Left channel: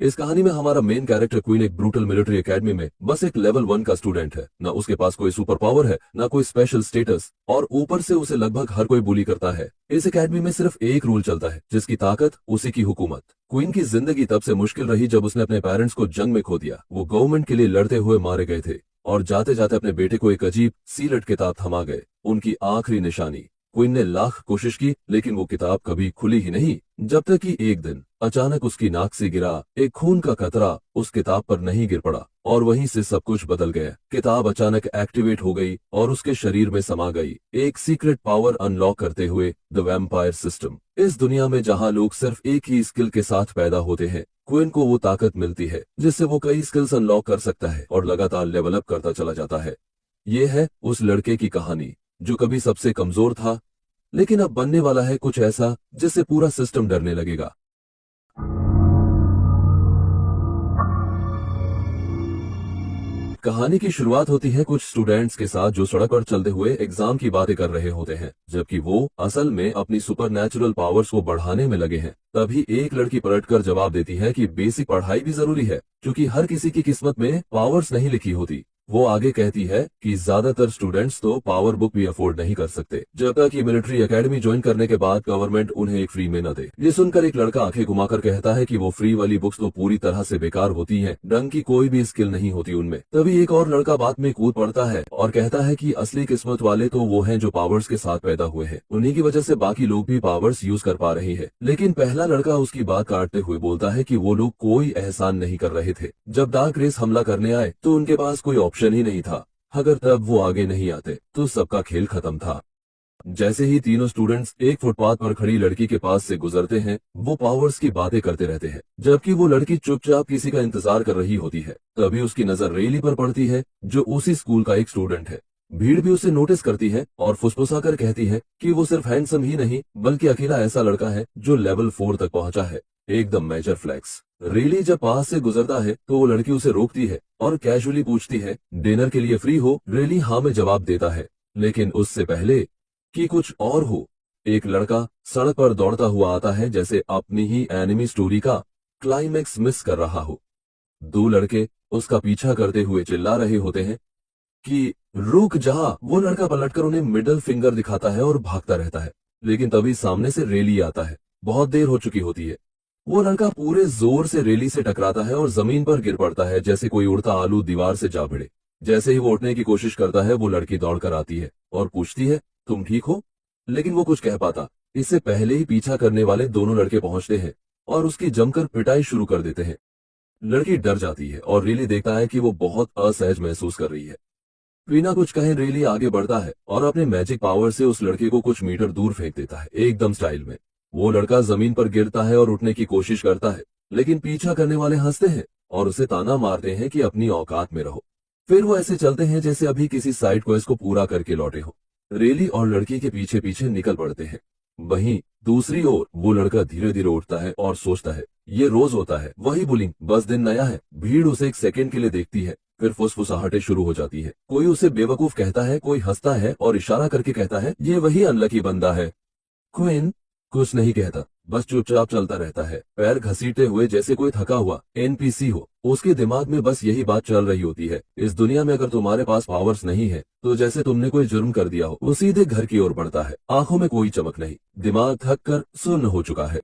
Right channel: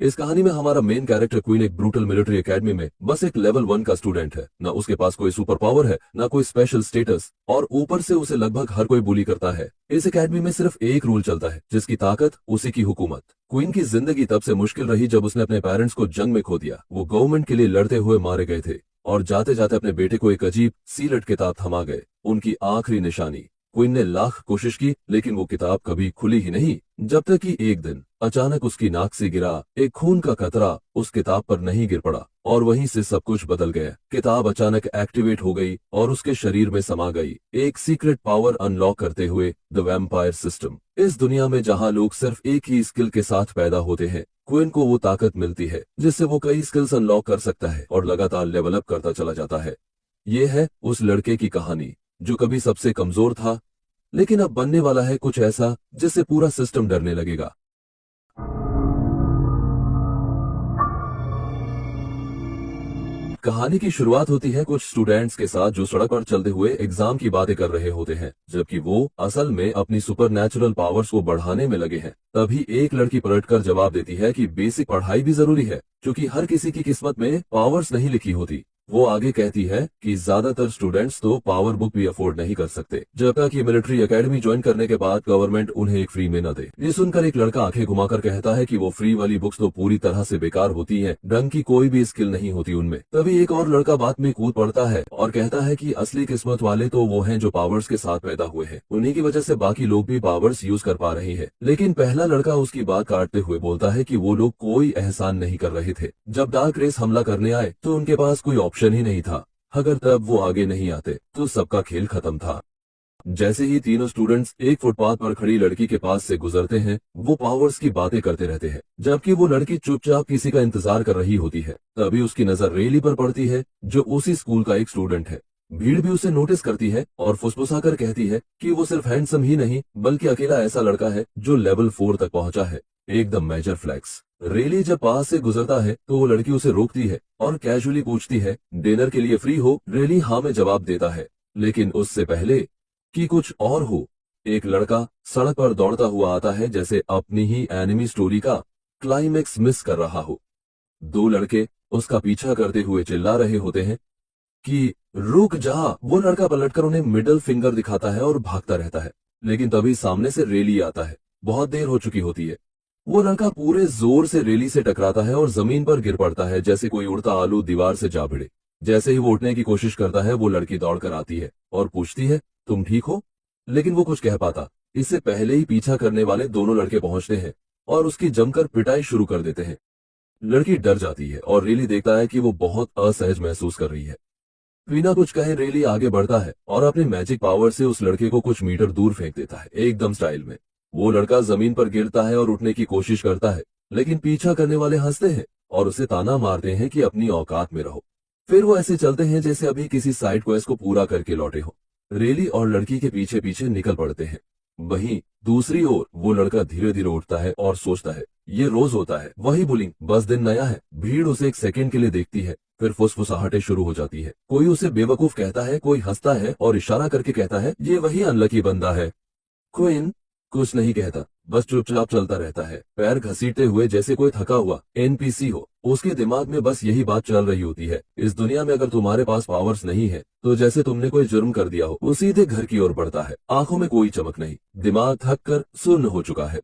इस कहानी में हमारा मेन कैरेक्टर क्वीन एक ब्रूटल मिलिट्री एकेडमी में बस एक लेवल 1 का स्टूडेंट है। ना उसके पास कोई सुपर पावर है, ना कोई स्पेशल स्टेटस, और ऊपर से उसे लगभग हर कोई बुली करता है। इस एकेडमी में सिर्फ एक रूल चलता है, जिसकी ताकत उसी की हुकूमत। क्वीन की जिंदगी तब से मुश्किल रही जब उसने अपने पेरेंट्स को जंग में खो दिया। वो गवर्नमेंट के लिए लड़ते हुए मारे गए थे और जाते जाते अपने बेटे को एक अजीब सीलट किताब थमा गए, उनकी आखिरी निशानी। क्वीन ने लाख कोशिश की, लेकिन वो किताब कभी खुली ही नहीं, जब तक कि एक दिन अचानक उसकी नाक से गिरा एक खून का कतरा उस किताब पर नहीं गिर पड़ा, और वहीं से सब कुछ बदल गया। किताब अचानक एक्टिवेट हो गई और उसके शरीर में समा गई, एक सीक्रेट पावर अनलॉक करते हुए, द वैम्पायर सिस्टम। इस दुनिया में जहां लोग सिर्फ एक ही स्किल के साथ पैदा होते हैं, क्वीन को वो ताकत मिलती है जिससे वो कई स्किल्स अनलॉक कर सकता है और लगातार लेवल अप करता चला जाता है। ये है उस लड़के की कहानी जो कभी सबसे कमजोर था, लेकिन अब बनने वाला है कुछ ऐसा जिससे पूरा सिस्टम डरने लगेगा। कहानी की शुरुआत होती है कुछ स्टूडेंट्स के साथ जो सड़क पर चलते हुए एग्जाम की बातें कर रहे होते हैं, जबकि वो असल में अपनी सुपर नेचुरल पावर्स को बढ़ाने में लगे हैं। तभी एक लड़की पलटकर जवाब देती है कि बेसिक पढ़ाई भी जरूरी है, क्योंकि हर किसी की किस्मत में पावर्स नहीं लिखी होती। वो आगे कहती है कि ज्यादातर स्टूडेंट्स तो पावर बुक भी अफोर्ड नहीं कर सकते, जब तक कि मिलिट्री एकेडमी ज्वाइन करने के बाद गवर्नमेंट उन्हें एक फ्री में न दे। ये सुनकर एक लड़का आंखें घुमाकर कहता है कि वो फ्री वाली बुक्स तो पूरी तरह से बेकार होती हैं, ढंग की कोई भी स्किल नहीं होती उनमें। तभी एक और लड़का बात में कूद पड़ता है और कहता है कि असली किस्मत वाले तो वो हैं जो पावर्स के साथ पैदा हुए हैं, उन्हीं की वजह से बाकी लोग भी पावर्स यूज कर पा रहे हैं। लेकिन पहला लड़का उसकी बात काटते हुए बोलता है कि वो लोग कोई एहसान नहीं कर रहे थे। जब डार्क रेस हमला करने आए तो उनके पास कोई ऑप्शन ही नहीं था। अगर तब वो आगे नहीं आते तो सबका खेल खत्म था। जैसे ही तीनों स्टूडेंट्स एक फुटपाथ पर खड़ी लड़की के पास से गुजरते हैं, वो पावर्स की बातें करते रहते हैं, जबकि वो लड़की चुपचाप किसी का इंतजार कर रही होती है। तभी उसकी नजर रेली पर पड़ती है, जो उसी स्कूल का एक स्टूडेंट है। भीड़ भी उसे नोटिस करती है और फुसफुसाकर कहती है कि वो सिर्फ हैंडसम ही नहीं, बल्कि अकेला ऐसा लड़का है जो लेवल 4 तक पहुंचा है। एकदम मेजर फ्लैक्स। रेली जब पास से गुजरता है तो वो लड़की उसे रोकती है और कैजुअली पूछती है, डिनर के लिए फ्री हो? रेली हाँ में जवाब देता है, लेकिन उससे पहले कि कुछ और हो, एक लड़का सड़क पर दौड़ता हुआ आता है, जैसे अपनी ही एनिमी स्टोरी का क्लाइमेक्स मिस कर रहा हो। दो लड़के उसका पीछा करते हुए चिल्ला रहे होते हैं कि रुक जा। वो लड़का पलटकर उन्हें मिडिल फिंगर दिखाता है और भागता रहता है, लेकिन तभी सामने से रेली आता है। बहुत देर हो चुकी होती है। वो लड़का पूरे जोर से रेली से टकराता है और जमीन पर गिर पड़ता है, जैसे कोई उड़ता आलू दीवार से जा भिड़े। जैसे ही वो उठने की कोशिश करता है, वो लड़की दौड़कर आती है और पूछती है, तुम ठीक हो? लेकिन वो कुछ कह पाता, इससे पहले ही पीछा करने वाले दोनों लड़के पहुंचते हैं और उसकी जमकर पिटाई शुरू कर देते हैं। लड़की डर जाती है और रेली देखता है कि वो बहुत असहज महसूस कर रही है। बिना कुछ कहे रेली आगे बढ़ता है और अपने मैजिक पावर से उस लड़के को कुछ मीटर दूर फेंक देता है, एकदम स्टाइल में। वो लड़का जमीन पर गिरता है और उठने की कोशिश करता है, लेकिन पीछा करने वाले हंसते हैं और उसे ताना मारते हैं कि अपनी औकात में रहो। फिर वो ऐसे चलते हैं जैसे अभी किसी साइड क्वेस्ट को पूरा करके लौटे हो। रेली और लड़की के पीछे पीछे निकल पड़ते हैं। वहीं दूसरी ओर वो लड़का धीरे धीरे उठता है और सोचता है, ये रोज होता है, वही बुलिंग, बस दिन नया है। भीड़ उसे एक सेकंड के लिए देखती है, फिर फुसफुसाहटें शुरू हो जाती है। कोई उसे बेवकूफ कहता है, कोई हंसता है और इशारा करके कहता है, ये वही अनलकी बंदा है। क्वीन कुछ नहीं कहता, बस चुपचाप चलता रहता है, पैर घसीटते हुए, जैसे कोई थका हुआ एनपीसी हो। उसके दिमाग में बस यही बात चल रही होती है, इस दुनिया में अगर तुम्हारे पास पावर्स नहीं है तो जैसे तुमने कोई जुर्म कर दिया हो। वो सीधे घर की ओर बढ़ता है, आंखों में कोई चमक नहीं, दिमाग थक कर सुन्न हो चुका है।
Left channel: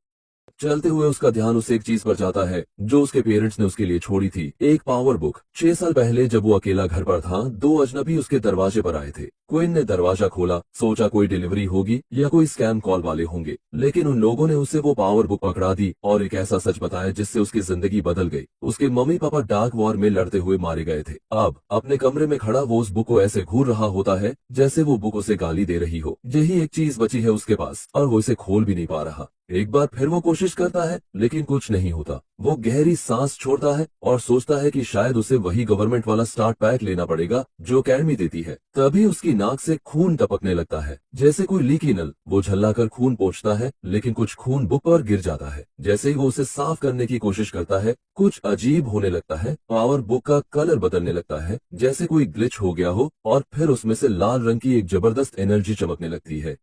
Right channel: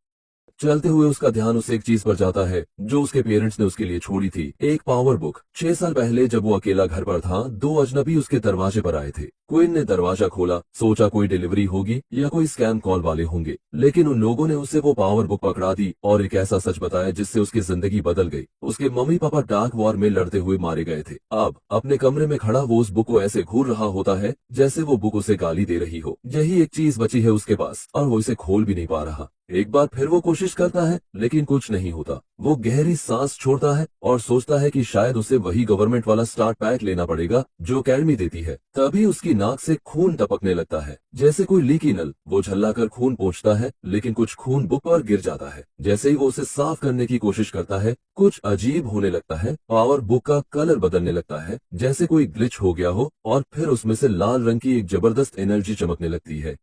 चलते हुए उसका ध्यान उस एक चीज पर जाता है जो उसके पेरेंट्स ने उसके लिए छोड़ी थी, एक पावर बुक। 6 साल पहले जब वो अकेला घर पर था, दो अजनबी उसके दरवाजे पर आए थे। क्वीन ने दरवाजा खोला, सोचा कोई डिलीवरी होगी या कोई स्कैम कॉल वाले होंगे, लेकिन उन लोगों ने उसे वो पावर बुक पकड़ा दी और एक ऐसा सच बताया जिससे उसकी जिंदगी बदल गई। उसके मम्मी पापा डार्क वॉर में लड़ते हुए मारे गए थे। अब अपने कमरे में खड़ा वो उस बुक को ऐसे घूर रहा होता है जैसे वो बुक उसे गाली दे रही हो। यही एक चीज बची है उसके पास और वो इसे खोल भी नहीं पा रहा। एक बार फिर वो कोशिश करता है, लेकिन कुछ नहीं होता। वो गहरी सांस छोड़ता है और सोचता है कि शायद उसे वही गवर्नमेंट वाला स्टार्ट पैक लेना पड़ेगा जो अकेडमी देती है। तभी उसकी नाक से खून टपकने लगता है, जैसे कोई लीकी नल। वो झल्लाकर खून पोंछता है, लेकिन कुछ खून बुक पर गिर जाता है। जैसे ही वो उसे साफ करने की कोशिश करता है, कुछ अजीब होने लगता है। पावर बुक का कलर बदलने लगता है, जैसे कोई ग्लिच हो गया हो, और फिर उसमें से लाल रंग की एक जबरदस्त एनर्जी चमकने लगती है।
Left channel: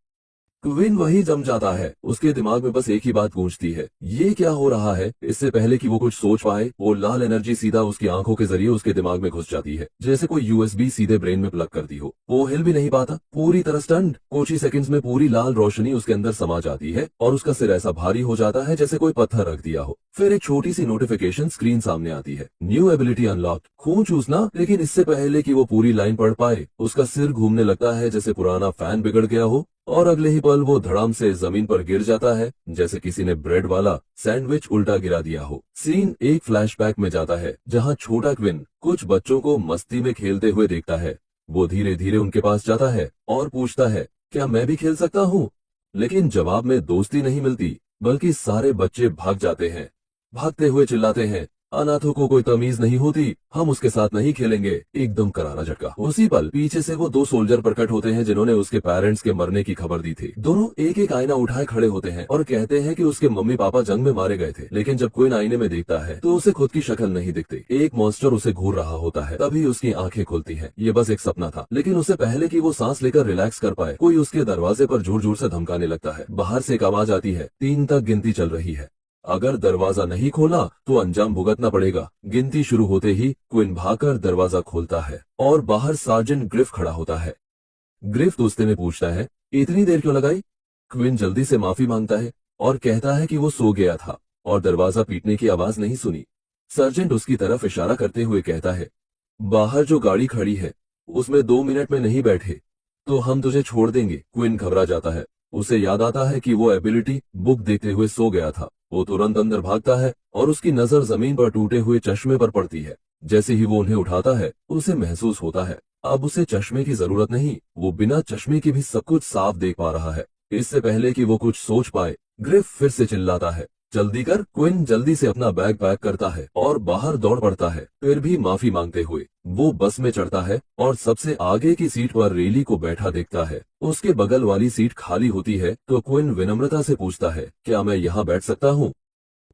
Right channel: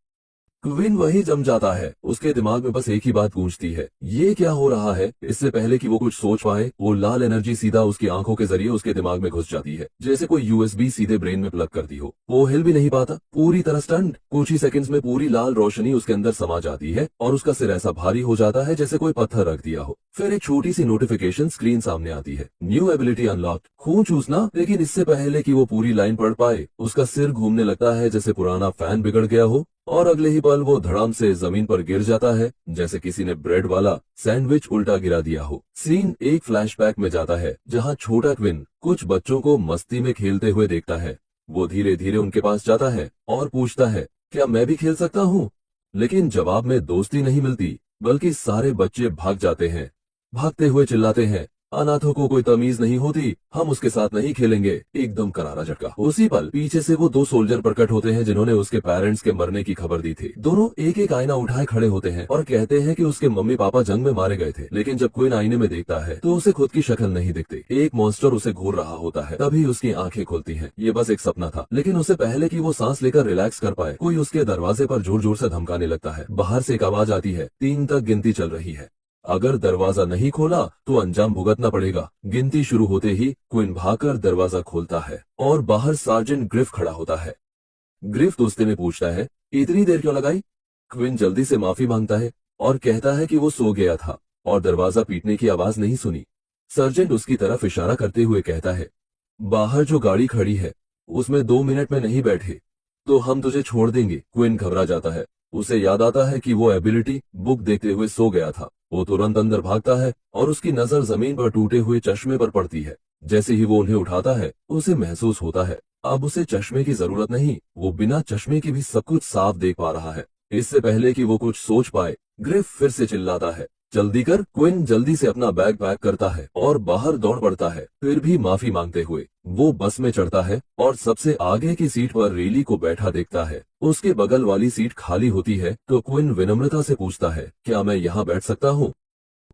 क्विन वही जम जाता है। उसके दिमाग में बस एक ही बात गूंजती है, ये क्या हो रहा है। इससे पहले कि वो कुछ सोच पाए, वो लाल एनर्जी सीधा उसकी आंखों के जरिए उसके दिमाग में घुस जाती है, जैसे कोई यूएसबी सीधे ब्रेन में प्लग कर दी हो। वो हिल भी नहीं पाता, पूरी तरह स्टंट। कुछ ही सेकंड्स में पूरी लाल रोशनी उसके अंदर समा जाती है और उसका सिर ऐसा भारी हो जाता है जैसे कोई पत्थर रख दिया हो। फिर एक छोटी सी नोटिफिकेशन स्क्रीन सामने आती है, न्यू एबिलिटी अनलॉक्ड, खून चूसना। लेकिन इससे पहले कि वो पूरी लाइन पढ़ पाए, उसका सिर घूमने लगता है जैसे पुराना फैन बिगड़ गया हो, और अगले ही पल वो धड़ाम से जमीन पर गिर जाता है जैसे किसी ने ब्रेड वाला सैंडविच उल्टा गिरा दिया हो। सीन एक फ्लैशबैक में जाता है जहां छोटा क्विन कुछ बच्चों को मस्ती में खेलते हुए देखता है। वो धीरे धीरे उनके पास जाता है और पूछता है, क्या मैं भी खेल सकता हूँ? लेकिन जवाब में दोस्ती नहीं मिलती, बल्कि सारे बच्चे भाग जाते हैं, भागते हुए चिल्लाते हैं, अनाथों को कोई तमीज नहीं होती, हम उसके साथ नहीं खेलेंगे। एकदम करारा झटका। उसी पल पीछे से वो दो सोल्जर प्रकट होते हैं जिन्होंने उसके पेरेंट्स के मरने की खबर दी थी। दोनों एक एक आईना उठाए खड़े होते हैं और कहते हैं कि उसके मम्मी पापा जंग में मारे गए थे। लेकिन जब क्विन आईने में देखता है तो उसे खुद की शक्ल नहीं दिखती, एक मॉन्स्टर उसे घूर रहा होता है। तभी उसकी आंखें खुलती हैं। ये बस एक सपना था। लेकिन उससे पहले कि वो सांस लेकर रिलैक्स कर पाए, कोई उसके दरवाजे पर जोर जोर से धमकाने लगता है। बाहर से एक आवाज आती है, 3 तक गिनती चल रही है, अगर दरवाजा नहीं खोला तो अंजाम भुगतना पड़ेगा। गिनती शुरू होते ही क्विन भागकर दरवाजा खोलता है और बाहर सार्जेंट ग्रिफ खड़ा होता है। ग्रिफ दोस्ती में पूछता है, इतनी देर क्यों लगाई? क्विन जल्दी से माफी मांगता है और कहता है कि वो सो गया था और दरवाजा पीटने की आवाज नहीं सुनी। सर्जेंट उसकी तरफ इशारा करते हुए कहता है, बाहर जो गाड़ी खड़ी है उसमें 2 मिनट में नहीं बैठे तो हम तुझे छोड़ देंगे। क्विन घबरा जाता है। उसे याद आता है कि वो एबिलिटी बुक देखते हुए सो गया था। वो तुरंत अंदर भागता है और उसकी नजर जमीन पर टूटे हुए चश्मे पर पड़ती है। जैसे ही वो उन्हें उठाता है, उसे महसूस होता है अब उसे चश्मे की जरूरत नहीं, वो बिना चश्मे के भी सब कुछ साफ देख पा रहा है। इससे पहले कि वो कुछ सोच पाए, ग्रिफ फिर से चिल्लाता है, जल्दी कर। क्विन जल्दी से अपना बैग पैक करता है और बाहर दौड़ पड़ता है। फिर भी माफी मांगते हुए वो बस में चढ़ता है और सबसे आगे की सीट पर रेली को बैठा देखता है। उसके बगल वाली सीट खाली होती है तो क्विन विनम्रता से पूछता है, क्या मैं यहाँ बैठ सकता हूँ?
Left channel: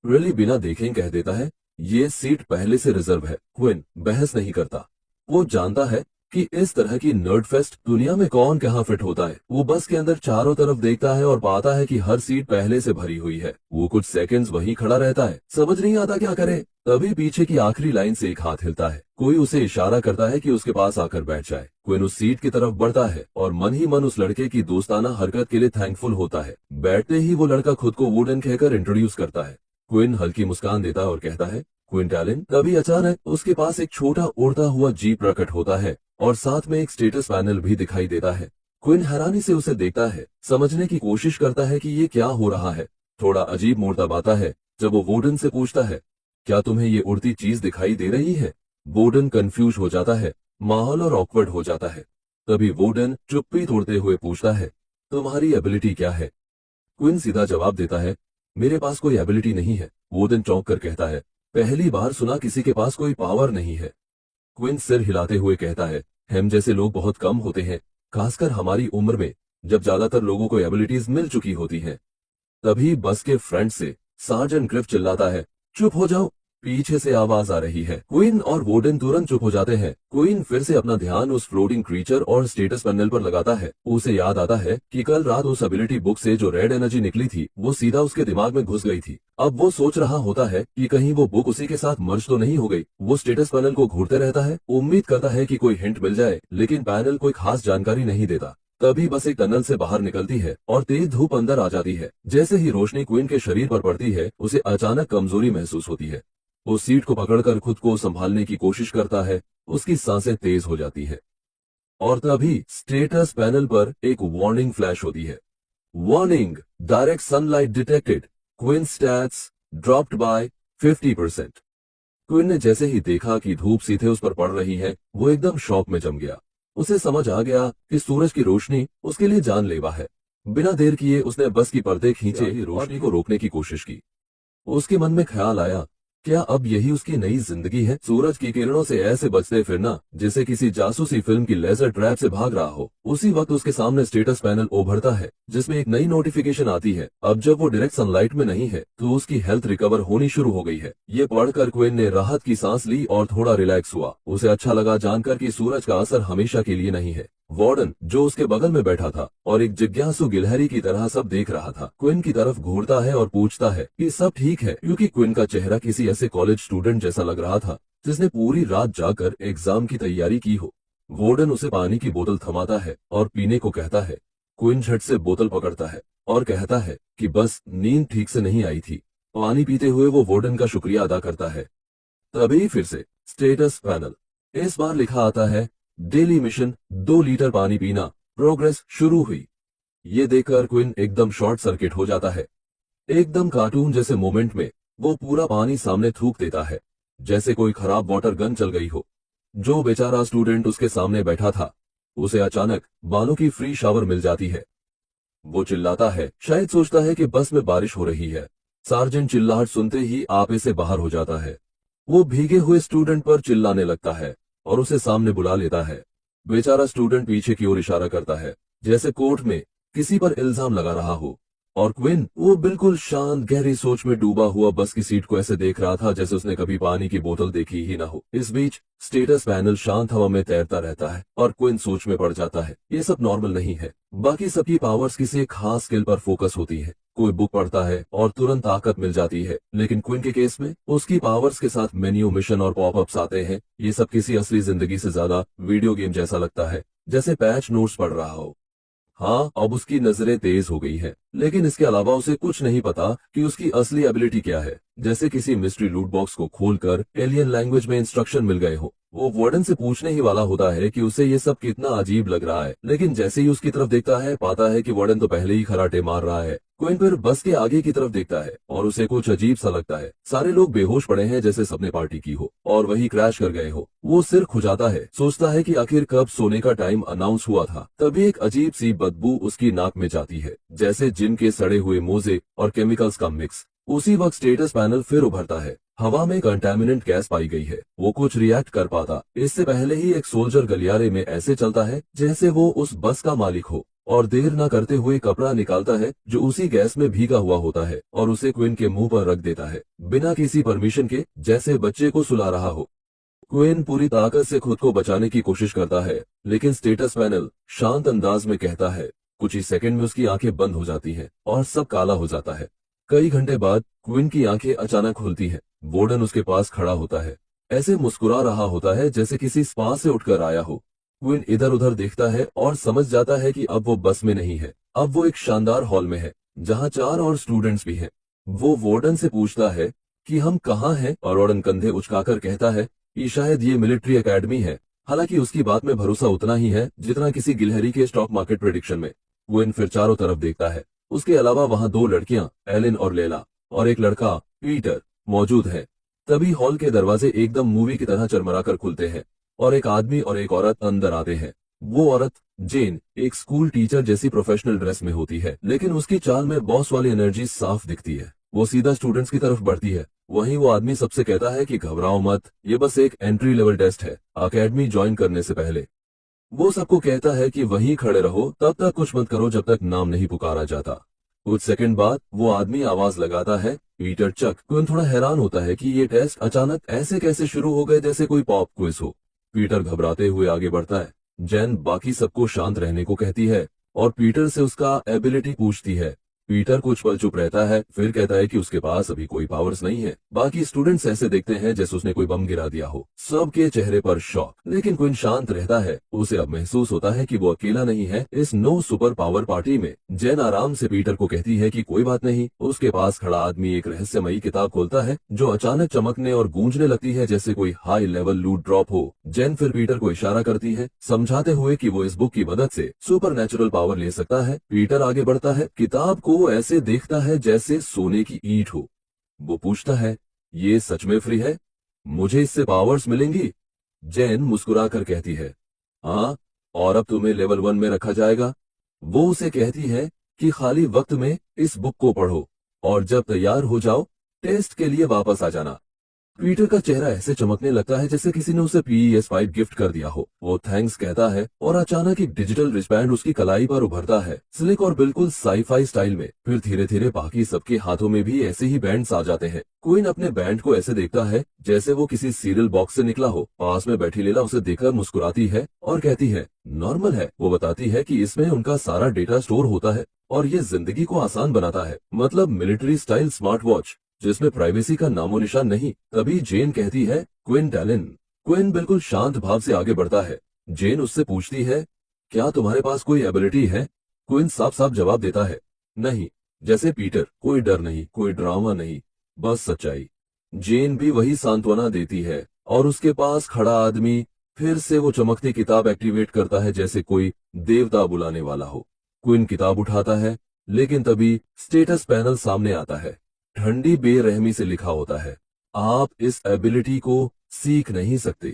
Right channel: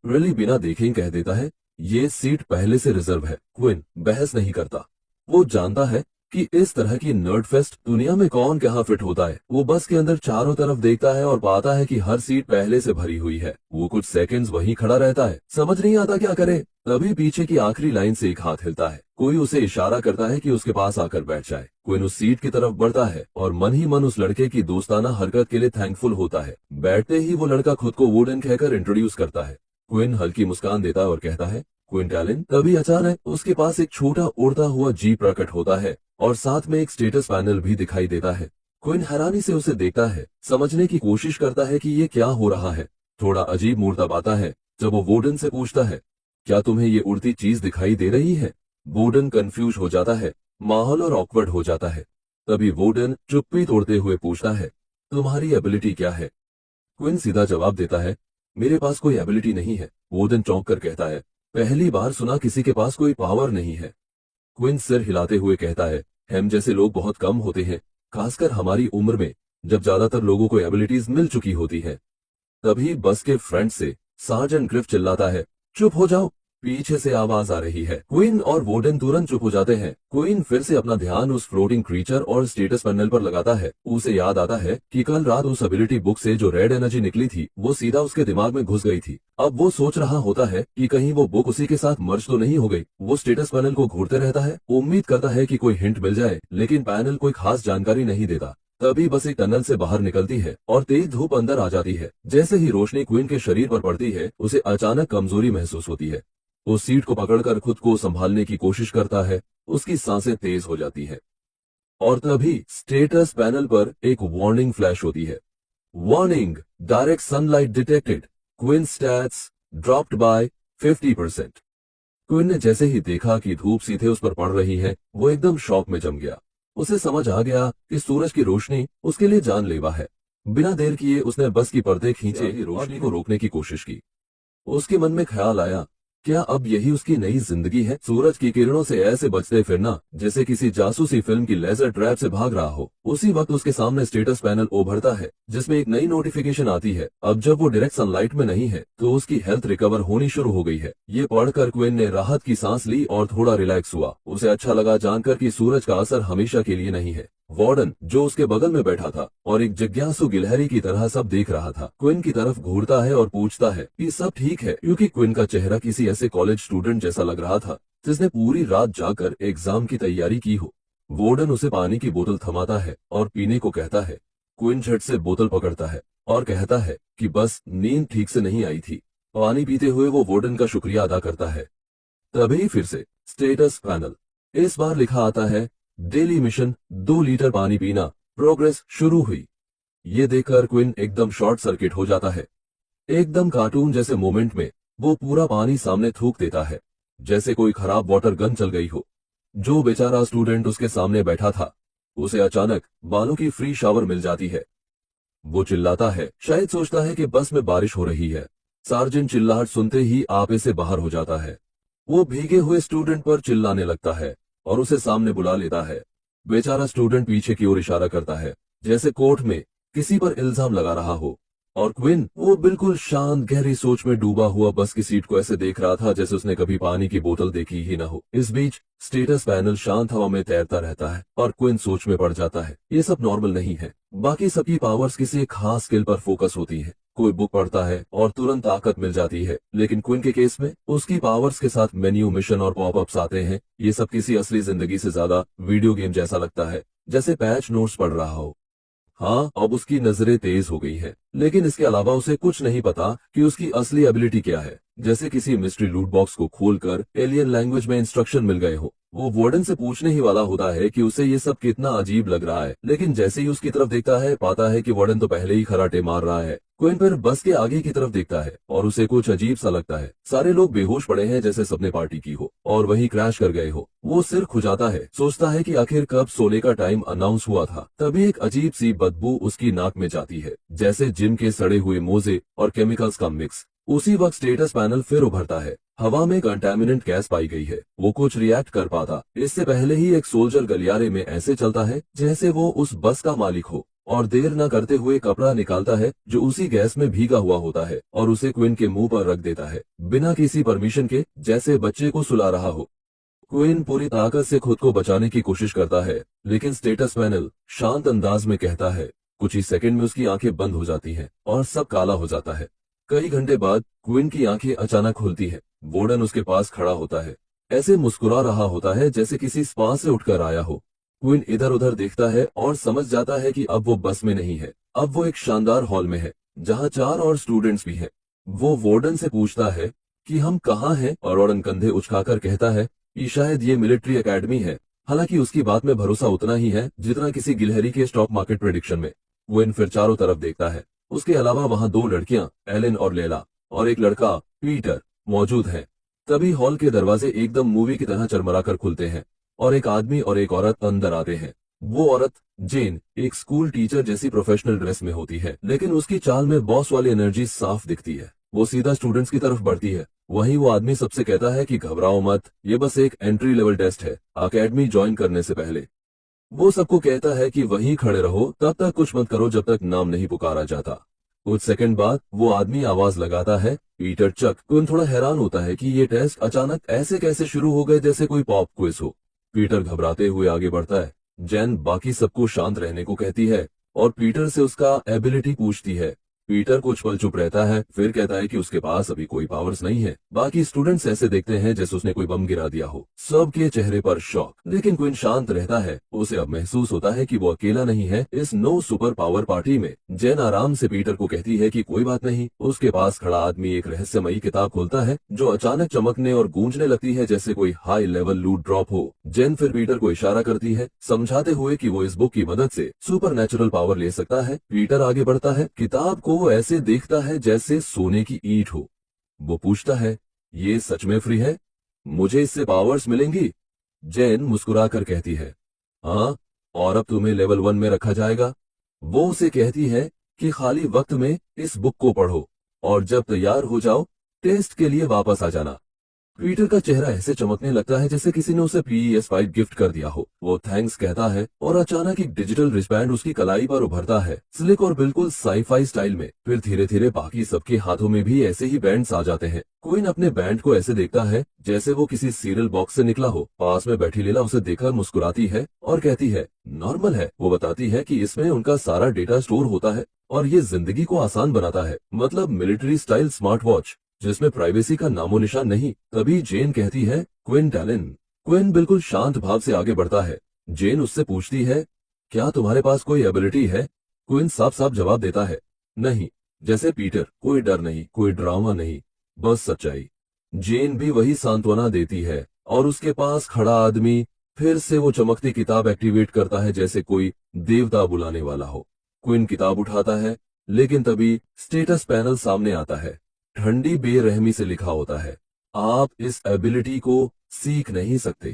रेली बिना देखे कह देता है, ये सीट पहले से रिजर्व है। क्विन बहस नहीं करता। वो जानता है कि इस तरह की नर्ड फेस्ट दुनिया में कौन कहाँ फिट होता है। वो बस के अंदर चारों तरफ देखता है और पाता है कि हर सीट पहले से भरी हुई है। वो कुछ सेकंड्स वहीं खड़ा रहता है, समझ नहीं आता क्या करे। तभी पीछे की आखिरी लाइन से एक हाथ हिलता है। कोई उसे इशारा करता है कि उसके पास आकर बैठ जाए। क्विन उस सीट की तरफ बढ़ता है और मन ही मन उस लड़के की दोस्ताना हरकत के लिए थैंकफुल होता है। बैठते ही वो लड़का खुद को वुडन कहकर इंट्रोड्यूस करता है। क्विन हल्की मुस्कान देता और कहता है, क्विंटैलिन। तभी अचानक उसके पास एक छोटा उड़ता हुआ जीप प्रकट होता है और साथ में एक स्टेटस पैनल भी दिखाई देता है। क्विन हैरानी से उसे देखता है, समझने की कोशिश करता है कि ये क्या हो रहा है। थोड़ा अजीब मूड तब आता है जब वो वोडन से पूछता है, क्या तुम्हें ये उड़ती चीज दिखाई दे रही है? वोडन कंफ्यूज हो जाता है, माहौल और ऑकवर्ड हो जाता है। तभी वोडन चुप्पी तोड़ते हुए पूछता है, तुम्हारी एबिलिटी क्या है? क्विन सीधा जवाब देता है, मेरे पास कोई एबिलिटी नहीं है। वोडन चौंक कर कहता है, पहली बार सुना किसी के पास कोई पावर नहीं है। क्विन सिर हिलाते हुए कहता है, हम जैसे लोग बहुत कम होते हैं, खासकर हमारी उम्र में, जब ज्यादातर लोगों को एबिलिटीज मिल चुकी होती हैं। तभी बस के फ्रंट से सार्जेंट ग्रिफ चिल्लाता है, चुप हो जाओ। पीछे से आवाज आ रही है। क्वीन और वोडन तुरंत चुप हो जाते हैं। क्वीन फिर से अपना ध्यान उस फ्लोटिंग क्रीचर और स्टेटस पैनल पर लगाता है। उसे याद आता है कि कल रात उस एबिलिटी बुक से जो रेड एनर्जी निकली थी वो सीधा उसके दिमाग में घुस गई थी। अब वो सोच रहा होता है कि कहीं वो बुक उसी के साथ मर्ज तो नहीं हो गई। वो स्टेटस पैनल को घूरते रहता है, उम्मीद करता है कि कोई हिंट मिल जाए, लेकिन पैनल कोई खास जानकारी नहीं देता। तभी बस एक टनल से बाहर निकलती है और तेज धूप अंदर आ जाती है। जैसे ही रोशनी क्वीन के शरीर पर पड़ती है, उसे अचानक कमजोरी महसूस होती है। वो सीट को पकड़कर खुद को संभालने की कोशिश करता है। उसकी सांसें तेज हो जाती है और तभी स्टेटस पैनल पर एक वार्निंग फ्लैश होती है। Warning, direct sunlight detected, queen stats dropped by 50%। Queen ने जैसे ही देखा कि धूप सीधे उस पर पड़ रही है, वो एकदम शॉक में जम गया। उसे समझ आ गया कि सूरज की रोशनी उसके लिए जानलेवा है। बिना देर किए उसने बस की पर्दे खींचे, रोशनी को रोकने की कोशिश की। उसके मन में ख्याल आया, क्या अब यही उसकी नई जिंदगी है? सूरज की किरणों से ऐसे बचते फिरना जैसे किसी जासूसी फिल्म की लेजर ट्रैप से भाग रहा हो। उसी वक्त उसके सामने स्टेटस पैनल उभरता है जिसमें एक नई नोटिफिकेशन आती है। अब जब वो डायरेक्ट सनलाइट में नहीं है तो उसकी हेल्थ रिकवर होनी शुरू हो गई है। ये पढ़कर क्वीन ने राहत की सांस ली और थोड़ा रिलैक्स हुआ। उसे अच्छा लगा जानकर कि सूरज का असर हमेशा के लिए नहीं है। वार्डन जो उसके बगल में बैठा था और एक जिज्ञासु गिलहरी की तरह सब देख रहा था, क्विन की तरफ घूरता है और पूछता है कि सब ठीक है, क्योंकि क्विन का चेहरा किसी ऐसे कॉलेज स्टूडेंट जैसा लग रहा था जिसने पूरी रात जाकर एग्जाम की तैयारी की हो। वार्डन उसे पानी की बोतल थमाता है और पीने को कहता है। क्विन झट से बोतल पकड़ता है और कहता है कि बस नींद ठीक से नहीं आई थी। पानी पीते हुए वो वार्डन का शुक्रिया अदा करता है। तभी फिर से स्टेटस पैनल। इस बार लिखा आता है, डेली मिशन 2 लीटर पानी पीना, प्रोग्रेस शुरू हुई। ये देखकर क्विन एकदम शॉर्ट सर्किट हो जाता है। एकदम कार्टून जैसे मोमेंट में वो पूरा पानी सामने थूक देता है, जैसे कोई खराब वाटर गन चल गई हो। जो बेचारा स्टूडेंट उसके सामने बैठा था, उसे अचानक बालों की फ्री शावर मिल जाती है। वो चिल्लाता है, शायद सोचता है कि बस में बारिश हो रही है। सार्जेंट चिल्लाहट सुनते ही आपे से बाहर हो जाता है। वो भीगे हुए स्टूडेंट पर चिल्लाने लगता है और उसे सामने बुला लेता है। बेचारा स्टूडेंट पीछे की ओर इशारा करता है, जैसे कोर्ट में किसी पर इल्जाम लगा रहा हो। और क्विन वो बिल्कुल शांत गहरी सोच में डूबा हुआ बस की सीट को ऐसे देख रहा था जैसे उसने कभी पानी की बोतल देखी ही ना हो। इस बीच स्टेटस पैनल शांत हवा में तैरता रहता है और क्विन सोच में पड़ जाता है, ये सब नॉर्मल नहीं है। बाकी सबकी पावर्स किसी एक खास स्किल पर फोकस होती है। कोई बुक पढ़ता है और तुरंत ताकत मिल जाती है, लेकिन क्विन के केस में उसकी पावर्स के साथ मेन्यू, मिशन और पॉपअप्स आते हैं। ये सब किसी असली जिंदगी से ज्यादा वीडियो गेम जैसा लगता है, जैसे पैच नोट्स पढ़ रहा हो। हाँ, अब उसकी नजरें तेज हो गई है, लेकिन इसके अलावा उसे कुछ नहीं पता कि उसकी असली एबिलिटी क्या है। जैसे किसी मिस्ट्री लूट बॉक्स को खोलकर एलियन लैंग्वेज में इंस्ट्रक्शन मिल गए हो। वो वार्डन से पूछने ही वाला होता है कि उसे ये सब कितना अजीब लग रहा है, लेकिन जैसे ही उसकी तरफ देखता है, पाता है कि वार्डन तो पहले ही खराटे मार रहा है। क्विन फिर बस के आगे की तरफ देखता है और उसे कुछ अजीब सा लगता है। सारे लोग बेहोश पड़े हैं, जैसे सबने पार्टी की हो और वही क्रैश कर गए हो। वो सिर खुजाता है, सोचता है कि आखिर कब सोने का टाइम अनाउंस हुआ था। तभी एक अजीब सी बदबू उसकी नाक में जाती है, जैसे जिम के सड़े हुए मोजे और केमिकल्स का मिक्स। उसी वक्त स्टेटस पैनल फिर उभरता है। हवा में कंटामिनेंट गैस पाई गई है। वो कुछ रिएक्ट कर पाता इससे पहले ही एक सोल्जर गलियारे में ऐसे चलता है जैसे वो उस बस का मालिक हो, और देर न करते हुए कपड़ा निकालता है जो उसी गैस में भीगा हुआ होता है और उसे क्विन के मुंह पर रख देता है, बिना किसी परमिशन के, जैसे बच्चे को सुला रहा हो। क्विन पूरी ताकत से खुद को बचाने की कोशिश करता है, लेकिन स्टेटस पैनल शांत अंदाज में कहता है। कुछ ही सेकंड में उसकी आंखें बंद हो जाती हैं और सब काला हो जाता है। कई घंटे बाद क्विन की आंखें अचानक खुलती हैं। वार्डन उसके पास खड़ा होता है, ऐसे मुस्कुरा रहा होता है जैसे किसी स्पा से उठकर आया हो। क्विन इधर उधर देखता है और समझ जाता है कि अब वो बस में नहीं है, अब वो एक शानदार हॉल में है जहाँ 4 और स्टूडेंट्स भी हैं। वो वार्डन से पूछता है कि हम कहाँ हैं, और वार्डन कंधे उचकाकर कहता है कि शायद ये मिलिट्री एकेडमी है। हालांकि उसकी बात में भरोसा उतना ही है जितना किसी गिलहरी के स्टॉक मार्केट प्रेडिक्शन में। क्विन फिर चारों तरफ देखता है। उसके अलावा वहाँ 2 लड़कियां, एलेन और लेला, और एक लड़का पीटर मौजूद है। तभी हॉल के दरवाजे एकदम मूवी की तरह चरमराकर खुलते हैं और एक आदमी और एक औरत अंदर आते हैं। वो औरत जेन एक स्कूल टीचर जैसी प्रोफेशनल ड्रेस में होती है, लेकिन उसकी चाल में बॉस वाली एनर्जी साफ दिखती है। वो सीधा स्टूडेंट्स की तरफ बढ़ती है। वहीं वो आदमी सबसे कहता है कि घबराओ मत, ये बस एक एंट्री लेवल टेस्ट है, अकेडमी ज्वाइन करने से पहले। वो सबको कहता है कि वहीं खड़े रहो, तब तक कुछ मत करो जब तक नाम नहीं पुकारा जाता। कुछ सेकंड बाद वो आदमी आवाज लगाता है, पीटर चक। क्विन थोड़ा हैरान होता है कि ये टेस्ट अचानक ऐसे कैसे शुरू हो गए, जैसे कोई पॉप क्विज हो। पीटर घबराते हुए आगे बढ़ता है। जैन बाकी सबको शांत रहने को कहती है और पीटर से उसका एबिलिटी पूछती है। पीटर कुछ पल चुप रहता है, फिर कहता है कि उसके पास अभी कोई पावर्स नहीं है। बाकी स्टूडेंट्स ऐसे देखते हैं जैसे उसने कोई बम गिरा दिया हो। सबके चेहरे पर शॉक, लेकिन क्विन शांत रहता है। उसे अब महसूस होता है कि वो अकेला नहीं है इस नो सुपर पावर पार्टी में। जैन आराम से पीटर को कहती है कि कोई बात नहीं। उसके पास खड़ा आदमी एक रहस्यमयी किताब खोलता है जो अचानक चमकने और गूंजने लगती है जैसे कोई हाई लेवल लूट ड्रॉप हो। जैन फिर पीटर को इशारा करती है, समझाते हुए कि वो इस बुक की मदद से सुपर नेचुरल पावर ले सकता है। पीटर आगे बढ़ता है, किताब को वो ऐसे देखता है जैसे सोने की ईंट हो। वो पूछता है, ये सच में फ्री है? मुझे इससे पावर्स मिलेंगी? जैन मुस्कुराकर कहती है, हाँ, और अब तुम्हें लेवल 1 में रखा जाएगा। वो उसे कहती है कि खाली वक्त में इस बुक को पढ़ो और जब तैयार हो जाओ टेस्ट के लिए वापस आ जाना। पीटर का चेहरा ऐसे चमकने लगता है जैसे किसी ने उसे PS5 गिफ्ट कर दिया हो। वो थैंक्स कहता है और अचानक एक डिजिटल रिस्टबैंड उसकी कलाई पर उभरता है, स्लिक और बिल्कुल साईफाई स्टाइल में। फिर धीरे धीरे बाकी सबके हाथों में भी ऐसे ही बैंड्स आ जाते हैं। क्वीन अपने बैंड को ऐसे देखता है जैसे वो किसी सीरियल बॉक्स से निकला हो। पास में बैठी लेला उसे देखकर मुस्कुराती है और कहती है नॉर्मल है। वो बताती है कि इसमें उनका सारा डेटा स्टोर होता है और ये जिंदगी को आसान बनाता है, मतलब मिलिट्री स्टाइल स्मार्ट वॉच जिसमें प्राइवेसी का नामो निशान नहीं। तभी जेन कहती है क्विन टैलिन। क्विन बिल्कुल शांत भाव से आगे बढ़ता है। जेन उससे पूछती है क्या तुम्हारे पास कोई एबिलिटी है? क्विन साफ साफ जवाब देता है नहीं। जैसे पीटर, कोई डर नहीं, कोई ड्रामा नहीं, बस सच्चाई। जेन भी वही सांत्वना देती है और उसके पास खड़ा आदमी फिर से वो चमकती किताब एक्टिवेट करता है जैसे कोई देवता बुलाने वाला हो। क्विन किताब उठाता है लेकिन तभी स्टेटस पैनल सामने आता है। ठंडी बेरहमी से लिखा होता है आप इस एबिलिटी को सीख नहीं सकते।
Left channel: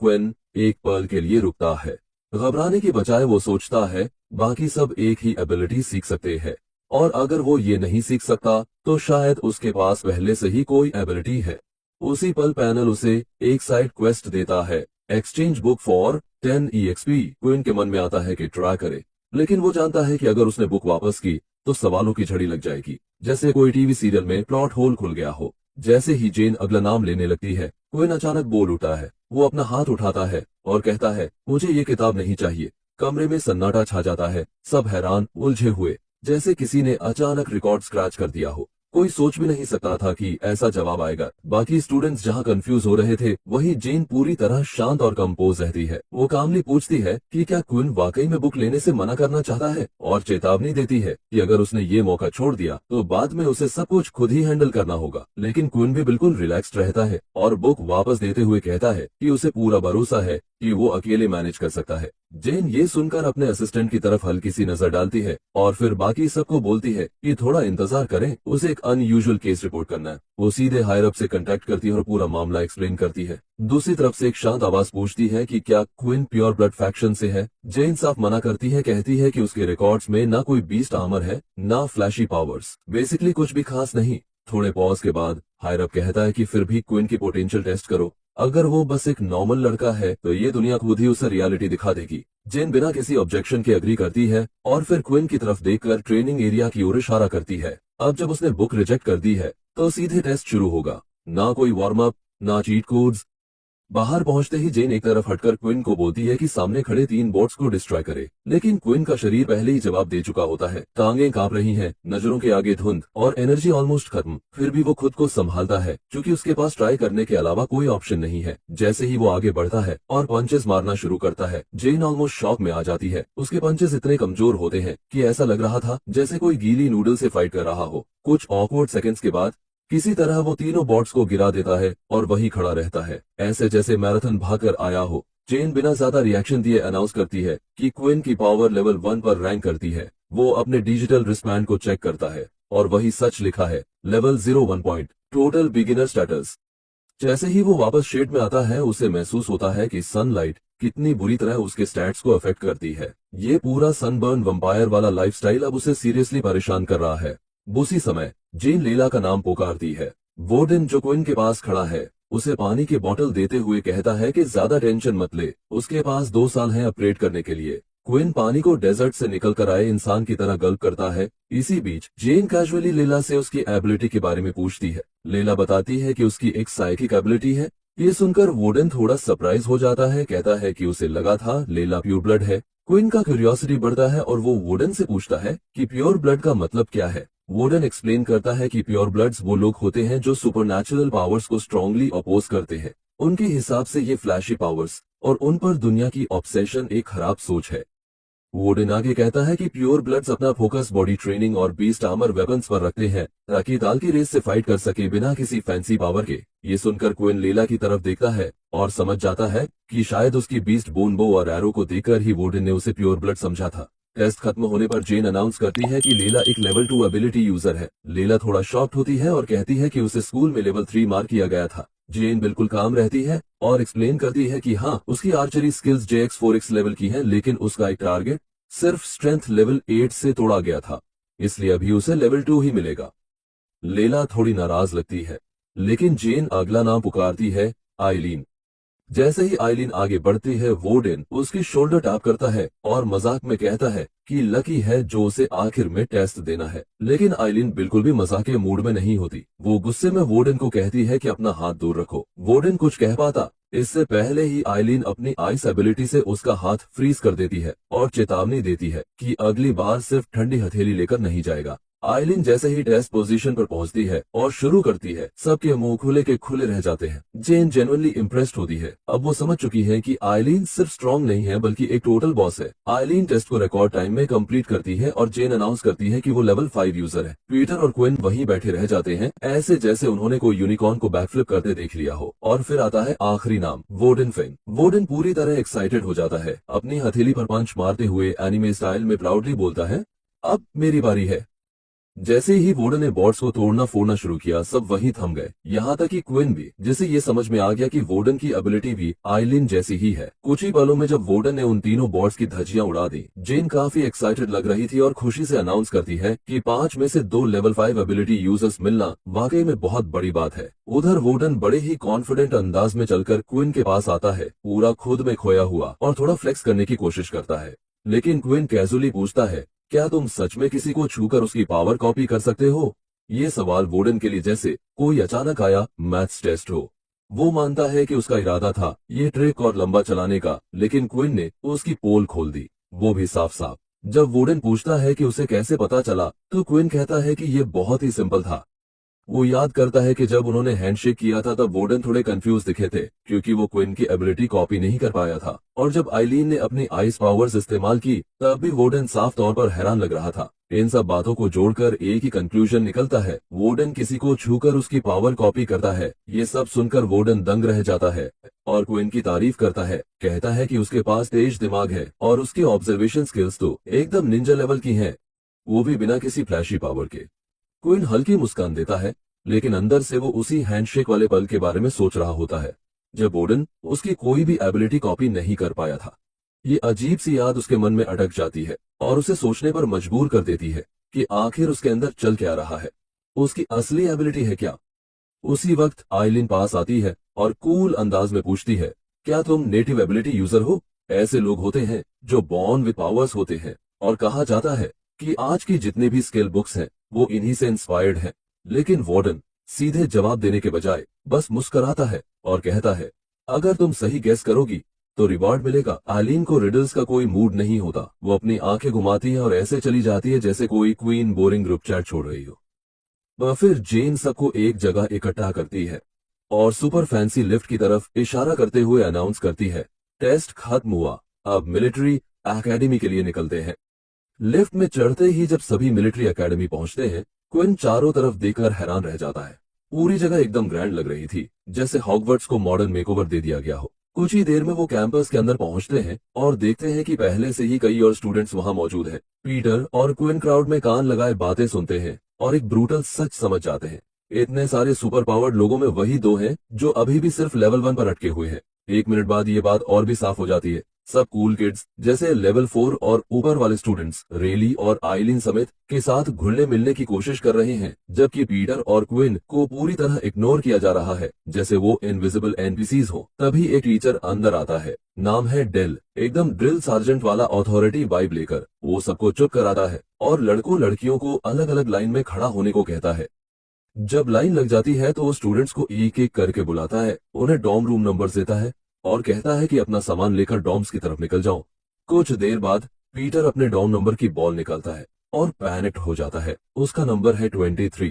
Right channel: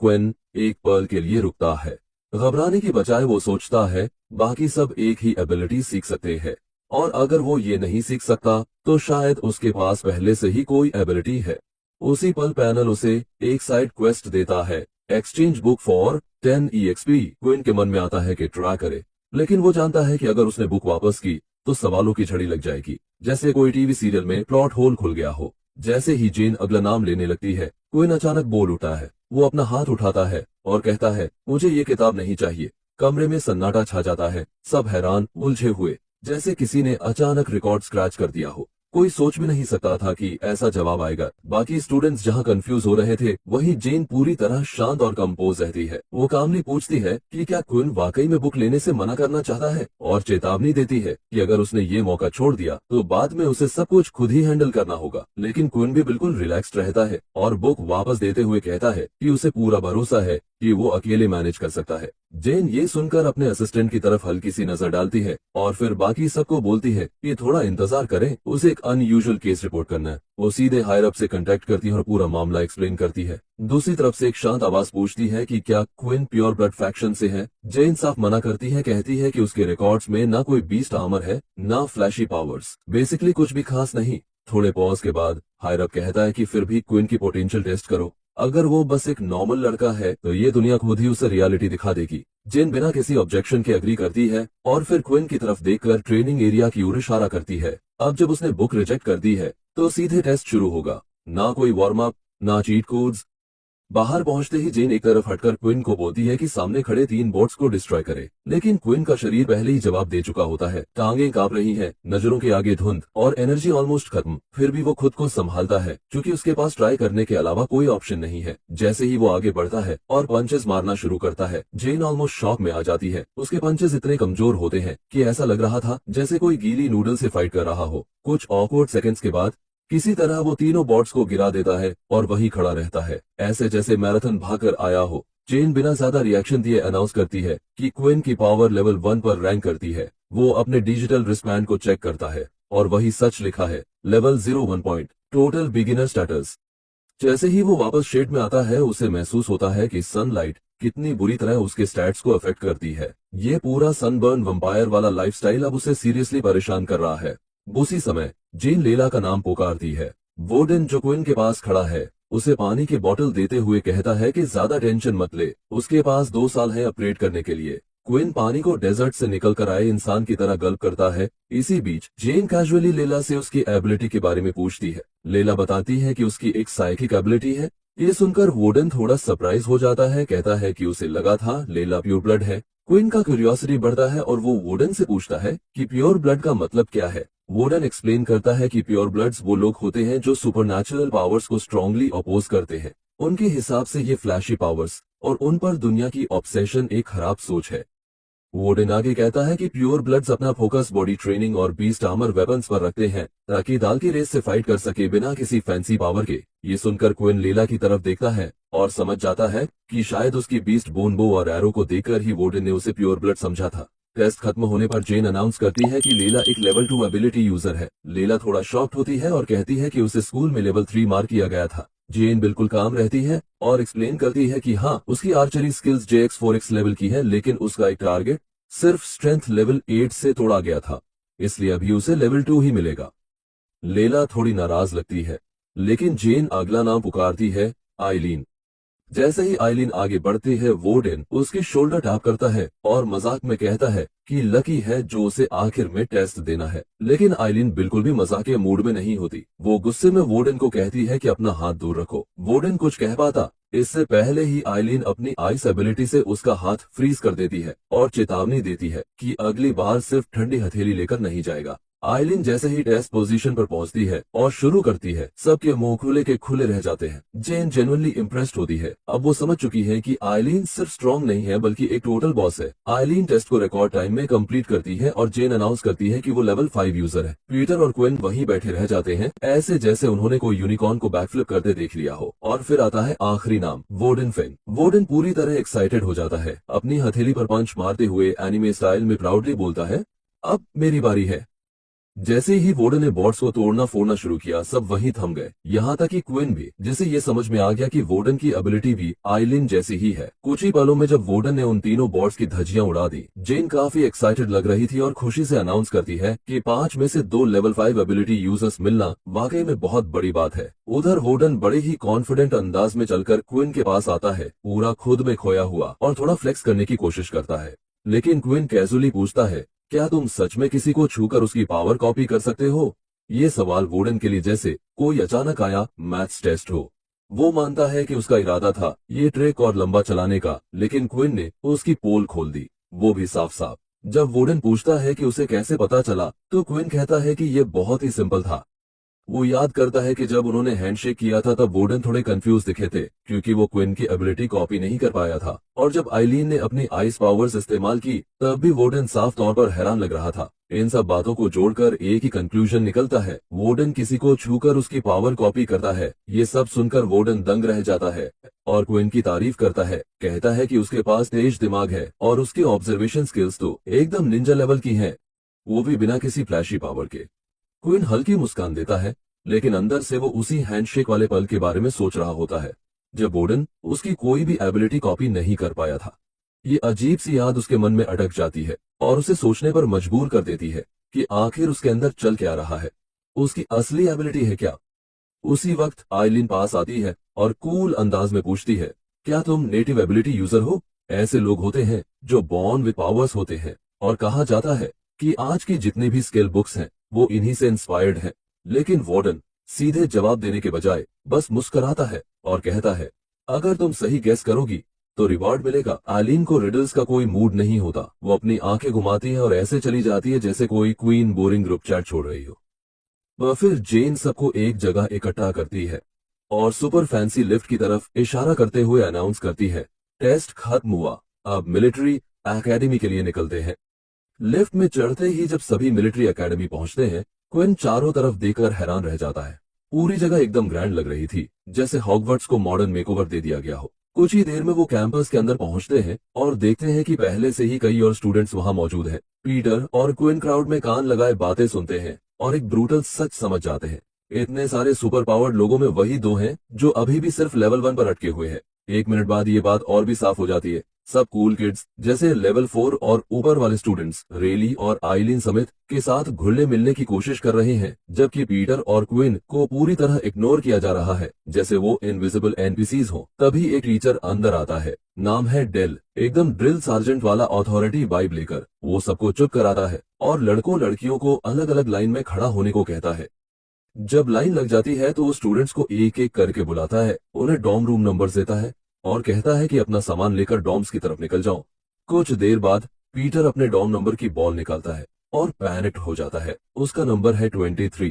क्विन एक पल के लिए रुकता है। घबराने की बजाय वो सोचता है बाकी सब एक ही एबिलिटी सीख सकते हैं और अगर वो ये नहीं सीख सकता तो शायद उसके पास पहले से ही कोई एबिलिटी है। उसी पल पैनल उसे एक साइड क्वेस्ट देता है, exchange book for 10 EXP। Queen के मन में आता है कि ट्राई करे, लेकिन वो जानता है कि अगर उसने बुक वापस की तो सवालों की झड़ी लग जाएगी, जैसे कोई टीवी सीरियल में प्लॉट होल खुल गया हो। जैसे ही जेन अगला नाम लेने लगती है, क्विन अचानक बोल उठता है। वो अपना हाथ उठाता है और कहता है मुझे ये किताब नहीं चाहिए। कमरे में सन्नाटा छा जाता है, सब हैरान उलझे हुए, जैसे किसी ने अचानक रिकॉर्ड स्क्रैच कर दिया हो। कोई सोच भी नहीं सकता था कि ऐसा जवाब आएगा। बाकी स्टूडेंट्स जहां कंफ्यूज हो रहे थे, वहीं जेन पूरी तरह शांत और कंपोज रहती है। वो कामली पूछती है कि क्या क्विन वाकई में बुक लेने से मना करना चाहता है और चेतावनी देती है कि अगर उसने ये मौका छोड़ दिया तो बाद में उसे सब कुछ खुद ही हैंडल करना होगा। लेकिन क्विन भी बिल्कुल रिलैक्स्ड रहता है और बुक वापस देते हुए कहता है कि उसे पूरा भरोसा है कि वो अकेले मैनेज कर सकता है। जेन ये सुनकर अपने असिस्टेंट की तरफ हल्की सी नजर डालती है और फिर बाकी सबको बोलती है कि थोड़ा इंतजार करें, उसे एक अनयूजुअल केस रिपोर्ट करना है। वो सीधे हायर अप से कांटेक्ट करती है और पूरा मामला एक्सप्लेन करती है। दूसरी तरफ से एक शांत आवाज पूछती है कि क्या क्विन प्योर ब्लड फैक्शन से है। जेन साफ मना करती है, कहती है कि उसके रिकॉर्ड्स में ना कोई बीस्ट आर्मर है, ना फ्लैशी पावर्स, बेसिकली कुछ भी खास नहीं। थोड़े पॉज के बाद हायर अप कहता है कि फिर भी क्विन की पोटेंशियल टेस्ट करो। अगर वो बस एक नॉर्मल लड़का है तो ये दुनिया खुद ही उसे रियलिटी दिखा देगी। जेन बिना किसी ऑब्जेक्शन के अग्री करती है और फिर क्विन की तरफ देखकर ट्रेनिंग एरिया की ओर इशारा करती है। अब जब उसने बुक रिजेक्ट कर दी है तो सीधे टेस्ट शुरू होगा, ना कोई वार्म अप, ना चीट कोड्स। बाहर पहुंचते ही जेन एक तरफ हटकर क्विन को बोलती है कि सामने खड़े 3 बोट्स को डिस्ट्रॉय करे, लेकिन क्विन का शरीर पहले ही जवाब दे चुका होता है। टांगें कांप रही हैं, नजरों के आगे धुंध और एनर्जी ऑलमोस्ट खत्म। फिर भी वो खुद को संभालता है क्योंकि उसके पास ट्राई करने के अलावा कोई ऑप्शन नहीं है। जैसे ही वो आगे बढ़ता है और पंचेस मारना शुरू करता है, जेन ऑलमोस्ट शॉक में आ जाती है। उसके पंचेस इतने कमजोर होते हैं कि ऐसा लग रहा था जैसे कोई गीली नूडल से फाइट कर रहा हो। कुछ ऑकवर्ड सेकंड्स के बाद किसी तरह वो तीनों बॉट्स को गिरा देता है और वहीं खड़ा रहता है, ऐसे जैसे मैराथन भागकर आया हो। जेन बिना ज्यादा रिएक्शन दिए अनाउंस करती है कि क्विन की पावर लेवल 1 पर रैंक करती है। वो अपने डिजिटल रिस्टबैंड को चेक करता है और वही सच लिखा है, level 01 point, total beginner status. जैसे ही वो वापस शेड में आता है, उसे महसूस होता है कि सनलाइट कितनी बुरी तरह उसके स्टैट्स को अफेक्ट करती है। ये पूरा सनबर्न वंपायर वाला लाइफस्टाइल अब उसे सीरियसली परेशान कर रहा है। उसी समय जेन लेला का नाम पुकारती है। वोर्डन जो क्विन के पास खड़ा है उसे पानी की बोतल देते हुए कहता है कि ज्यादा टेंशन मत ले, उसके पास 2 साल है अपग्रेड करने के लिए। क्विन पानी को डेजर्ट से निकल कर आए इंसान की तरह गल्प करता है। इसी बीच जेन कैजुअली लेला से उसकी एबिलिटी के बारे में पूछती है। लेला बताती है कि उसकी एक साइकिक एबिलिटी है। ये सुनकर वोर्डन थोड़ा सरप्राइज हो जाता है, कहता है कि उसे लगा था लेला प्योर ब्लड है। क्विन का क्यूरियोसिटी बढ़ता है और वो वोर्डन से पूछता है कि प्योर ब्लड का मतलब क्या है। वोर्डन एक्सप्लेन करता है कि प्योर ब्लड्स वो लोग होते हैं जो सुपरनैचुरल पावर्स को स्ट्रांगली अपोज करते हैं। उनके हिसाब से ये फ्लैशी पावर्स और उन पर दुनिया की ऑब्सेशन एक खराब सोच है। वोर्डन आगे कहता है कि प्योर ब्लड्स अपना फोकस बॉडी ट्रेनिंग और बीस्ट आर्मर वेपन्स पर रखते हैं ताकि दाल की रेस से फाइट कर सके बिना किसी फैंसी पावर के। ये सुनकर क्विन लीला की तरफ देखता है और समझ जाता है कि शायद उसकी बीस्ट बोन बो और एरो को देखकर ही वोर्डन ने उसे प्योर ब्लड समझा था। टेस्ट खत्म होने पर जेन अनाउंस करती है कि लेला एक लेवल 2 एबिलिटी यूजर है। लेला थोड़ा शॉक्ड होती है और कहती है कि उसे स्कूल में लेवल 3 मार्क किया गया था। जेन बिल्कुल काम रहती है और एक्सप्लेन करती है कि हाँ, उसकी आर्चरी स्किल्स JX4X लेवल की है, लेकिन उसका एक टारगेट सिर्फ स्ट्रेंथ लेवल 8 से तोड़ा गया था, इसलिए अभी उसे लेवल 2 ही मिलेगा। लेला थोड़ी नाराज लगती है। लेकिन जेन अगला नाम पुकारती है, आइलीन। जैसे ही आइलीन आगे बढ़ती है, वोर्डन उसकी शोल्डर टैप करता है और मजाक में कहता है कि लकी है जो उसे आखिर में टेस्ट देना है। लेकिन आइलीन बिल्कुल भी मजाक के मूड में नहीं होती। वो गुस्से में वोर्डन को कहती है कि अपना हाथ दूर रखो। वोर्डन कुछ कह पाता इससे पहले ही आइलीन अपनी आइस एबिलिटी से उसका हाथ फ्रीज कर देती है और चेतावनी देती है कि अगली बार सिर्फ ठंडी हथेली लेकर नहीं जाएगा। आइलीन जैसे ही टेस्ट पोजीशन पर पहुंचती है और शुरू करती है, सबके मुंह खुले के खुले रह जाते हैं। जेन जेन्युइनली इम्प्रेस्ड होती है। अब वो समझ चुकी है कि आइलीन सिर्फ स्ट्रॉन्ग नहीं है बल्कि एक टोटल बॉस है। आइलीन टेस्ट को रिकॉर्ड टाइम में कंप्लीट करती है और जेन अनाउंस करती है कि वो लेवल 5 यूजर है। पीटर और क्विन वहीं बैठे रह जाते हैं, ऐसे जैसे उन्होंने कोई यूनिकॉर्न को बैकफ्लिप करते देख लिया हो। और फिर आता है आखिरी नाम, वोर्डन फिन। वोर्डन पूरी तरह एक्साइटेड हो जाता है। अपनी हथेली पर पंच मारते हुए एनिमे स्टाइल में प्राउडली बोलता है, अब मेरी बारी है। जैसे ही वोर्डन ने बॉट्स को तोड़ना फोड़ना शुरू किया, सब वहीं थम गए, यहाँ तक कि क्विन भी, जिसे ये समझ में आ गया कि वोर्डन की एबिलिटी भी आइलीन जैसी ही है। कुछ ही पलों में जब वोर्डन ने उन तीनों बॉट्स की धज्जियां उड़ा दी, जेन काफी एक्साइटेड लग रही थी और खुशी से अनाउंस करती है कि 5 में से 2 लेवल 5 एबिलिटी यूजर्स मिलना वाकई में बहुत बड़ी बात है। उधर वोर्डन बड़े ही कॉन्फिडेंट अंदाज में चलकर क्विन के पास आता है, पूरा खुद में खोया हुआ, और थोड़ा फ्लेक्स करने की कोशिश करता है। लेकिन क्विन कैजुअली पूछता है, क्या तुम सच में किसी को छूकर उसकी पावर कॉपी कर सकते हो? ये सवाल वोर्डन के लिए जैसे कोई अचानक आया मैथ्स टेस्ट हो। वो मानता है कि उसका इरादा था ये ट्रिक और लंबा चलाने का, लेकिन क्विन ने तो उसकी पोल खोल दी, वो भी साफ साफ। जब वोर्डन पूछता है कि उसे कैसे पता चला, तो क्विन कहता है कि ये बहुत ही सिंपल था। वो याद करता है कि जब उन्होंने हैंडशेक किया था तब वोर्डन थोड़े कंफ्यूज दिखे थे, क्योंकि वो क्विन की एबिलिटी कॉपी नहीं कर पाया था। और जब आइलीन ने अपनी आइस पावर्स इस्तेमाल की, तब भी वोर्डन साफ तौर पर हैरान लग रहा था। इन सब बातों को जोड़कर एक ही कंक्लूजन निकलता है, वोर्डन किसी को छूकर उसकी पावर कॉपी करता है। ये सब सुनकर वोर्डन दंग रह जाता है और क्विन की तारीफ करता है, कहता है कि उसके पास तेज दिमाग है और उसकी ऑब्जर्वेशन स्किल्स तो एकदम निंजा लेवल की हैं, वो भी बिना किसी फ्लैशी पावर के। क्विन हल्की मुस्कान देता है, लेकिन अंदर से वो उसी हैंडशेक वाले पल के बारे में सोच रहा होता है, जब वोर्डन उसकी कोई भी एबिलिटी कॉपी नहीं कर पाया था। ये अजीब सी याद उसके मन में अटक जाती है और उसे सोचने पर मजबूर कर देती है कि आखिर उसके अंदर चल क्या रहा है, उसकी असली एबिलिटी है क्या। उसी वक्त आइलीन पास आती है और कूल अंदाज में पूछती है, क्या तुम नेटिव एबिलिटी यूजर हो? ऐसे लोग होते हैं जो बॉर्न विद पावर्स होते हैं, और कहा जाता है कि आज की जितने भी स्किल बुक्स हैं वो इन्हीं से इंस्पायर्ड हैं। लेकिन वार्डन सीधे जवाब देने के बजाय बस मुस्कुराता है और कहता है, अगर तुम सही गेस करोगी तो रिवॉर्ड मिलेगा। आइलीन को रिडल्स का कोई मूड नहीं होता। वो अपनी आंखें घुमाती है और ऐसे चली जाती है जैसे कोई क्वीन बोरिंग ग्रुप चैट छोड़ रही हो। फिर जेन सबको एक जगह इकट्ठा करती है और सुपर फैंसी लिफ्ट की तरफ इशारा करते हुए अनाउंस करती है, टेस्ट खत्म हुआ, अब मिलिट्री एकेडमी के लिए निकलते हैं। लिफ्ट में चढ़ते ही जब सभी मिलिट्री एकेडमी पहुंचते हैं, क्विन चारों तरफ देखकर हैरान रह जाता है। पूरी जगह एकदम ग्रैंड लग रही थी, जैसे हॉगवर्ट्स को मॉडर्न मेकओवर दे दिया गया हो। कुछ ही देर में वो कैंपस के अंदर पहुंचते हैं और देखते हैं कि पहले से ही कई और स्टूडेंट्स वहां मौजूद हैं। पीटर और क्विन क्राउड में कान लगाए बातें सुनते हैं और एक ब्रूटल सच समझ जाते हैं, इतने सारे सुपर पावर्ड लोगों में वही 2 हैं जो अभी भी सिर्फ लेवल 1 पर अटके हुए हैं। 1 मिनट बाद ये बात और भी साफ हो जाती है। सब कूल किड्स जैसे लेवल 4 और ऊपर वाले स्टूडेंट्स रेली और आइलीन समेत के साथ घुलने मिलने की कोशिश कर रहे हैं, जबकि पीटर और क्विन को पूरी तरह इग्नोर किया जा रहा है, जैसे वो इनविजिबल एनपीसीज हो। तभी एक टीचर अंदर आता है, नाम है डेल, एकदम ड्रिल सार्जेंट वाला अथॉरिटी वाइब लेकर। वो सबको चुप कराता है और लड़कों लड़कियों को अलग अलग लाइन में खड़ा होने को कहता है। जब लाइन लग जाती है तो वो स्टूडेंट्स को एक एक करके बुलाता है, उन्हें डॉर्म रूम नंबर देता है और कहता है कि अपना सामान लेकर डॉर्म्स की तरफ निकल जाओ। कुछ देर बाद पीटर अपने डॉर्म नंबर की बॉल निकालता है और पैनिक्ड हो जाता है। उसका नंबर है 23।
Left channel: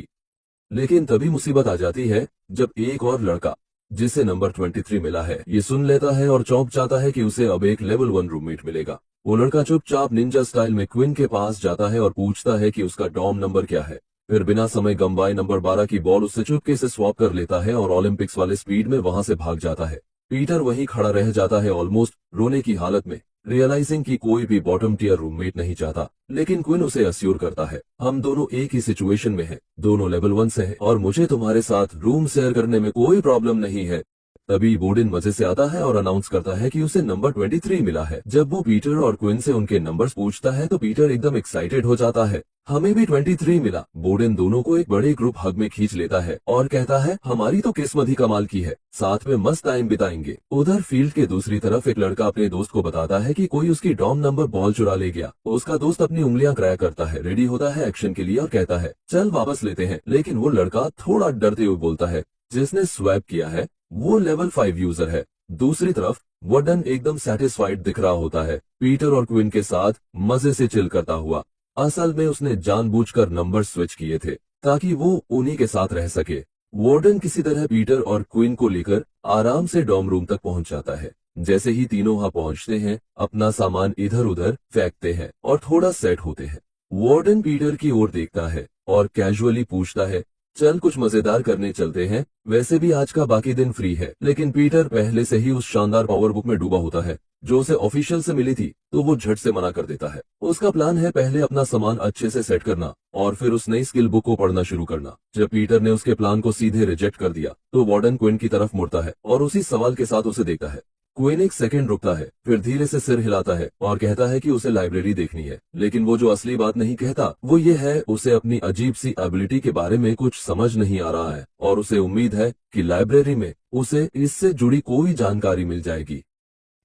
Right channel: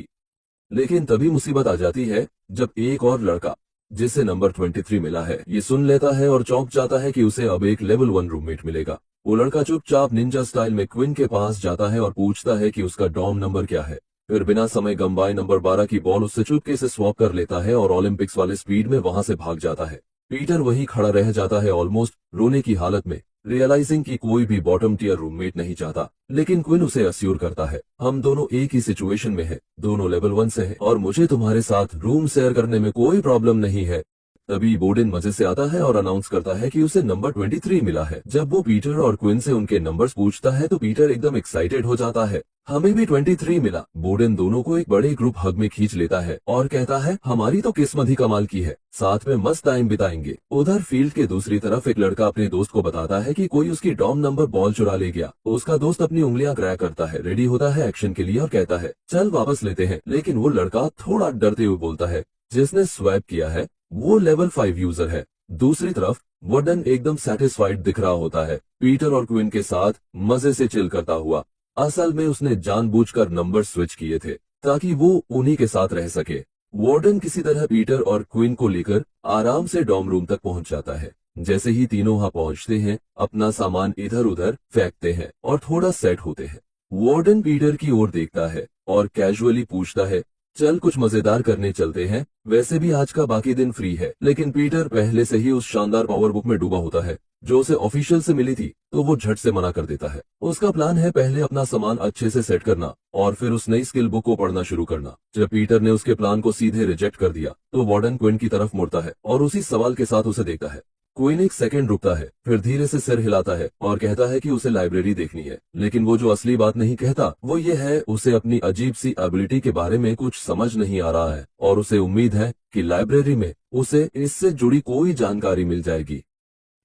लेकिन तभी मुसीबत आ जाती है जब एक और लड़का जिसे नंबर 23 मिला है ये सुन लेता है और चौंक जाता है कि उसे अब एक लेवल 1 रूममेट मिलेगा। वो लड़का चुपचाप निंजा स्टाइल में क्विन के पास जाता है और पूछता है कि उसका डॉर्म नंबर क्या है। फिर बिना समय गंवाए नंबर 12 की बॉल उससे चुपके से स्वैप कर लेता है और ओलंपिक्स वाले स्पीड में वहां से भाग जाता है। पीटर वहीं खड़ा रह जाता है, ऑलमोस्ट रोने की हालत में, रियलाइजिंग कि कोई भी बॉटम टियर रूममेट नहीं चाहता। लेकिन क्विन उसे अस्योर करता है, हम दोनों एक ही सिचुएशन में हैं, दोनों लेवल 1 से हैं और मुझे तुम्हारे साथ रूम शेयर करने में कोई प्रॉब्लम नहीं है। तभी बोर्डन मजे से आता है और अनाउंस करता है कि उसे नंबर 23 मिला है। जब वो पीटर और क्विन से उनके नंबर्स पूछता है तो पीटर एकदम एक्साइटेड हो जाता है। हमें भी 23 मिला। बोर्डन दोनों को एक बड़े ग्रुप हग में खींच लेता है और कहता है हमारी तो किस्मत ही कमाल की है, साथ में मस्त टाइम बिताएंगे। उधर फील्ड के दूसरी तरफ एक लड़का अपने दोस्त को बताता है कि कोई उसकी डॉम नंबर बॉल चुरा ले गया। उसका दोस्त अपनी उंगलियां क्रैक करता है, रेडी होता है एक्शन के लिए और कहता है चल वापस लेते हैं। लेकिन वो लड़का थोड़ा डरते हुए बोलता है जिसने स्वैप किया है वो लेवल 5 यूजर है। दूसरी तरफ वार्डन एकदम सेटिस्फाइड दिख रहा होता है, पीटर और क्विन के साथ मजे से चिल करता हुआ। असल में उसने जानबूझकर नंबर स्विच किए थे ताकि वो उन्हीं के साथ रह सके। वार्डन किसी तरह पीटर और क्विन को लेकर आराम से डॉर्म रूम तक पहुंच जाता है। जैसे ही तीनों वहां पहुंचते हैं अपना सामान इधर उधर फेंकते हैं और थोड़ा सेट होते हैं। वार्डन पीटर की ओर देखता है और कैजुअली पूछता है चल कुछ मजेदार करने चलते हैं, वैसे भी आज का बाकी दिन फ्री है। लेकिन पीटर पहले से ही उस शानदार पावर बुक में डूबा होता है जो उसे ऑफिशियल से मिली थी, तो वो झट से मना कर देता है। उसका प्लान है पहले अपना सामान अच्छे से सेट करना और फिर उस नई स्किल बुक को पढ़ना शुरू करना। जब पीटर ने उसके प्लान को सीधे रिजेक्ट कर दिया तो वार्डन क्विन की तरफ मुड़ता है और उसी सवाल के साथ उसे देखता है। क्विन एक सेकंड रुकता है, फिर धीरे से सिर हिलाता है और कहता है कि उसे लाइब्रेरी देखनी है। लेकिन वो जो असली बात नहीं कहता वो ये है उसे अपनी अजीब सी एबिलिटी के बारे में कुछ समझ नहीं आ रहा है और उसे उम्मीद है कि लाइब्रेरी में उसे इससे जुड़ी कोई जानकारी मिल जाएगी।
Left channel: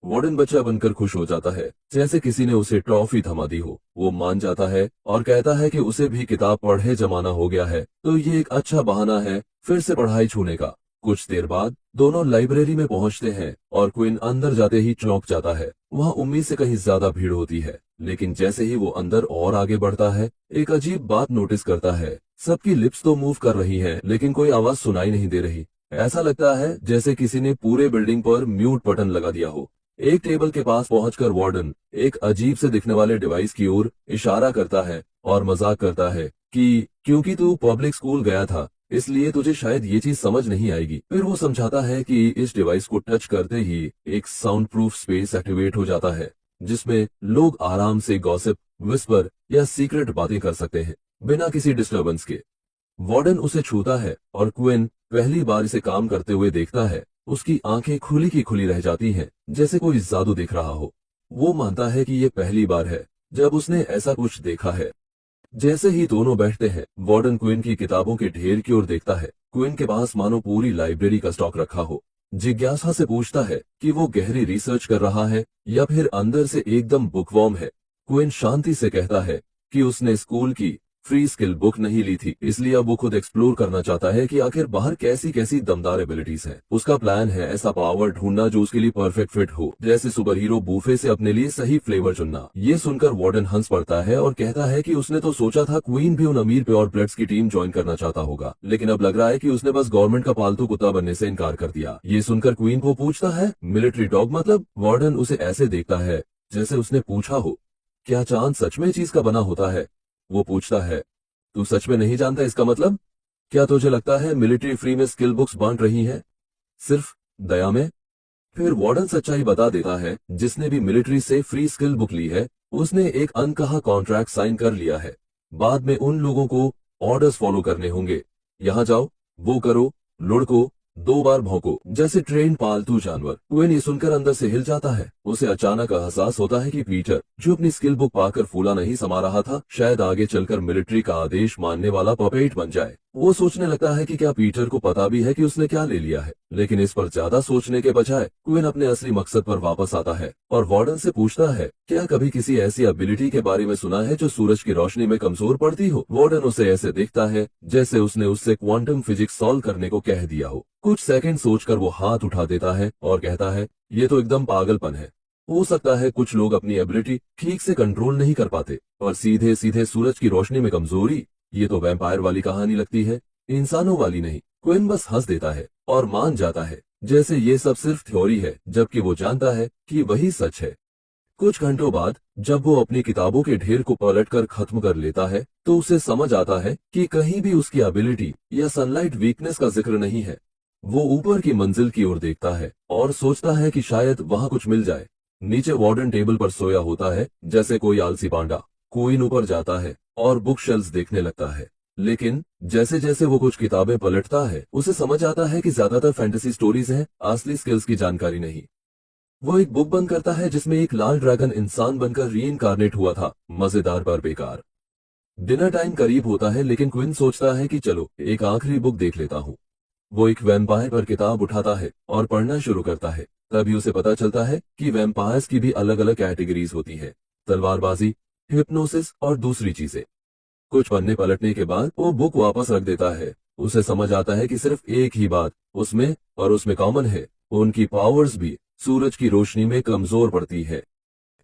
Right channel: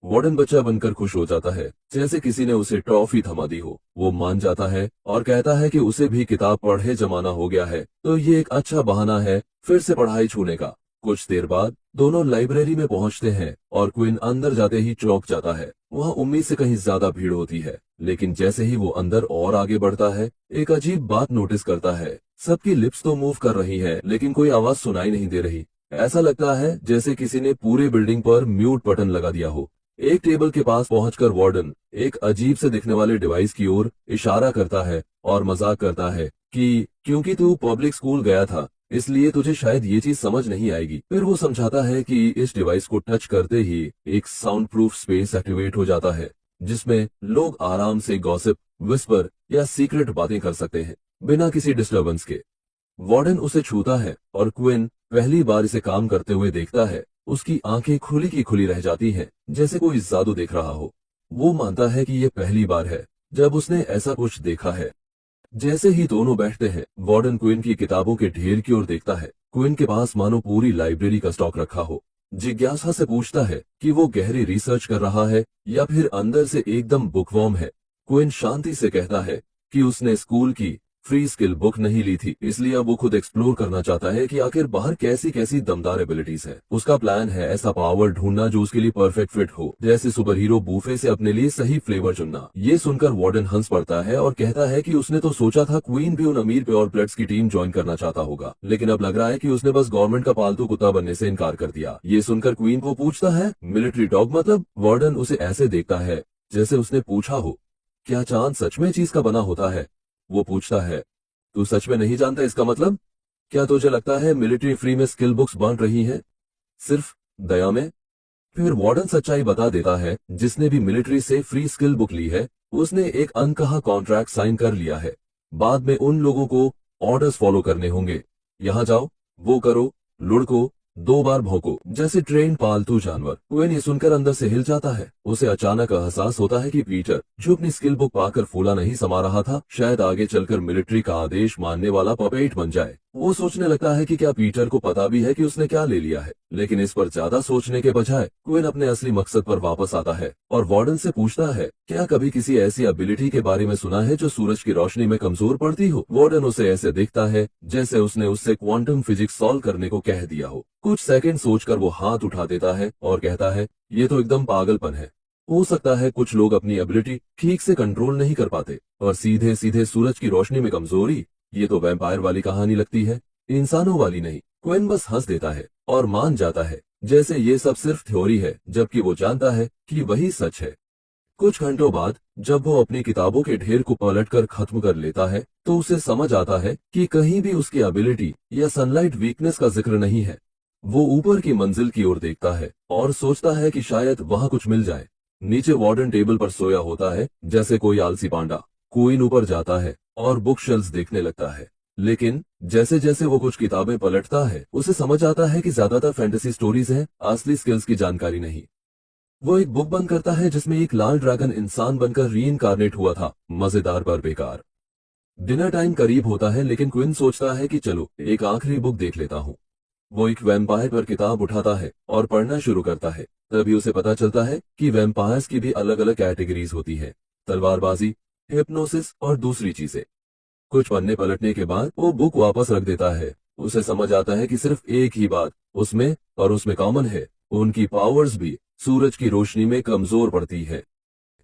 वार्डन बच्चा बनकर खुश हो जाता है जैसे किसी ने उसे ट्रॉफी थमा दी हो। वो मान जाता है और कहता है कि उसे भी किताब पढ़े जमाना हो गया है, तो ये एक अच्छा बहाना है फिर से पढ़ाई छूने का। कुछ देर बाद दोनों लाइब्रेरी में पहुंचते हैं और क्विन अंदर जाते ही चौंक जाता है। वहां उम्मीद से कहीं ज्यादा भीड़ होती है, लेकिन जैसे ही वो अंदर और आगे बढ़ता है एक अजीब बात नोटिस करता है। सबकी लिप्स तो मूव कर रही हैं, लेकिन कोई आवाज सुनाई नहीं दे रही। ऐसा लगता है जैसे किसी ने पूरे बिल्डिंग पर म्यूट बटन लगा दिया हो। एक टेबल के पास पहुंचकर वार्डन एक अजीब से दिखने वाले डिवाइस की ओर इशारा करता है और मजाक करता है कि क्योंकि तू पब्लिक स्कूल गया था इसलिए तुझे शायद ये चीज समझ नहीं आएगी। फिर वो समझाता है कि इस डिवाइस को टच करते ही एक साउंड प्रूफ स्पेस एक्टिवेट हो जाता है जिसमें लोग आराम से गॉसिप, विस्पर या सीक्रेट बातें कर सकते हैं बिना किसी डिस्टरबेंस के। वार्डन उसे छूता है और क्विन पहली बार इसे काम करते हुए देखता है। उसकी आंखें खुली की खुली रह जाती हैं जैसे कोई जादू देख रहा हो। वो मानता है कि ये पहली बार है जब उसने ऐसा कुछ देखा है। जैसे ही दोनों बैठते हैं वार्डन क्विन की किताबों के ढेर की ओर देखता है। क्विन के पास मानो पूरी लाइब्रेरी का स्टॉक रखा हो। जिज्ञासा से पूछता है कि वो गहरी रिसर्च कर रहा है या फिर अंदर से एकदम बुकवॉर्म है। क्विन शांति से कहता है कि उसने स्कूल की फ्री स्किल बुक नहीं ली थी, इसलिए अब वो खुद एक्सप्लोर करना चाहता है कि आखिर बाहर कैसी कैसी दमदार एबिलिटीज है। उसका प्लान है ऐसा पावर ढूंढना जो उसके लिए परफेक्ट फिट हो, जैसे सुपर हीरो बूफे से अपने लिए सही फ्लेवर चुनना। ये सुनकर वार्डन हंस पड़ता है और कहता है कि उसने तो सोचा था क्वीन भी उन अमीर प्योर ब्लड्स की टीम ज्वाइन करना चाहता होगा, लेकिन अब लग रहा है कि उसने बस गवर्नमेंट का पालतू कुत्ता बनने से इनकार कर दिया। ये सुनकर क्वीन को पूछता है मिलिट्री डॉग मतलब? वार्डन उसे ऐसे देखता है जैसे उसने पूछा हो क्या चांद सच में चीज का बना होता है। वो पूछता है तू सच में नहीं जानता इसका मतलब? क्या तुझे लगता है मिलिट्री फ्री में स्किल बुक्स बांट रही हैं सिर्फ दया में? फिर वार्डन सच्चाई बता देता है जिसने भी मिलिट्री से फ्री स्किल बुक ली है उसने एक अनकहा कॉन्ट्रैक्ट साइन कर लिया है। बाद में उन लोगों को ऑर्डर्स फॉलो करने होंगे। यहाँ जाओ, वो करो, लुढ़को, 2 बार भौंको, जैसे ट्रेन पालतू जानवर। क्विन ये सुनकर अंदर से हिल जाता है। उसे अचानक एहसास होता है कि पीटर जो अपनी स्किल बुक पाकर फूला नहीं समा रहा था शायद आगे चलकर मिलिट्री का आदेश मानने वाला पपेट बन जाए। वो सोचने लगता है कि क्या पीटर को पता भी है कि उसने क्या ले लिया है, लेकिन इस पर ज्यादा सोचने के बजाय क्विन अपने असली मकसद पर वापस आता है और वार्डन से पूछता है क्या कभी किसी ऐसी एबिलिटी के बारे में सुना है जो सूरज की रोशनी में कमजोर पड़ती हो। वार्डन उसे ऐसे दिखता है जैसे उसने उससे क्वांटम फिजिक्स सॉल्व करने को कह दिया हो। कुछ सेकंड सोचकर वो हाथ उठा देता है और कहता है ये तो एकदम पागलपन है। हो सकता है कुछ लोग अपनी एबिलिटी ठीक से कंट्रोल नहीं कर पाते और सीधे सीधे सूरज की रोशनी में कमजोरी, ये तो वैम्पायर वाली कहानी लगती है, इंसानों वाली नहीं। क्विन बस हंस देता है और मान जाता है जैसे ये सब सिर्फ थ्योरी है, जबकि वो जानता है कि वही सच है। कुछ घंटों बाद जब वो अपनी किताबों के ढेर को पलटकर खत्म कर लेता है तो उसे समझ आता है कि कहीं भी उसकी एबिलिटी या सनलाइट वीकनेस का जिक्र नहीं है। वो ऊपर की मंजिल की ओर देखता है और सोचता है कि शायद वहां कुछ मिल जाए। नीचे वार्डन टेबल पर सोया होता है जैसे कोई आलसी पांडा। क्वीन ऊपर जाता है और बुक शेल्फ्स देखने लगता है। लेकिन जैसे जैसे वो कुछ किताबें पलटता है, उसे समझ आता है कि ज्यादातर फैंटेसी स्टोरीज हैं, असली स्किल्स की जानकारी नहीं। वो एक बुक बंद करता है जिसमें एक लाल ड्रैगन इंसान बनकर रीइंकार्नेट हुआ था। मजेदार पर बेकार। डिनर टाइम करीब होता है, लेकिन क्विन सोचता है कि चलो एक आखिरी बुक देख लेता हूँ। वो एक वैम्पायर पर किताब उठाता है और पढ़ना शुरू करता है। तभी उसे पता चलता है कि वैम्पायर्स की भी अलग अलग कैटेगरीज होती है, तलवारबाजी, हिप्नोसिस और दूसरी चीजें। कुछ पन्ने पलटने के बाद वो बुक वापस रख देता है। उसे समझ आता है कि सिर्फ एक ही बात उसमें कॉमन है, उनकी पावर्स भी सूरज की रोशनी में कमजोर पड़ती है।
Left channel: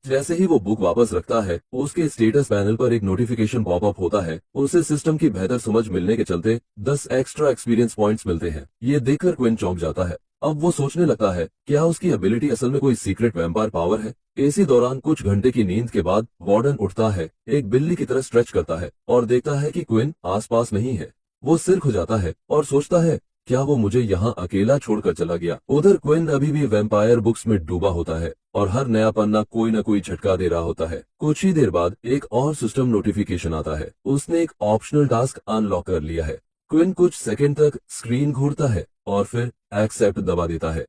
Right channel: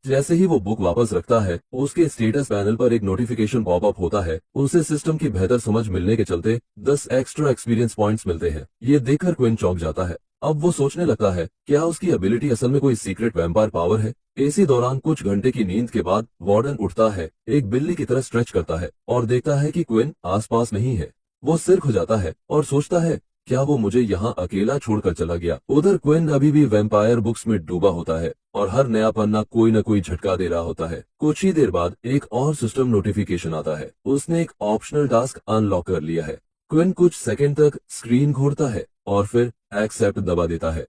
जैसे ही वो बुक वापस रखता है, उसके स्टेटस पैनल पर एक नोटिफिकेशन पॉपअप होता है। उसे सिस्टम की बेहतर समझ मिलने के चलते 10 एक्स्ट्रा एक्सपीरियंस पॉइंट्स मिलते हैं। ये देखकर क्विन चौंक जाता है। अब वो सोचने लगता है, क्या उसकी एबिलिटी असल में कोई सीक्रेट वैम्पायर पावर है। इसी दौरान कुछ घंटे की नींद के बाद वार्डन उठता है, एक बिल्ली की तरह स्ट्रेच करता है और देखता है कि क्विन आसपास नहीं है। वो सिर खुजाता है और सोचता है, क्या वो मुझे यहाँ अकेला छोड़कर चला गया। उधर क्विन अभी भी वैम्पायर बुक्स में डूबा होता है और हर नया पन्ना कोई न कोई झटका दे रहा होता है। कुछ ही देर बाद एक और सिस्टम नोटिफिकेशन आता है। उसने एक ऑप्शनल टास्क अनलॉक कर लिया है। क्विन कुछ सेकंड तक स्क्रीन घूरता है और फिर एक्सेप्ट दबा देता है।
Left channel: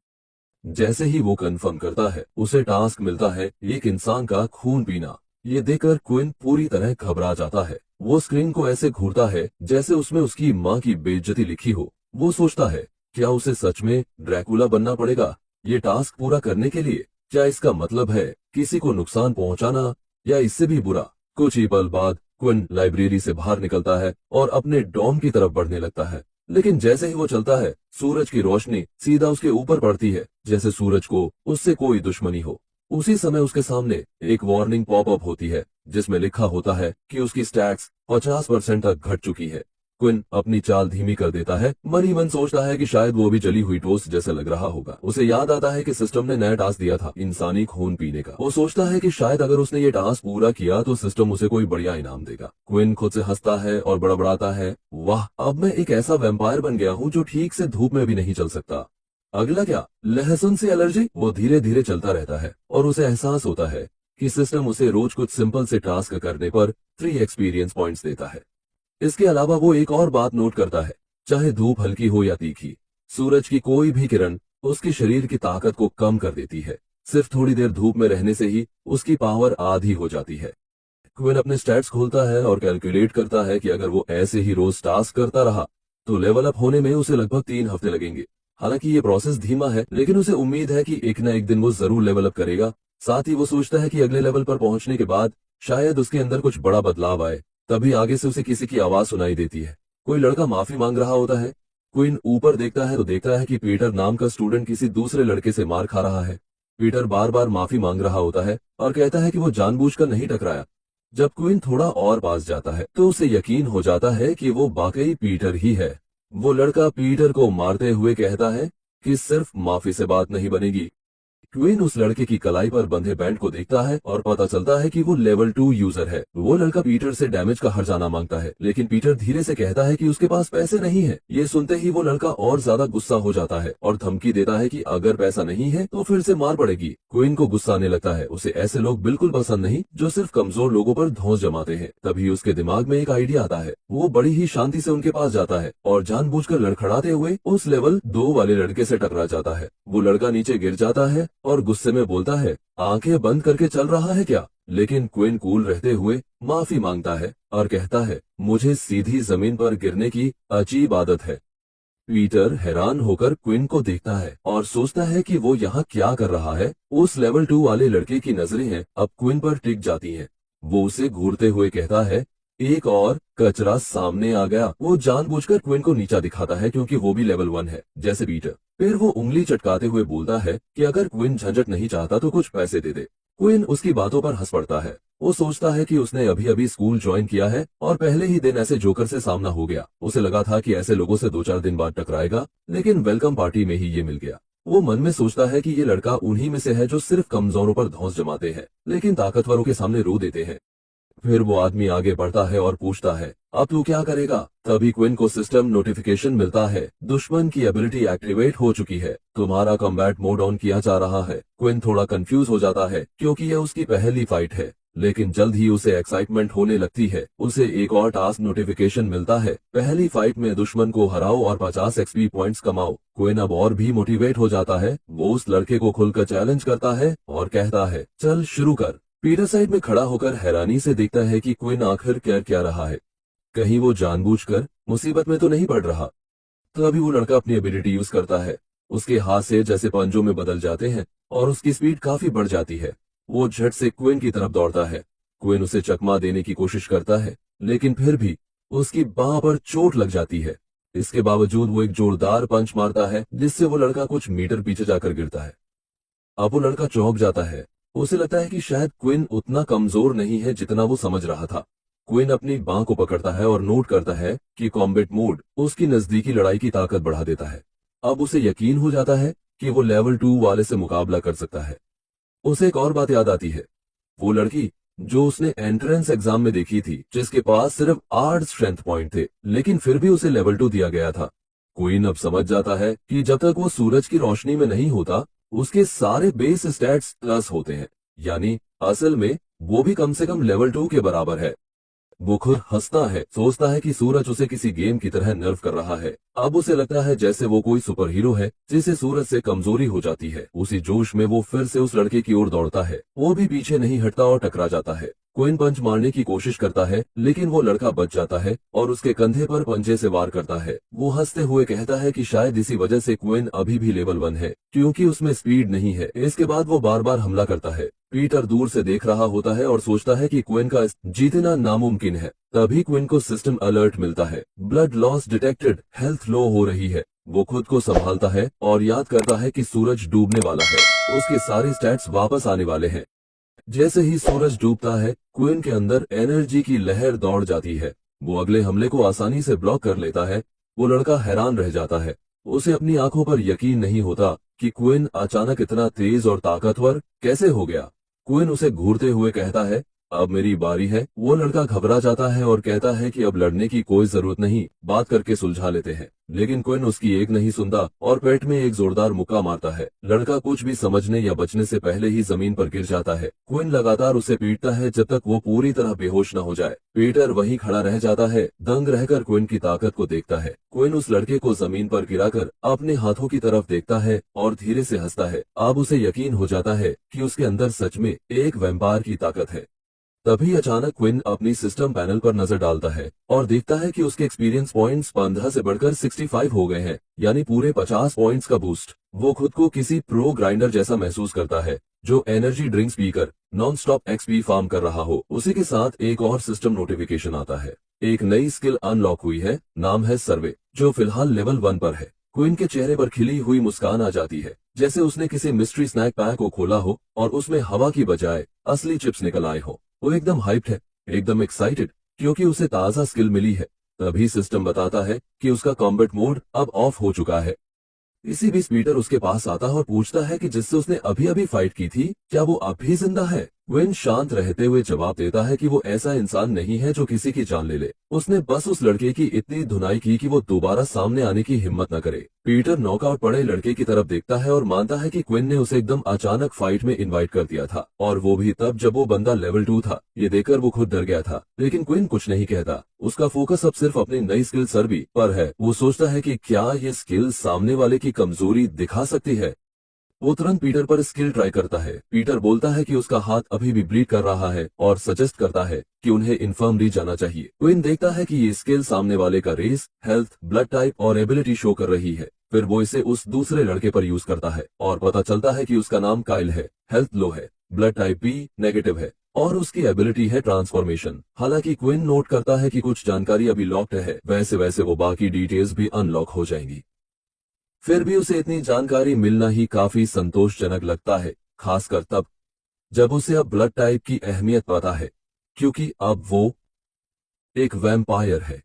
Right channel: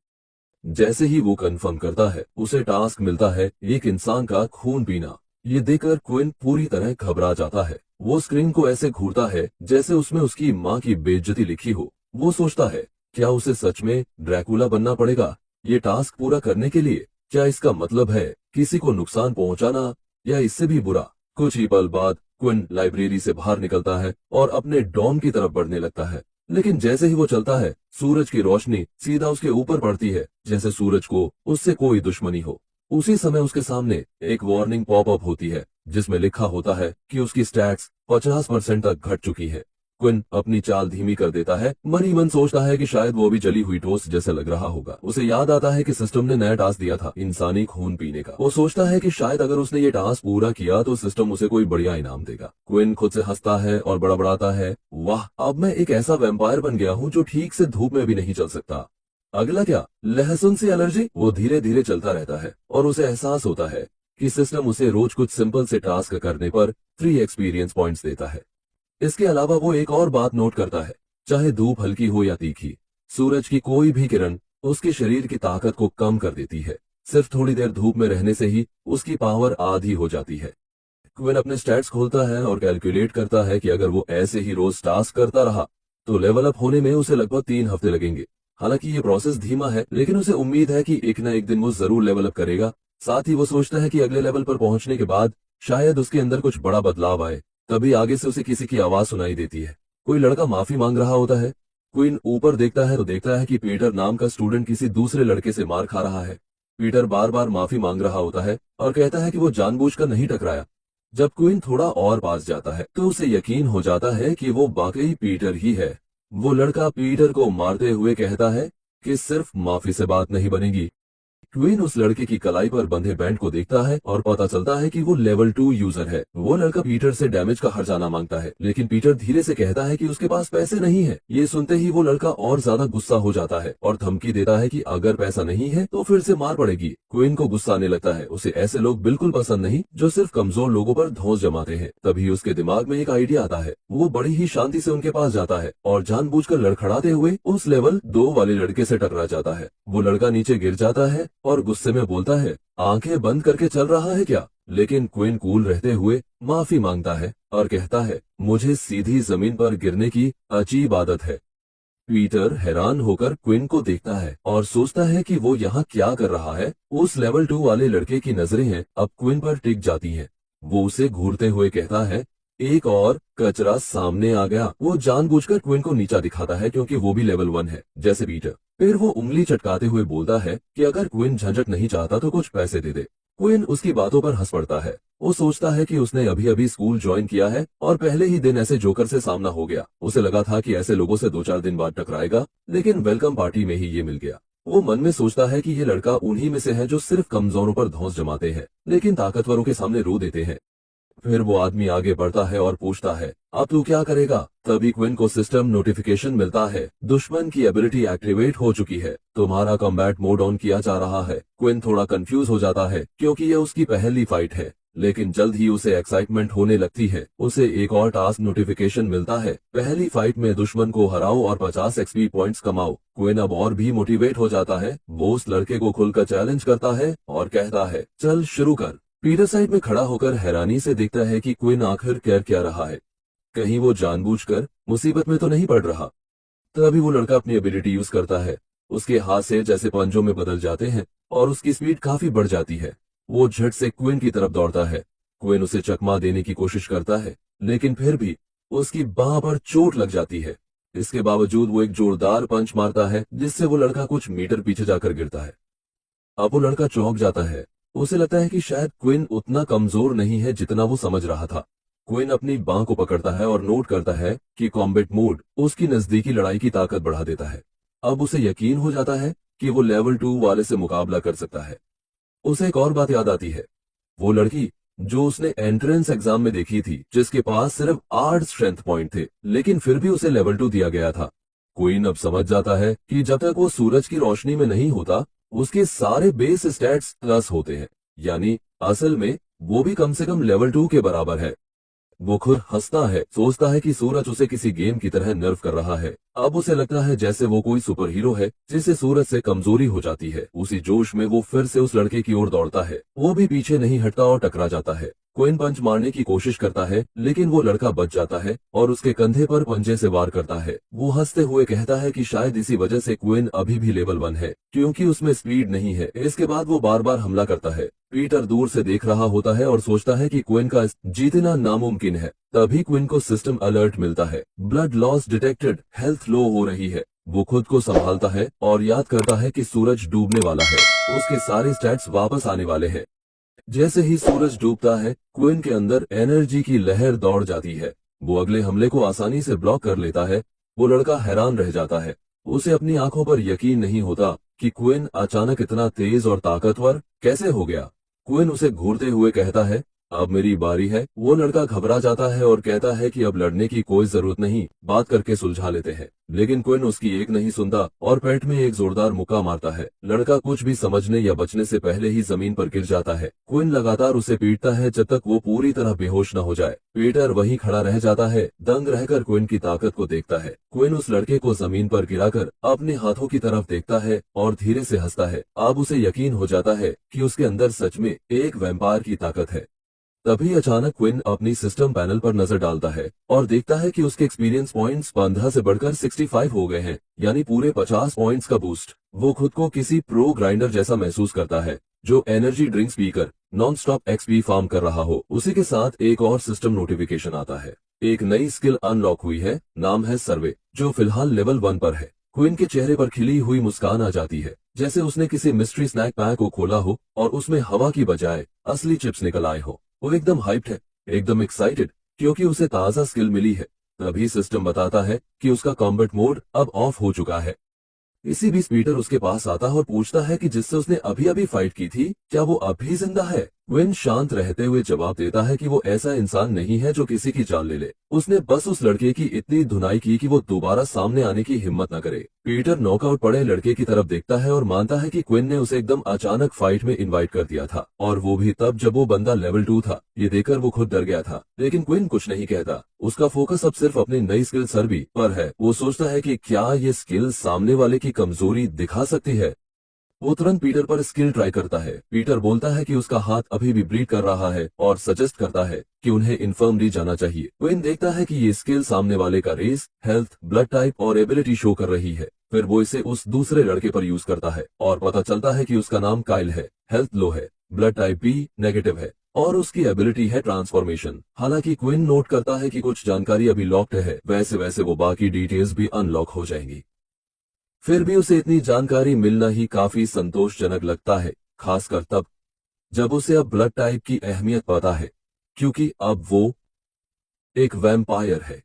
जैसे ही वो कंफर्म करता है, उसे टास्क मिलता है एक इंसान का खून पीना। ये देखकर क्विन पूरी तरह घबरा जाता है। वो स्क्रीन को ऐसे घूरता है जैसे उसमें उसकी माँ की बेइज्जती लिखी हो। वो सोचता है, क्या उसे सच में ड्रैकुला बनना पड़ेगा ये टास्क पूरा करने के लिए। क्या इसका मतलब है किसी को नुकसान पहुंचाना, या इससे भी बुरा। कुछ ही पल बाद क्विन लाइब्रेरी से बाहर निकलता है और अपने डॉम की तरफ बढ़ने लगता है। लेकिन जैसे ही वो चलता है, सूरज की रोशनी सीधा उसके ऊपर पड़ती है, जैसे सूरज को उससे कोई दुश्मनी हो। उसी समय उसके सामने एक वार्निंग पॉपअप होती है जिसमें लिखा होता है कि उसकी स्टैट्स 50% तक घट चुकी है। क्विन अपनी चाल धीमी कर देता है। मन ही मन सोचता है कि शायद वो भी जली हुई टोस्ट जैसे लग रहा होगा। उसे याद आता है कि सिस्टम ने नया टास्क दिया था, इंसानी खून पीने का। वो सोचता है कि शायद अगर उसने ये टास्क पूरा किया तो सिस्टम उसे कोई बढ़िया इनाम देगा। क्विन खुद से हंसता है और बड़बड़ाता है, वाह, अब मैं एक ऐसा वैम्पायर बन गया हूँ जो ठीक से धूप में भी नहीं चल सकता। अगला क्या, लहसुन से एलर्जी। वो धीरे धीरे चलता रहता है और उसे एहसास होता है कि सिस्टम उसे रोज कुछ सिंपल से टास्क करने पर 3 एक्सपीरियंस पॉइंट्स देता है। इसके अलावा वो एक और बात नोट करता है, चाहे धूप हल्की हो या तीखी, सूरज की कोई भी किरण उसके शरीर की ताकत को कम कर देती है। सिर्फ थोड़ी देर धूप में रहने से ही उसकी पावर आधी हो जाती है। क्विन अपने स्टैट्स खोलता है और कैलकुलेट करता है कि अगर वो ऐसे ही रोज टास्क करता रहा तो लेवल अप होने में उसे लगभग 3 हफ्ते लगेंगे। हालांकि ये प्रोसेस धीमा है, लेकिन उसे उम्मीद है कि एक न एक दिन वो जरूर लेवल अप करेगा। साथ ही वो सोचता है कि अगले लेवल पर पहुंचने के बाद शायद उसके अंदर कुछ बड़ा बदलाव आए। तभी आगे से उसे किसी की आवाज सुनाई देती है। कोई लड़का माफी मांग रहा होता है। क्विन ऊपर देखता है तो देखता है कि पीटर नाम का स्टूडेंट किसी दूसरे लड़के से मार खा रहा है। पीटर बार बार माफी मांग रहा होता है और कहता है कि वो जानबूझकर नहीं टकराया। जब क्विन थोड़ा और पास जाता है तो उसे यकीन हो जाता है कि वो वाकई पीटर ही है। वो लड़का पीटर को मारते हुए कहता है कि सिर्फ माफी से बात नहीं बनेगी। क्विन उस लड़के की कलाई पर बंधे बैंड को देखता है और पता चलता है कि वो लेवल 2 यूजर है। वो लड़का पीटर से डैमेज का हर्जाना मांगता है, लेकिन पीटर धीरे से कहता है कि उसके पास पैसे नहीं है। ये सुनते ही वो लड़का और ज्यादा गुस्सा हो जाता है और धमकी देता है कि अगर पैसा नहीं है तो फिर से मार पड़ेगी। क्विन को गुस्सा आने लगता है। उसे ऐसे लोग बिल्कुल पसंद नहीं जो सिर्फ कमजोर लोगों पर धौंस जमाते हैं। तभी उसके दिमाग में एक आइडिया आता है। वो बड़ी ही शांति से उनके पास जाता है और जानबूझकर लड़खड़ाते हुए उस लेवल 2 वाले लड़के से टकरा जाता है। वो लड़का नीचे गिर जाता है और गुस्से में बोलता है, आंखें बंद करके चल रहा है क्या। लेकिन क्विन कूल रहते हुए माफी मांगता है और कहता है, मुझे सीधी जमीन पर गिरने की अजीब आदत है। पीटर हैरान होकर क्विन को देखता है और सोचता है कि वो यहाँ क्या कर रहा है। उस लेवल 2 वाले लड़के की नजरें हैं अब क्विन पर टिक जाती हैं। वो उसे घूरते हुए कहता है, एक और कचरा सामने आ गया। वो जानबूझकर क्विन को नीचा दिखाता है क्योंकि वो भी लेवल 1 है जैसे पीटर। फिर वो उंगली चटकाते हुए बोलता है कि अगर क्विन झंझट नहीं चाहता तो कुछ पैसे दे दे। क्विन उसकी बातों पर हंस पड़ता है। वो सोचता है कि उसने अभी अभी स्कूल ज्वाइन किया है और पहले ही दिन ऐसे जोकर से सामना हो गया। उसे लगा था कि ऐसे लोगों से 2-4 दिन बाद टकराएगा, लेकिन वेलकम पार्टी में ही ये मिल गया। वो मन में सोचता है कि ये लड़का उन्हीं में से है जो सिर्फ कमजोरों पर धौंस जमाते हैं लेकिन ताकतवरों के सामने रो देते हैं। फिर वो आदमी आगे बढ़ता है और पूछता है, अब तू क्या करेगा। तभी क्विन को सिस्टम नोटिफिकेशन मिलता है, दुश्मन की एबिलिटी एक्टिवेट हो चुकी है, तुम्हारा कॉम्बैट मोड ऑन किया जा रहा है। क्विन थोड़ा कंफ्यूज हो जाता है क्योंकि ये उसकी पहली फाइट है, लेकिन जल्द ही उसे एक्साइटमेंट होने लगती है। उसे एक और टास्क नोटिफिकेशन मिलता है, पहली फाइट में दुश्मन को हराओ और 50 एक्सपी पॉइंट्स कमाओ। क्विन अब और भी मोटिवेट हो जाता है। वो उस लड़के को खुलकर चैलेंज करता है और कहता है, चल शुरू कर। पीटर साइड में खड़ा होकर हैरानी से देखता है कि क्विन आखिर कर क्या रहा है। कहीं वो जानबूझकर मुसीबत में तो नहीं पड़ रहा। तभी वो लड़का अपनी एबिलिटी यूज करता है। उसके हाथ से जैसे पंजों में बदल जाते हैं और उसकी स्पीड काफी बढ़ जाती है। वो झट से क्विन की तरफ दौड़ता है। क्विन उसे चकमा देने की कोशिश करता है, लेकिन फिर भी उसकी बांह पर चोट लग जाती है। इसके बावजूद वो एक जोरदार पंच मारता है, जिससे वो लड़का कुछ मीटर पीछे जाकर गिरता है। अब वो लड़का चौंक जाता है। उसे लगता है कि शायद क्विन उतना कमजोर नहीं है जितना वो समझ रहा था। क्विन अपनी बांह को पकड़ता है और नोट करता है कि कॉम्बैट मोड उसकी नजदीकी लड़ाई की ताकत बढ़ा देता है। अब उसे यकीन हो जाता है कि वो लेवल 2 वाले से मुकाबला कर सकता है। उसे एक और बात याद आती है, वो लड़की जो उसने एंट्रेंस एग्जाम में देखी थी, जिसके पास सिर्फ 8 स्ट्रेंथ पॉइंट थे, लेकिन फिर भी उसे लेवल 2 दिया गया था। क्वीन अब समझ जाता है कि जब तक वो सूरज की रोशनी में नहीं होता, उसके सारे बेस स्टैट्स प्लस होते हैं, यानी असल में वो भी कम से कम लेवल 2 के बराबर है। वो खुद हंसता है, सोचता है कि सूरज उसे किसी गेम की तरह नर्व कर रहा है। अब उसे लगता है जैसे वो कोई सुपर हीरो है जिसे सूरज से कमजोरी हो जाती है। उसी जोश में वो फिर से उस लड़के की ओर दौड़ता है। वो भी पीछे नहीं हटता और टकरा जाता है। क्विन पंच मारने की कोशिश करता है, लेकिन वो लड़का बच जाता है और उसके कंधे पर पंजे से वार करता है। वो हंसते हुए कहता है कि शायद इसी वजह से क्विन अभी भी लेवल 1 है, क्योंकि उसमें स्पीड नहीं है। इसके बाद वो बार बार हमला करता है। पीटर दूर से देख रहा होता है और सोचता है कि क्विन का जीतना नामुमकिन है। तभी क्विन को सिस्टम अलर्ट मिलता है, ब्लड लॉस डिटेक्टेड, हेल्थ लो हो रही है। वो खुद को संभालता है और याद करता है कि सूरज डूबने वाला है, उसके सारे स्टैट्स वापस आने वाले हैं। जैसे ही सूरज डूबता है, क्विन के अंदर एनर्जी की लहर दौड़ जाती है। वो अगले हमले को आसानी से ब्लॉक कर लेता है। वो लड़का हैरान रह जाता है। उसे अपनी आंखों पर यकीन नहीं होता कि क्विन अचानक इतना तेज और ताकतवर कैसे हो गया। क्विन उसे घूरते हुए कहता है, अब मेरी बारी है। वो लड़का घबरा जाता है और कहता है कि अब लड़ने की कोई जरूरत नहीं, बात करके सुलझा लेते हैं। लेकिन क्विन उसकी एक नहीं सुनता और पेट में एक जोरदार मुक्का मारता है। लड़का कुछ भी समझने या बचने से पहले ही जमीन पर गिर जाता है। क्विन लगातार उसे पीटता है जब तक वो पूरी तरह बेहोश न हो जाए। पीटर वहीं खड़ा रह जाता है, दंग रहकर क्विन की ताकत को देखता है। क्विन उस लड़के को जमीन पर गिराकर अपने हाथों की तरफ देखता है और धीरे से हंसता है। अब उसे यकीन हो जाता है कि उसके अंदर सच में एक वैम्पायर की ताकत है। तभी अचानक क्विन अपनी सिस्टम पैनल पर नजर डालता है और देखता है कि उसके एक्सपीरियंस पॉइंट्स 15 से बढ़कर 65 हो गए हैं, यानी पूरे 50 पॉइंट्स का बूस्ट। वो खुद को किसी प्रो ग्राइंडर जैसा महसूस करता है, जो एनर्जी ड्रिंक्स पीकर नॉन स्टॉप एक्सपी फार्म कर रहा हो। उसी के साथ एक और सिस्टम नोटिफिकेशन आता है। एक नई स्किल अनलॉक हुई है, नाम है सर्वे, जो फिलहाल लेवल 1 पर है। क्विन के चेहरे पर खिली हुई मुस्कान आ जाती है, जैसे उसने किसी मिस्ट्री स्नैक पैक को खोला हो और उसमें हवा की बजाय असली चिप्स निकल आए हो। वो एकदम हाइप्ड है, एकदम एक्साइटेड, क्योंकि उसे ताजा स्किल मिली है। तभी सिस्टम बताता है कि उसका कॉम्बैट मोड अब ऑफ हो चुका है। इसी बीच पीटर उसके पास आता है और पूछता है कि जिससे उसने अभी अभी फाइट की थी, क्या वो अब भी जिंदा है। क्विन शांत रहते हुए जवाब देता है कि वो ऐसा इंसान नहीं है जो किसी की जान ले ले। उसने बस उस लड़के की इतनी धुनाई की कि वो दोबारा सामने आने की हिम्मत न करे। पीटर नॉकआउट पड़े लड़के की तरफ देखता है और मानता है कि क्विन ने उसे एकदम अचानक फाइट में इनवाइट कर दिया था, और वो भी तब जब वो बंदा लेवल 2 था। ये देखकर वो खुद डर गया था, लेकिन क्विन कुछ नहीं कहता। उसका फोकस अब सिर्फ अपनी नई स्किल सर्वी पर है। वो सोचता है कि क्या ये स्किल सामने वाले की कमजोरी दिखा सकती है। वो तुरंत पीटर पर स्किल ट्राई करता है। पीटर बोलता है कि उसका हाथ अभी भी ब्लीड कर रहा है और सजेस्ट करता है कि उन्हें इन्फर्मरी जाना चाहिए। क्विन देखता है कि ये स्किल सामने वाले का रेस, हेल्थ, ब्लड टाइप और एबिलिटी शो कर रही है। फिर वो इसे उस दूसरे लड़के पर यूज करता है और पता चलता है कि उसका नाम काइल है, हेल्थ लो है, ब्लड टाइप बी नेगेटिव है और उसकी एबिलिटी है ट्रांसफॉर्मेशन। हालांकि क्विन नोट करता है कि कुछ जानकारी अभी लॉक्ड है, वैसे वैसे वो बाकी डिटेल्स भी अनलॉक हो जाएंगी। फिर भी उसे इतनी जानकारी मिलना ही काफी संतोषजनक लगता है, खासकर तब जब उसे अब ब्लड टाइप की अहमियत पता है, क्योंकि अब वो एक वैम्पायर है।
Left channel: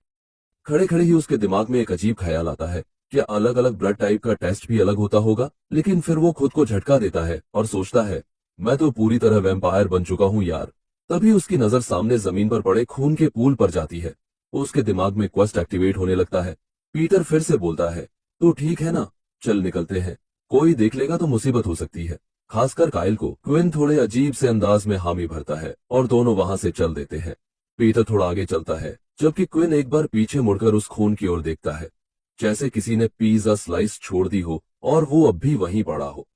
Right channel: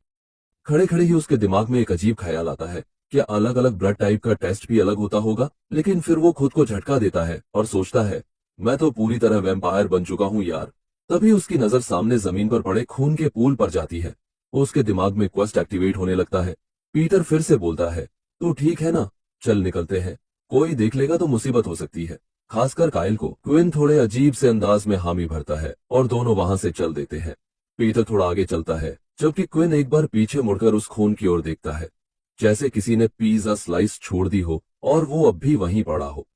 खड़े खड़े ही उसके दिमाग में एक अजीब ख्याल आता है, क्या अलग अलग ब्लड टाइप का टेस्ट भी अलग होता होगा। लेकिन फिर वो खुद को झटका देता है और सोचता है, मैं तो पूरी तरह वैम्पायर बन चुका हूं यार। तभी उसकी नजर सामने जमीन पर पड़े खून के पूल पर जाती है। उसके दिमाग में क्वेस्ट एक्टिवेट होने लगता है। पीटर फिर से बोलता है, तू ठीक है ना, चल निकलते हैं, कोई देख लेगा तो मुसीबत हो सकती है, खासकर काइल को। क्विन थोड़े अजीब से अंदाज में हामी भरता है और दोनों वहां से चल देते हैं। पीटर थोड़ा आगे चलता है, जबकि क्विन एक बार पीछे मुड़कर उस खून की ओर देखता है, जैसे किसी ने पिज्जा स्लाइस छोड़ दी हो और वो अब भी वहीं पड़ा हो।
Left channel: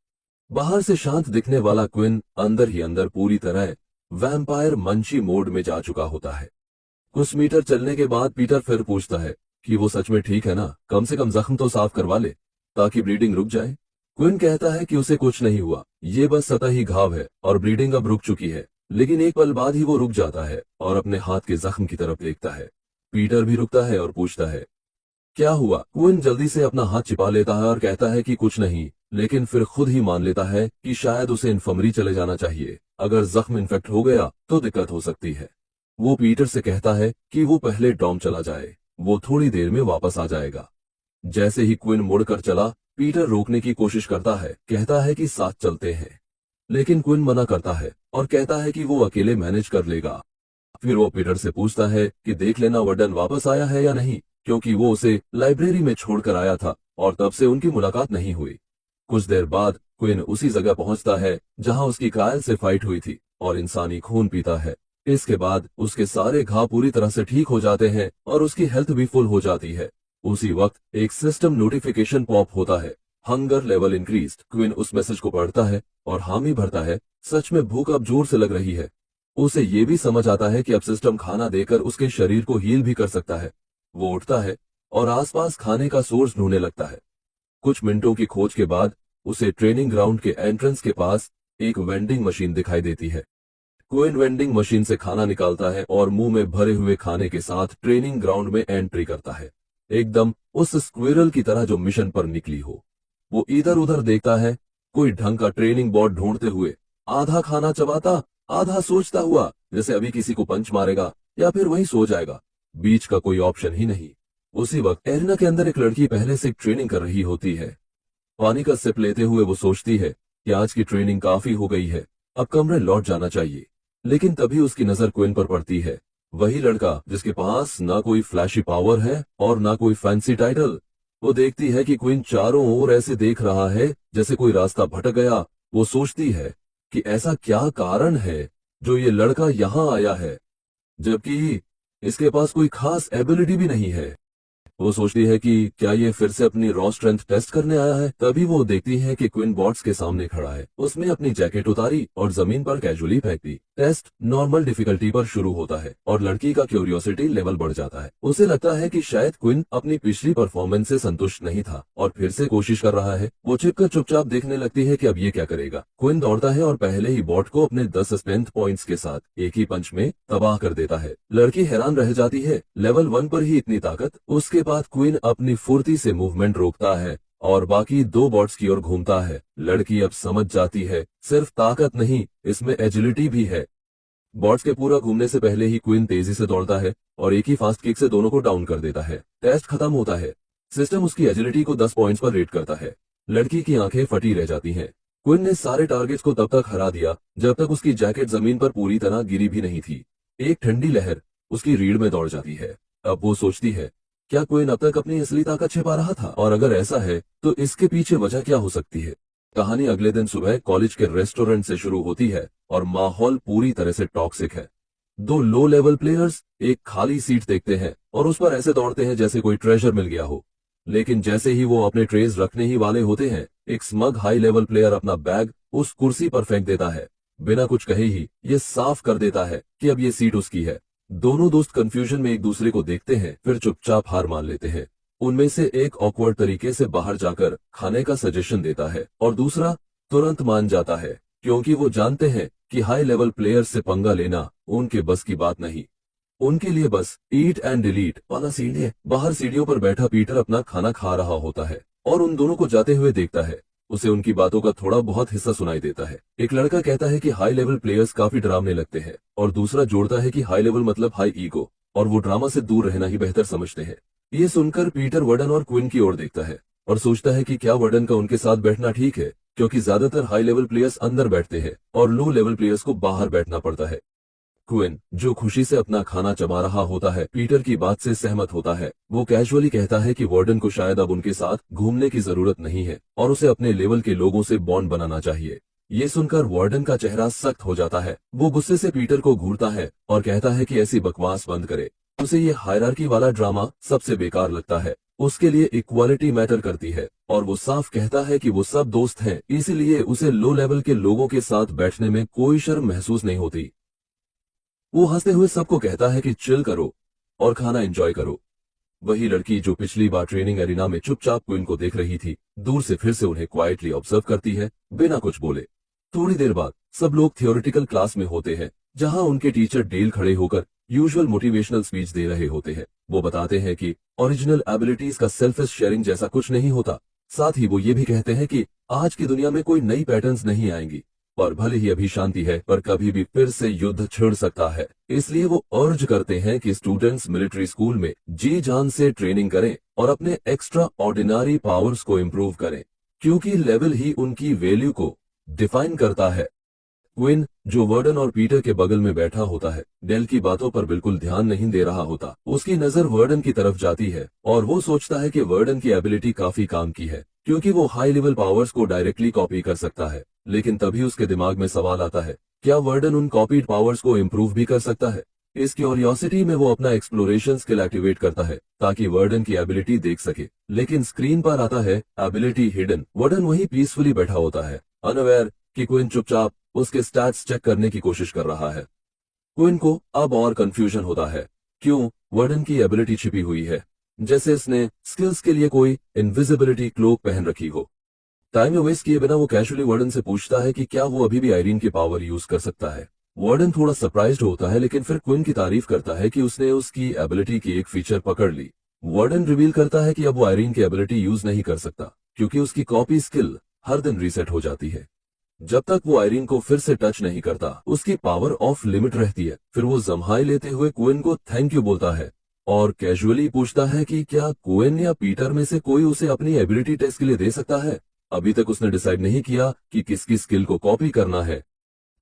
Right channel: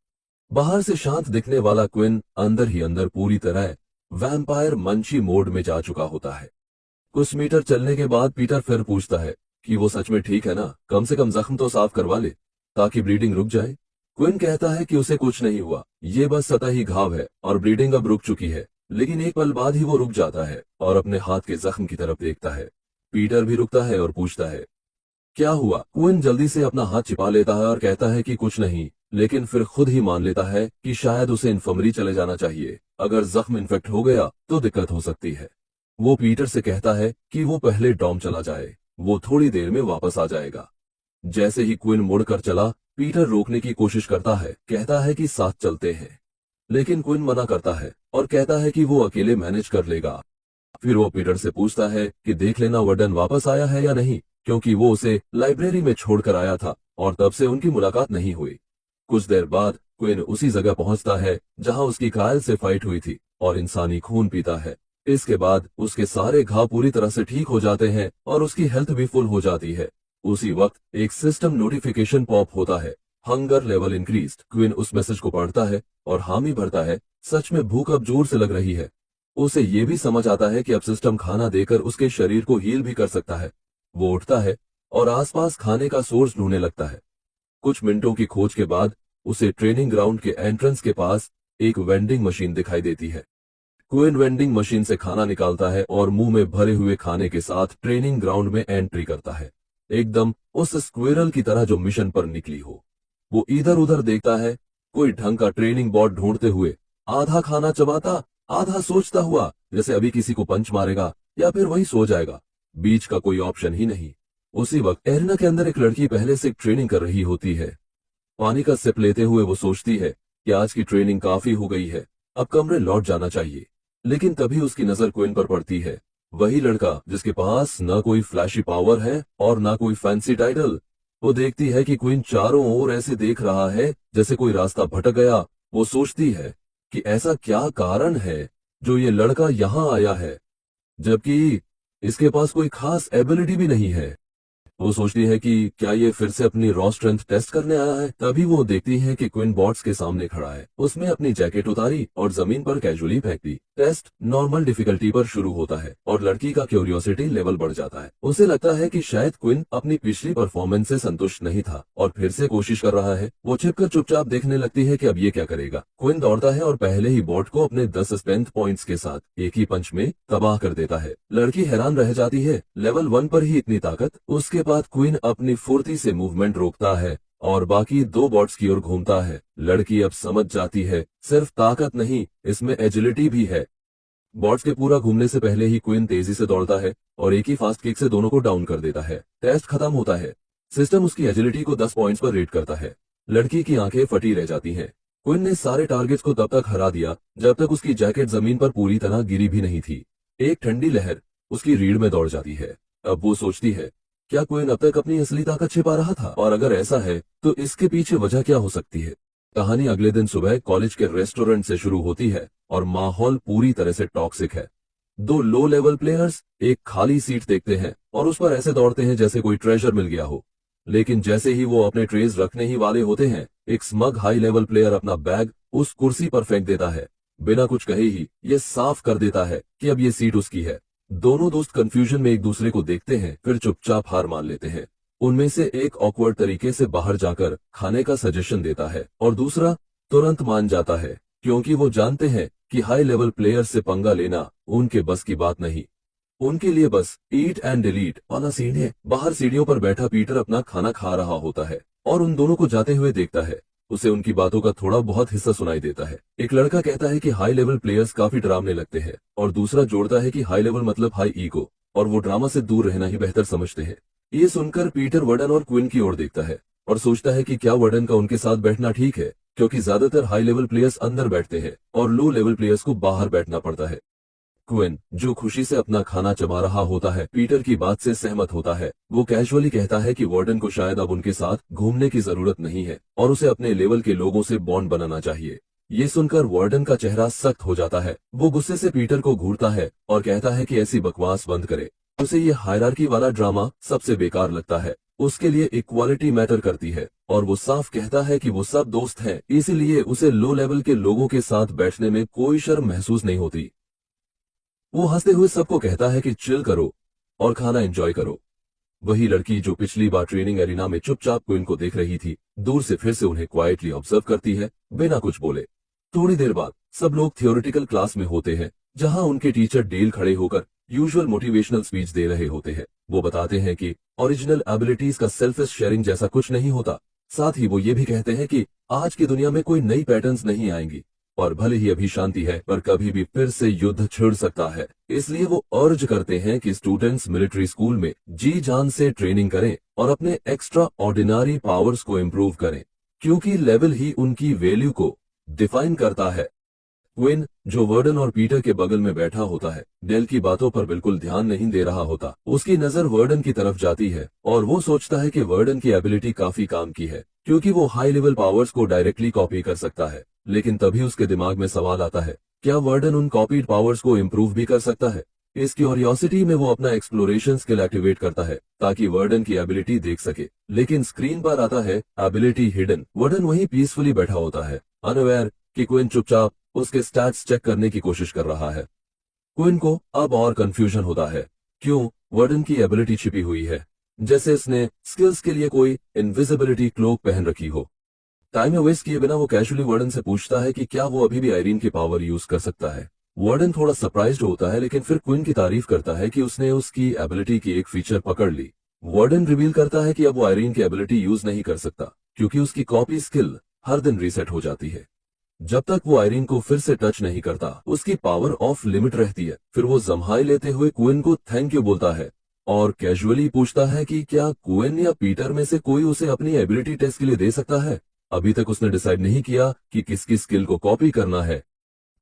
बाहर से शांत दिखने वाला क्विन अंदर ही अंदर पूरी तरह वैम्पायर मंची मोड में जा चुका होता है। कुछ मीटर चलने के बाद पीटर फिर पूछता है कि वो सच में ठीक है ना, कम से कम जख्म तो साफ करवा ले ताकि ब्लीडिंग रुक जाए। क्विन कहता है कि उसे कुछ नहीं हुआ, ये बस सतही घाव है और ब्लीडिंग अब रुक चुकी है। लेकिन एक पल बाद ही वो रुक जाता है और अपने हाथ के जख्म की तरफ देखता है। पीटर भी रुकता है और पूछता है क्या हुआ। क्विन जल्दी से अपना हाथ छिपा लेता है और कहता है कि कुछ नहीं, लेकिन फिर खुद ही मान लेता है कि शायद उसे इन्फर्मरी चले जाना चाहिए। अगर जख्म इन्फेक्ट हो गया तो दिक्कत हो सकती है। वो पीटर से कहता है कि वो पहले डॉम चला जाए, वो थोड़ी देर में वापस आ जाएगा। जैसे ही क्विन मुड़कर चला, पीटर रोकने की कोशिश करता है, कहता है कि साथ चलते हैं, लेकिन क्विन मना करता है और कहता है कि वो अकेले मैनेज कर लेगा। फिर वो पीटर से पूछता है कि देख लेना वर्डन वापस आया है या नहीं, क्योंकि वो उसे लाइब्रेरी में छोड़कर आया था और तब से उनकी मुलाकात नहीं हुई। कुछ देर बाद क्विन उसी जगह पहुंचता है जहां उसकी कायल से फाइट हुई थी और इंसानी खून पीता है। इसके बाद उसके सारे घाव पूरी तरह से ठीक हो जाते हैं और उसकी हेल्थ भी फुल हो जाती है। उसी वक्त एक सिस्टम नोटिफिकेशन पॉप होता है, हंगर लेवल इंक्रीज्ड। क्विन उस मैसेज को पढ़ता है और हामी भरता है, सच में भूख अब जोर से लग रही है। उसे ये भी समझ आता है कि अब सिस्टम खाना देकर उसके शरीर को हील भी कर सकता है। वो उठता है और आसपास खाने का सोर्स ढूंढने लगता है। कुछ मिनटों की खोज के बाद उसे ट्रेनिंग ग्राउंड के एंट्रेंस के पास एक वेंडिंग मशीन दिखाई देती है। क्विन वेंडिंग मशीन से खाना निकालता है और मुंह में भरे हुए खाने के साथ ट्रेनिंग ग्राउंड में एंट्री करता है, एकदम उस स्क्विरल की तरह जो मिशन पर निकली हो। वो इधर उधर देखता है, कोई ढंग का ट्रेनिंग बोर्ड ढूंढते हुए, आधा खाना चबाता आधा सोचता हुआ, जैसे अभी किसी को पंच मारेगा या फिर वही सो जाएगा। बीच का कोई ऑप्शन ही नहीं। उसी वक्त एरिना के अंदर एक लड़की पहले से ट्रेनिंग कर रही होती है। पानी का सिप लेते हुए वो सोचती है कि आज की ट्रेनिंग काफी हो गई है, अब कमरे लौट जाना चाहिए। लेकिन तभी उसकी नजर क्विन पर पड़ती है, वही लड़का जिसके पास ना कोई फ्लैशी पावर है और ना कोई फैंसी टाइटल। वो देखती है कि क्विन चारों ओर ऐसे देख रहा है जैसे कोई रास्ता भटक गया। वो सोचती है कि ऐसा क्या कारण है जो ये लड़का यहाँ आया है, जबकि इसके पास कोई खास एबिलिटी भी नहीं है। वो सोचती है कि क्या ये फिर से अपनी रॉ स्ट्रेंथ टेस्ट करने आया है। तभी वो देखती है कि क्विन बॉट्स के सामने खड़ा है। उसने अपनी जैकेट उतारी और जमीन पर कैजुअली फेंक दी। टेस्ट नॉर्मल डिफिकल्टी पर शुरू होता है और लड़की का क्यूरियोसिटी लेवल बढ़ जाता है। उसे लगता है कि शायद क्विन अपनी पिछली परफॉर्मेंस से संतुष्ट नहीं था और फिर से कोशिश कर रहा है। वो छिपकर चुपचाप देखने लगती है कि अब ये क्या करेगा। क्विन दौड़ता है और पहले ही बॉट को अपने 10 स्ट्रेंथ पॉइंट्स के साथ एक ही पंच में तबाह कर देता है। लड़की हैरान रह जाती है, लेवल 1 पर ही इतनी ताकत। उसके बाद क्विन अपनी फुर्ती से मूवमेंट रोकता है और बाकी 2 बॉट्स की ओर घूमता है। लड़की अब समझ जाती है, सिर्फ ताकत नहीं, इसमें एजिलिटी भी है। बॉट्स के पूरा घूमने से पहले ही क्विन तेजी से दौड़ता है और एक ही फास्ट किक से दोनों को डाउन कर देता है। टेस्ट खत्म होता है। सिस्टम उसकी एजिलिटी को 10 पॉइंट्स पर रेट करता है। लड़की की आंखें फटी रह जाती हैं। क्विन ने सारे टारगेट्स को तब तक हरा दिया जब तक उसकी जैकेट जमीन पर पूरी तरह गिरी भी नहीं थी। एक ठंडी लहर उसकी रीढ़ में दौड़ जाती है। अब वो सोचती है, क्या क्विन अब तक अपनी असली ताकत छिपा रहा था, और अगर ऐसा है तो इसके पीछे वजह क्या हो सकती है। कहानी अगले दिन सुबह कॉलेज के रेस्टोरेंट से शुरू होती है और माहौल पूरी तरह से टॉक्सिक है। 2 लो लेवल प्लेयर्स एक खाली सीट देखते हैं और उस पर ऐसे दौड़ते हैं जैसे कोई ट्रेजर मिल गया हो। लेकिन जैसे ही वो अपने ट्रेज रखने ही वाले होते हैं, एक स्मग हाई लेवल प्लेयर अपना बैग उस कुर्सी पर फेंक देता है। बिना कुछ कहे ही ये साफ कर देता है कि अब ये सीट उसकी है। दोनों दोस्त कंफ्यूजन में एक दूसरे को देखते हैं, फिर चुपचाप हार मान लेते हैं। उनमें से एक ऑकवर्ड तरीके से बाहर जाकर खाने का सजेशन देता है और दूसरा तुरंत मान जाता है, क्योंकि वो जानते हैं कि हाई लेवल प्लेयर से पंगा लेना उनके बस की बात नहीं। उनके लिए बस ईट एंड डिलीट वाला सीन है। बाहर सीढ़ियों पर बैठा पीटर अपना खाना खा रहा होता है और उन दोनों को जाते हुए देखता है। उसे उनकी बातों का थोड़ा बहुत हिस्सा सुनाई देता है। एक लड़का कहता है कि हाई लेवल प्लेयर्स काफी डरावने लगते हैं और दूसरा जोड़ता है कि हाई लेवल मतलब हाई ईगो और वो ड्रामा से दूर रहना ही बेहतर समझते हैं। ये सुनकर पीटर वर्डन और क्विन की ओर देखता है और सोचता है कि क्या वर्डन का उनके साथ बैठना ठीक है, क्योंकि ज्यादातर हाई लेवल प्लेयर्स अंदर बैठते हैं और लो लेवल प्लेयर्स को बाहर बैठना पड़ता है। क्विन, जो खुशी से अपना खाना चबा रहा होता है, पीटर की बात से सहमत होता है। वो कैजुअली कहता है कि वार्डन को शायद अब उनके साथ घूमने की जरूरत नहीं है और उसे अपने लेवल के लोगों से बॉन्ड बनाना चाहिए। ये सुनकर वार्डन का चेहरा सख्त हो जाता है। वो गुस्से से पीटर को घूरता है और कहता है कि ऐसी बकवास बंद करे। उसे ये हायरार्की वाला ड्रामा सबसे बेकार लगता है। उसके लिए इक्वालिटी मैटर करती है और वो साफ कहता है कि वो सब दोस्त हैं, इसीलिए उसे लो लेवल के लोगों के साथ बैठने में कोई शर्म महसूस नहीं होती। वो हंसते हुए सबको कहता है कि चिल करो और खाना एंजॉय करो। वही लड़की जो पिछली बार ट्रेनिंग एरिना में चुपचाप क्वीन को देख रही थी, दूर से फिर से उन्हें क्वाइटली ऑब्जर्व करती है, बिना कुछ बोले। थोड़ी देर बाद सब लोग थियोरेटिकल क्लास में होते हैं, जहां उनके टीचर डेल खड़े होकर यूजुअल मोटिवेशनल स्पीच दे रहे होते हैं। वो बताते हैं कि ओरिजिनल एबिलिटीज का सेल्फिश शेयरिंग जैसा कुछ नहीं होता। साथ ही वो ये भी कहते हैं कि आज की दुनिया में कोई नई पैटर्न्स नहीं आएंगी और भले ही अभी शांति है, पर कभी भी फिर से युद्ध छिड़ सकता है। इसलिए वो अर्ज करते हैं कि स्टूडेंट्स मिलिट्री स्कूल में जी जान से ट्रेनिंग करें और अपने एक्स्ट्रा ऑर्डिनरी पावर्स को इम्प्रूव करें, क्योंकि लेवल ही उनकी वैल्यू को डिफाइन करता है। क्विन, जो वर्डन और पीटर के बगल में बैठा होता है, डेल की बातों पर बिल्कुल ध्यान नहीं दे रहा होता। उसकी नजर वर्डन की तरफ जाती है और वो सोचता है कि वर्डन की एबिलिटी काफी काम की है, क्योंकि वो हाई लेवल पावर्स को डायरेक्टली कॉपी कर सकता है। लेकिन तभी उसके दिमाग में सवाल आता है, क्या वर्डन उन कॉपीड पावर्स को इम्प्रूव भी कर सकता है? इस क्यूरियोसिटी में वो अपना एक्सप्लोरेशन स्किल एक्टिवेट करता है ताकि वर्डन की एबिलिटी देख सके। लेकिन स्क्रीन पर आता है एबिलिटी हिडन। वर्डन वहीं पीसफुली बैठा होता है, अनअवेयर कि क्विन चुपचाप उसके स्टैट्स चेक करने की कोशिश कर रहा है। क्विन को अब और कंफ्यूजन होता है, क्यों वर्डन की एबिलिटी छिपी हुई है, जैसे उसने स्किल्स के लिए कोई इनविजिबिलिटी क्लोक पहन रखी हो। टाइम में वेस्ट किए बिना वो कैजुअली वार्डन से पूछता है कि क्या वो अभी भी आयरीन की पावर यूज कर सकता है। वार्डन थोड़ा सरप्राइज्ड होता है, लेकिन फिर क्विन की तारीफ करता है कि उसने उसकी एबिलिटी की एक फीचर पकड़ ली। वार्डन रिवील करता है कि अब वो आयरीन की एबिलिटी यूज नहीं कर सकता, क्योंकि उसकी कॉपी स्किल हर दिन रीसेट हो जाती है। जब तक वो आयरीन को फिर से टच नहीं करता, उसकी पावर ऑफ लिमिट रहती है। फिर वो जम्हाई लेते हुए क्विन को थैंक यू बोलता है और कैजुअली पूछता है कि क्या क्विन या पीटर में से कोई उसे अपनी एबिलिटी टेस्ट के लिए दे सकता है। अभी तक उसने डिसाइड नहीं किया कि किसकी स्किल को कॉपी करना है।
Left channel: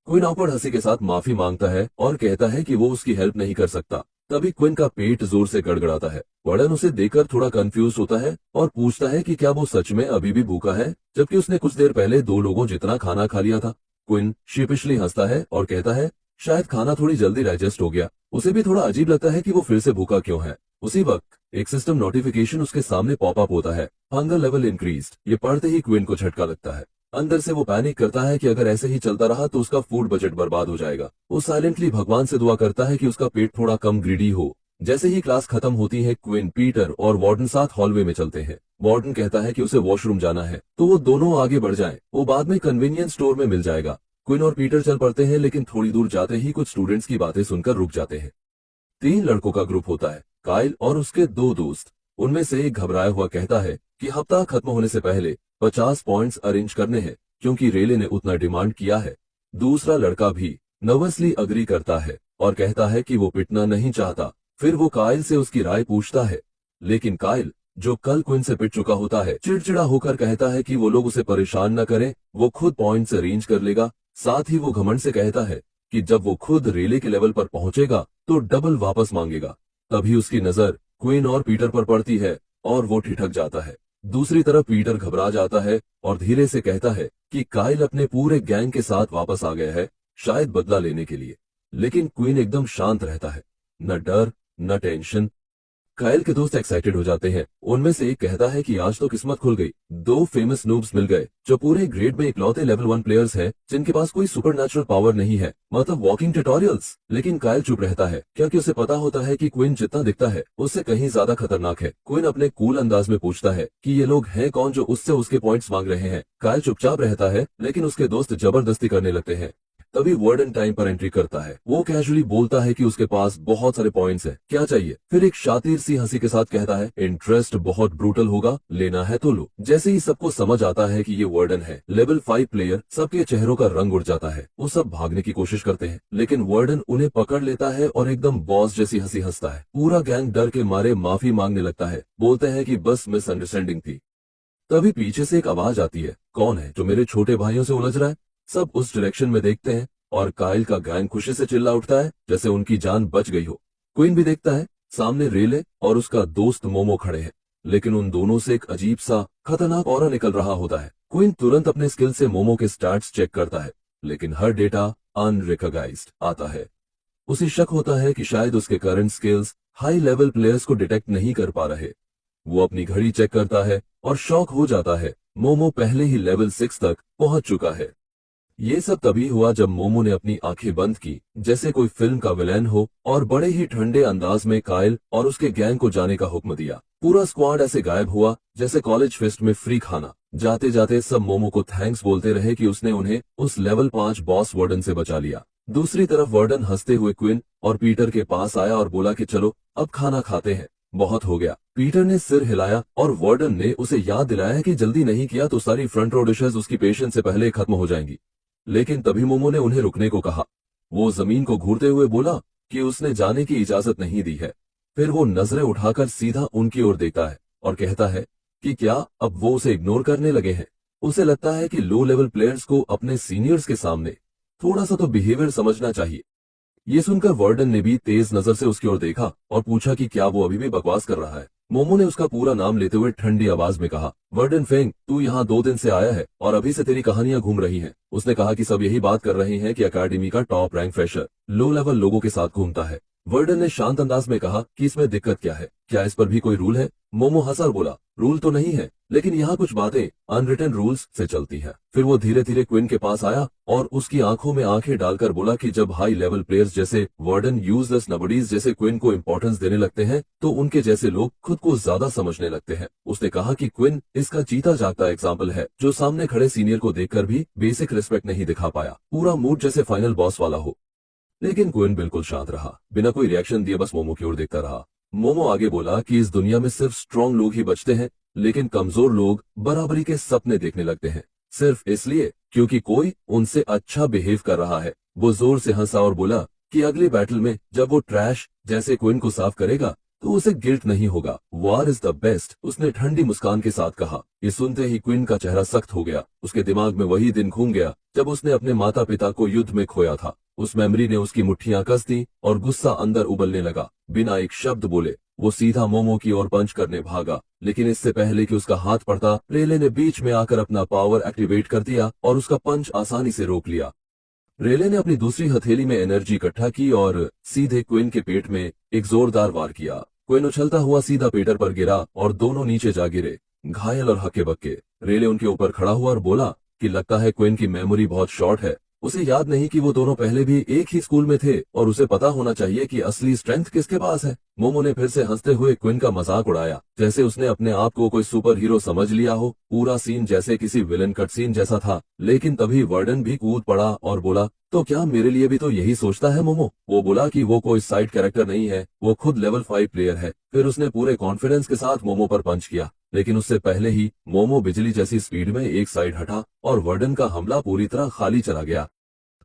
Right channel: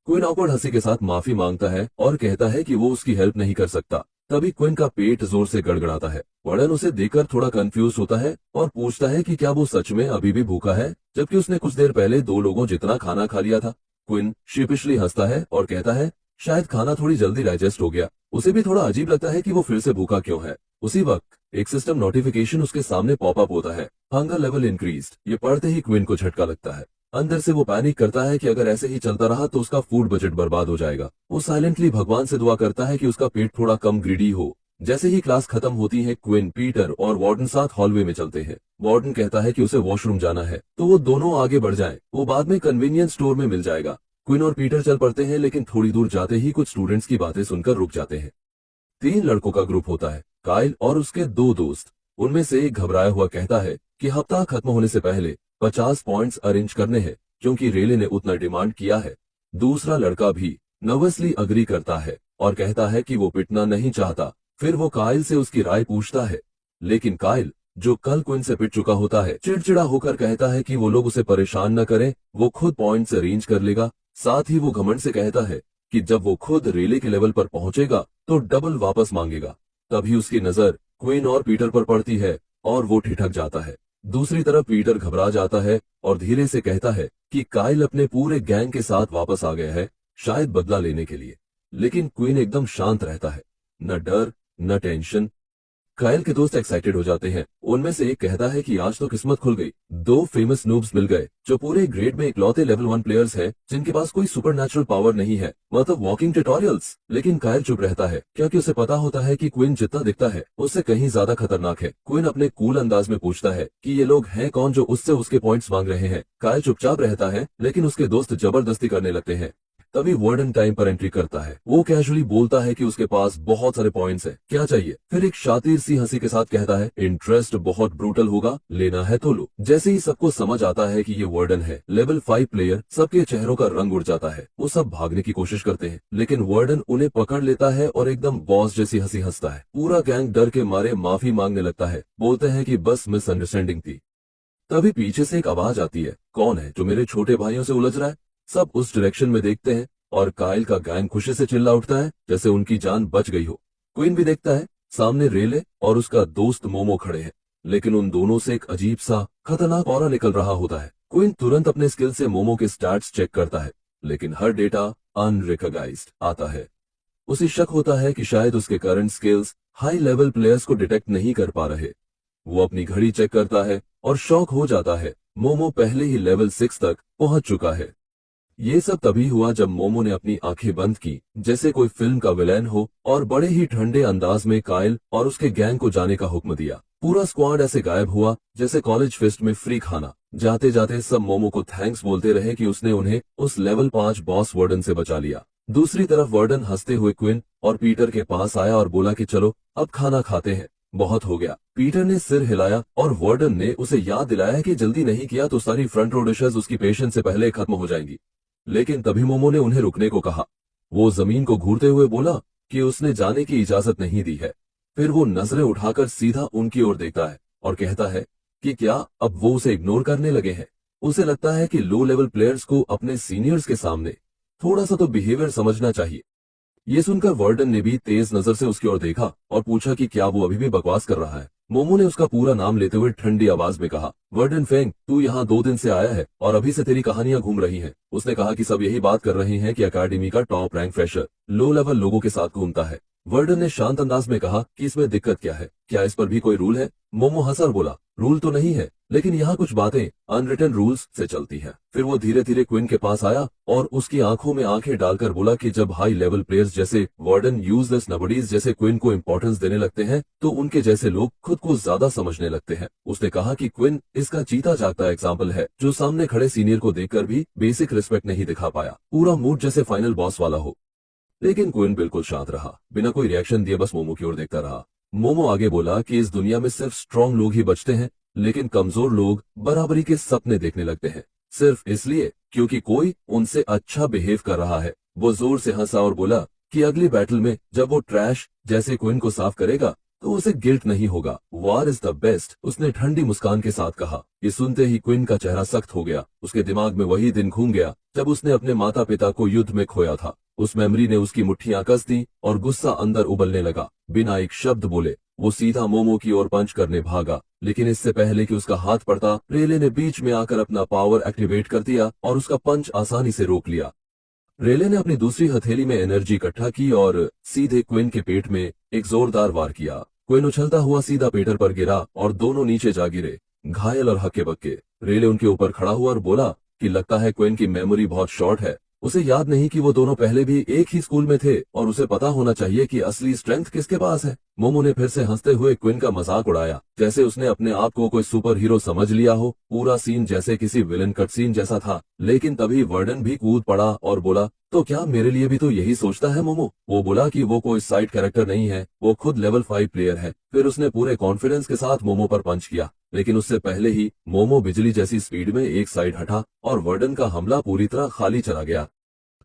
क्विन ऑकवर्ड हंसी के साथ माफी मांगता है और कहता है कि वो उसकी हेल्प नहीं कर सकता। तभी क्विन का पेट जोर से गड़गड़ाता है। वर्डन उसे देखकर थोड़ा कंफ्यूज होता है और पूछता है कि क्या वो सच में अभी भी भूखा है, जबकि उसने कुछ देर पहले 2 लोगों जितना खाना खा लिया था। क्विन शीपिशली हंसता है और कहता है शायद खाना थोड़ी जल्दी डाइजेस्ट हो गया। उसे भी थोड़ा अजीब लगता है कि वो फिर से भूखा क्यों है। उसी वक्त एक सिस्टम नोटिफिकेशन उसके सामने पॉपअप होता है, हंगर लेवल इंक्रीज्ड। ये पढ़ते ही क्विन को झटका लगता है। अंदर से वो पैनिक करता है कि अगर ऐसे ही चलता रहा तो उसका फूड बजट बर्बाद हो जाएगा। वो साइलेंटली भगवान से दुआ करता है कि उसका पेट थोड़ा कम ग्रीडी हो। जैसे ही क्लास खत्म होती है, क्विन, पीटर और वार्डन साथ हॉलवे में चलते हैं। वार्डन कहता है कि उसे वॉशरूम जाना है, तो वो दोनों आगे बढ़ जाएं। वो बाद में कन्वीनियंस स्टोर में मिल जाएगा। क्विन और पीटर चल पड़ते हैं, लेकिन थोड़ी दूर जाते ही कुछ स्टूडेंट्स की बातें सुनकर रुक जाते हैं। 3 लड़कों का ग्रुप होता है, काइल और उसके 2 दोस्त। उनमें से एक घबराया हुआ कहता है कि हफ्ता खत्म होने से पहले 50 पॉइंट्स अरेंज करने हैं, क्योंकि रेले ने उतना डिमांड किया है। दूसरा लड़का भी नर्वसली अग्री करता है और कहता है कि वो पिटना नहीं चाहता। फिर वो काइल से उसकी राय पूछता है, लेकिन काइल, जो कल क्विन से पिट चुका होता है, चिड़चिड़ा होकर कहता है कि वो लोग उसे परेशान न करें, वो खुद पॉइंट्स अरेंज कर लेगा। साथ ही वो घमंड से कहता है कि जब वो खुद रेले के लेवल पर पहुंचेगा तो डबल वापस मांगेगा। तभी उसकी नजर क्विन और पीटर पर पड़ती है और वो ठिठक जाता है। दूसरी तरफ पीटर घबरा जाता है और धीरे से कहता है कि काइल अपने पूरे गैंग के साथ वापस आ गया है, शायद बदला लेने के लिए। लेकिन क्विन एकदम शांत रहता है, न डर न टेंशन। काइल के दोस्त एक्साइटेड हो जाते हैं। उनमें से एक कहता है कि आज तो किस्मत खुल गई, 2 फेमस नूब्स मिल गए जो पूरे ग्रेड में इकलौते लेवल 1 प्लेयर्स हैं जिनके पास कोई सुपरनैचुरल पावर नहीं है, मतलब वॉकिंग ट्यूटोरियल्स। लेकिन काइल चुप रहता है, क्योंकि उसे पता होता है कि क्विन जितना दिखता है उससे कहीं ज्यादा खतरनाक है। क्विन अपने कूल अंदाज में पूछता है कि ये लोग हैं कौन जो उससे उसके पॉइंट्स मांग रहे हैं। काइल चुपचाप रहता है, लेकिन उसके दोस्त जबरदस्ती करने लगते हैं। तभी वार्डन टाइम पर एंट्री करता है। वो कैजुअली बोलता है कि उसके पास बहुत सारे पॉइंट्स हैं, क्या चाहिए। फिर एक शातिर सी हंसी के साथ कहता है, इंटरेस्ट बहुत ब्रूटल होगा, लेना है तो लो। जैसे ही सबको समझ आता है कि ये वार्डन है, लेवल 5 प्लेयर, सबके चेहरों का रंग उड़ जाता है। वो सब भागने की कोशिश करते हैं, लेकिन वार्डन उन्हें पकड़ लेता है और एकदम बॉस जैसी हंसी हंसता है। पूरा गैंग डर के मारे माफी मांगने लगता है, बोलते हैं कि बस मिसअंडरस्टैंडिंग थी। तभी पीछे से एक आवाज आती है, कौन है जो मेरे छोटे भाइयों से उलझ रहा है। सब उस डायरेक्शन में देखते हैं और काइल का गैंग खुशी से चिल्ला उठता है जैसे उनकी जान बच गई हो। क्वीन भी देखता है, सामने रेले और उसका दोस्त मोमो खड़े हैं, लेकिन उन दोनों से एक अजीब सा खतरनाक ऑरा निकल रहा होता है। क्विन तुरंत अपने स्किल से मोमो के स्टैट्स चेक करता है, लेकिन हर डेटा अनरिकॉग्नाइज्ड आता है। उसे शक होता है कि शायद उसके current skills high level players को डिटेक्ट नहीं कर पा रहे। वो अपनी घड़ी चेक करता है और शॉक हो जाता है, मोमो पहले ही लेवल 6 तक पहुंच चुका है। ये सब तभी हुआ जब मोमो ने अपनी आंखें बंद की, जैसे कोई फिल्म का विलेन हो, और बड़े ही ठंडे अंदाज में काइल और उसके गैंग को जाने का हुक्म दिया। पूरा स्क्वाड ऐसे गायब हुआ जैसे कॉलेज फेस्ट में फ्री खाना। जाते जाते सब मोमो को थैंक्स बोलते रहे कि उसने उन्हें उस लेवल 5 बॉस वार्डन से बचा लिया। दूसरी तरफ वार्डन हंसते हुए क्विन और पीटर के पास आया और बोला कि चलो अब खाना खाते हैं, बहुत हो गया। पीटर ने सिर हिलाया और वार्डन ने उसे याद दिलाया कि जल्दी नहीं किया तो सारी फ्रंट रो डिशेज उसकी पेशेंस से पहले खत्म हो जाएंगी। लेकिन तभी मोमो ने उन्हें रुकने को कहा। वो जमीन को घूरते हुए बोला कि उसने जाने की इजाजत नहीं दी है। फिर वो नजरें उठाकर सीधा उनकी ओर देखता है और कहता है कि क्या अब वो उसे इग्नोर करने लगे हैं। उसे लगता है कि लो लेवल प्लेयर्स को अपने सीनियर्स के सामने थोड़ा सा तो बिहेवियर समझना चाहिए। ये सुनकर वार्डन ने भी तेज नजर से उसकी ओर देखा और पूछा कि क्या वो अभी भी बकवास कर रहा है। मोमो ने उसका पूरा नाम लेते हुए ठंडी आवाज में कहा, वार्डन फेंग, तू यहाँ 2 दिन से आया है और अभी से तेरी कहानियां घूम रही हैं। उसने कहा कि सब यही बात कर रहे हैं कि अकेडमी का top rank fresher low level लोगों के साथ घूमता है। वार्डन ने शांत अंदाज में कहा कि इसमें दिक्कत क्या है, क्या इस पर भी कोई रूल है। मोमो हंसा और बोला, रूल तो नहीं है, लेकिन यहाँ कुछ बातें अनरिटन रूल्स से चलती है। फिर वो धीरे धीरे क्विन के पास आया और उसकी आंखों में आंखें डालकर बोला कि जब हाई लेवल प्लेयर्स जैसे वार्डन यूजलेस नबडीज जैसे क्विन को इंपॉर्टेंस देने लगते हैं तो उनके जैसे लोग खुद को ज्यादा समझने लगते हैं। उसने कहा कि क्विन इसका जीता जागता एग्जाम्पल है, जो सामने खड़े सीनियर को देखकर भी बेसिक रिस्पेक्ट नहीं दिखा पाया। पूरा मूड जैसे फाइनल बॉस वाला हो। लेकिन क्विन बिल्कुल शांत रहा, बिना कोई रिएक्शन दिए बस मोमो की ओर देखता रहा। मोमो आगे बोला कि इस दुनिया में सिर्फ स्ट्रांग लोग ही बचते हैं, लेकिन कमजोर लोग बराबरी के सपने देखने लगते हैं, सिर्फ इसलिए क्योंकि कोई उनसे अच्छा बिहेव कर रहा है। वो जोर से हंसा और बोला कि अगली बैटल में जब वो ट्रैश जैसे क्विन को साफ करेगा तो उसे गिल्ट नहीं होगा। वार इज द बेस्ट, उसने ठंडी मुस्कान के साथ कहा। ये सुनते ही क्विन का चेहरा सख्त हो गया। उसके दिमाग में वही दिन घूम गया जब उसने अपने माता पिता को युद्ध में खोया था। उस मेमोरी ने उसकी मुट्ठियां कस दी और गुस्सा अंदर उबलने लगा। बिना एक शब्द बोले वो सीधा मोमो की ओर पंच करने भागा, लेकिन इससे पहले कि उसका हाथ पड़ता, रेले ने बीच में आकर अपना पावर एक्टिवेट कर दिया और उसका पंच आसानी से रोक लिया। रेले ने अपनी दूसरी हथेली में एनर्जी इकट्ठा की और सीधे क्विन के पेट में एक जोरदार वार किया। क्विन उछलता हुआ सीधा पीटर पर गिरा और दोनों नीचे जा गिरे, घायल और हक्के बक्के। रेले उनके ऊपर खड़ा हुआ और बोला कि लगता है क्विन की मेमोरी बहुत शॉर्ट है, उसे याद नहीं कि वो दोनों पहले भी एक ही स्कूल में थे और उसे पता होना चाहिए कि असली स्ट्रेंथ किसके पास है। मोमो ने फिर से हंसते हुए क्विन का मजाक उड़ाया, जैसे उसने अपने आप को कोई सुपर हीरो समझ लिया हो। पूरा सीन जैसे किसी विलन कट सीन जैसा था। लेकिन तभी वार्डन भी कूद पड़ा और बोला, तो क्या मेरे लिए भी तो यही सोचता है मोमो? वो बोला कि वो कोई साइड कैरेक्टर नहीं है, वो खुद लेवल 5 प्लेयर है। फिर उसने पूरे कॉन्फिडेंस के साथ मोमो पर पंच किया, लेकिन उससे पहले ही मोमो बिजली जैसी स्पीड में एक साइड हटा और वार्डन का हमला पूरी तरह खाली चला गया।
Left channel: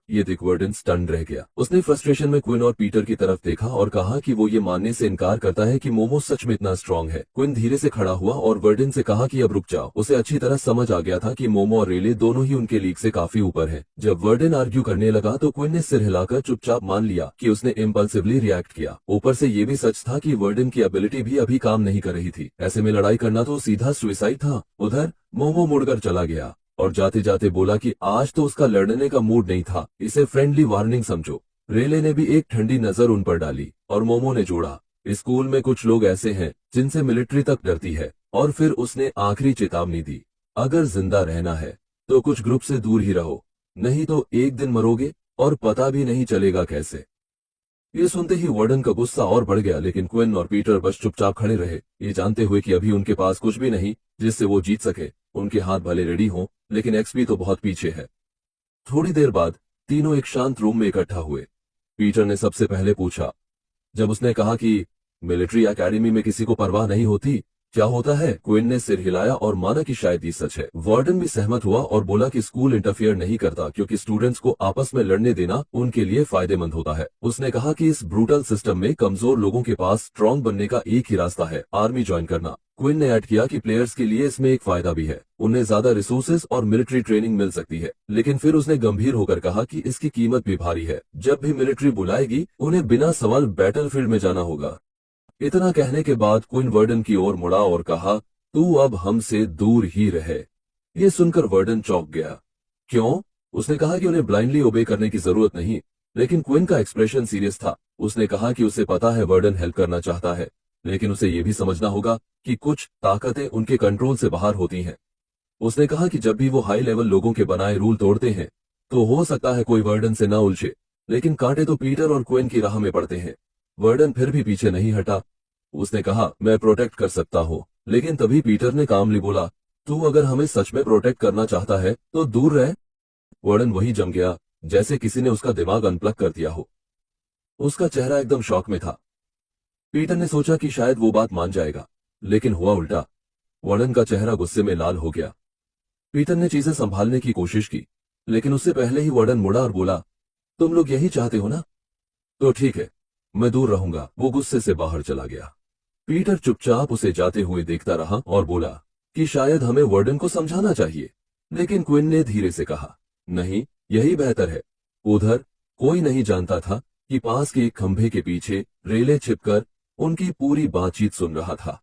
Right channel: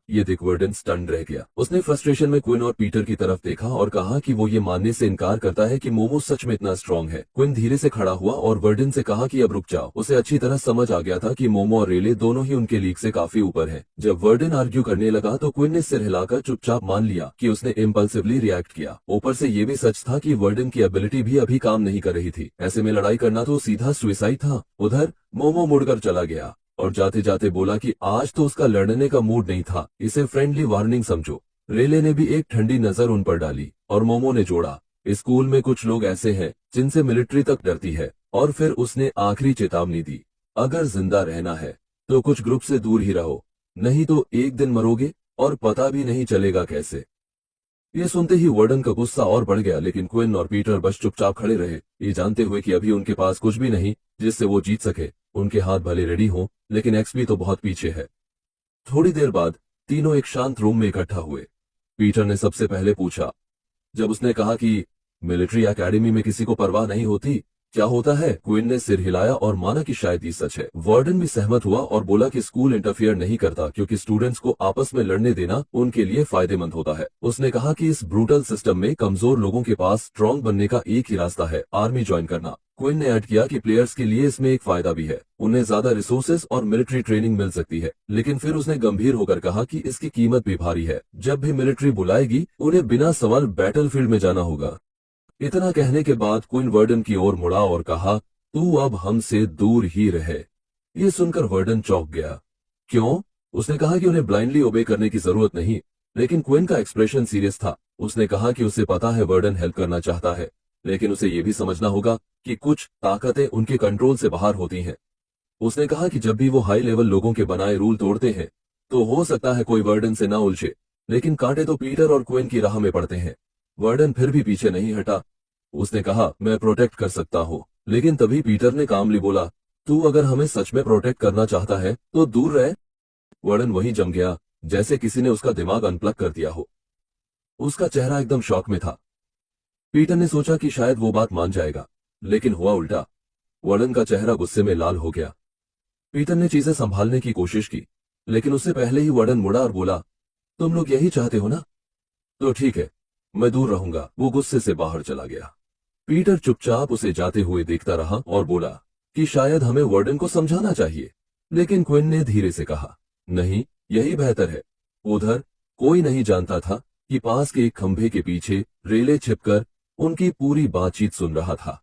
ये देख वार्डन स्टन्ड रह गया। उसने फ्रस्ट्रेशन में क्विन और पीटर की तरफ देखा और कहा कि वो ये मानने से इनकार करता है कि मोमो सच में इतना स्ट्रांग है। क्विन धीरे से खड़ा हुआ और वार्डन से कहा कि अब रुक जाओ। उसे अच्छी तरह समझ आ गया था कि मोमो और रेले दोनों ही उनके लीग से काफी ऊपर हैं। जब वार्डन आर्ग्यू करने लगा तो क्विन ने सिर हिलाकर चुपचाप मान लिया कि उसने इम्पल्सिवली रिएक्ट किया। ऊपर से ये भी सच था कि वार्डन की एबिलिटी भी अभी काम नहीं कर रही थी। ऐसे में लड़ाई करना तो सीधा सुसाइड था। उधर मोमो मुड़कर चला गया और जाते जाते बोला कि आज तो उसका लड़ने का मूड नहीं था, इसे फ्रेंडली वार्निंग समझो। रेले ने भी एक ठंडी नजर उन पर डाली और मोमो ने जोड़ा, स्कूल में कुछ लोग ऐसे हैं जिनसे मिलिट्री तक डरती है। और फिर उसने आखिरी चेतावनी दी, अगर जिंदा रहना है तो कुछ ग्रुप से दूर ही रहो, नहीं तो एक दिन मरोगे और पता भी नहीं चलेगा कैसे। ये सुनते ही वार्डन का गुस्सा और बढ़ गया, लेकिन क्विन और पीटर बस चुपचाप खड़े रहे, ये जानते हुए कि अभी उनके पास कुछ भी नहीं जिससे वो जीत सके। उनके हाथ भले रेडी हों, लेकिन एक्सपी तो बहुत पीछे है। थोड़ी देर बाद तीनों एक शांत रूम में इकट्ठा हुए। पीटर ने सबसे पहले पूछा, जब उसने कहा कि मिलिट्री एकेडमी में किसी को परवाह नहीं होती, क्या होता है? क्विन ने सिर हिलाया और माना कि शायद ये सच है। वार्डन भी सहमत हुआ और बोला कि स्कूल इंटरफियर नहीं करता क्योंकि स्टूडेंट्स को आपस में लड़ने देना उनके लिए फायदेमंद होता है। उसने कहा कि इस ब्रूटल सिस्टम में कमजोर लोगों के पास स्ट्रांग बनने का एक ही रास्ता है, आर्मी ज्वाइन करना। क्विन ने ऐड किया कि प्लेयर्स के लिए इसमें एक फायदा भी है, उन्हें ज्यादा रिसोर्सेज और मिलिट्री ट्रेनिंग मिल सकती है। लेकिन फिर उसने गंभीर होकर कहा कि इसकी कीमत भी भारी है। जब भी मिलिट्री बुलाएगी उन्हें बिना सवाल बैटलफील्ड में जाना होगा। इतना कहने के बाद क्विन वार्डन की ओर मुड़ा और कहा, तू अब हमसे दूर ही रहे। ये सुनकर वर्डन चौंक गया। क्यों? उसने कहा कि उन्हें ब्लाइंडली ओबे करने की जरूरत नहीं, लेकिन क्विन का एक्सप्रेशन सीरियस था। उसने कहा कि उसे पता है वर्डन हेल्प करना चाहता है, लेकिन उसे यह भी समझना होगा कि कुछ ताकतें उनके कंट्रोल से बाहर होती हैं। उसने कहा कि जब भी वो हाई लेवल लोगों के बनाए रूल तोड़ते हैं, तो हो सकता है कोई वर्डन से ना उलझे, लेकिन कांटे तो पीटर और क्विन की राह में पड़ते हैं। वर्डन फिर भी पीछे नहीं हटा। उसने कहा, मैं प्रोटेक्ट कर सकता हूँ, लेकिन तभी पीटर ने कामली बोला, तू अगर हमें सच में प्रोटेक्ट करना चाहता है तो दूर रह। वर्डन वही जम गया, जैसे किसी ने उसका दिमाग अनप्लग कर दिया हो। उसका चेहरा एकदम शॉक में था। पीटर ने सोचा कि शायद वो बात मान जाएगा, लेकिन हुआ उल्टा। वर्डन का चेहरा गुस्से में लाल हो गया। पीटर ने चीजें संभालने की कोशिश की, लेकिन उससे पहले ही वर्डन मुड़ा और बोला, तुम लोग यही चाहते हो ना? तो ठीक है, मैं दूर रहूंगा। वो गुस्से से बाहर चला गया। पीटर चुपचाप उसे जाते हुए देखता रहा और बोला कि शायद हमें वर्डन को समझाना चाहिए, लेकिन क्विन ने धीरे से कहा, नहीं, यही बेहतर है। उधर कोई नहीं जानता था कि पास के एक खंभे के पीछे रेले छिपकर उनकी पूरी बातचीत सुन रहा था।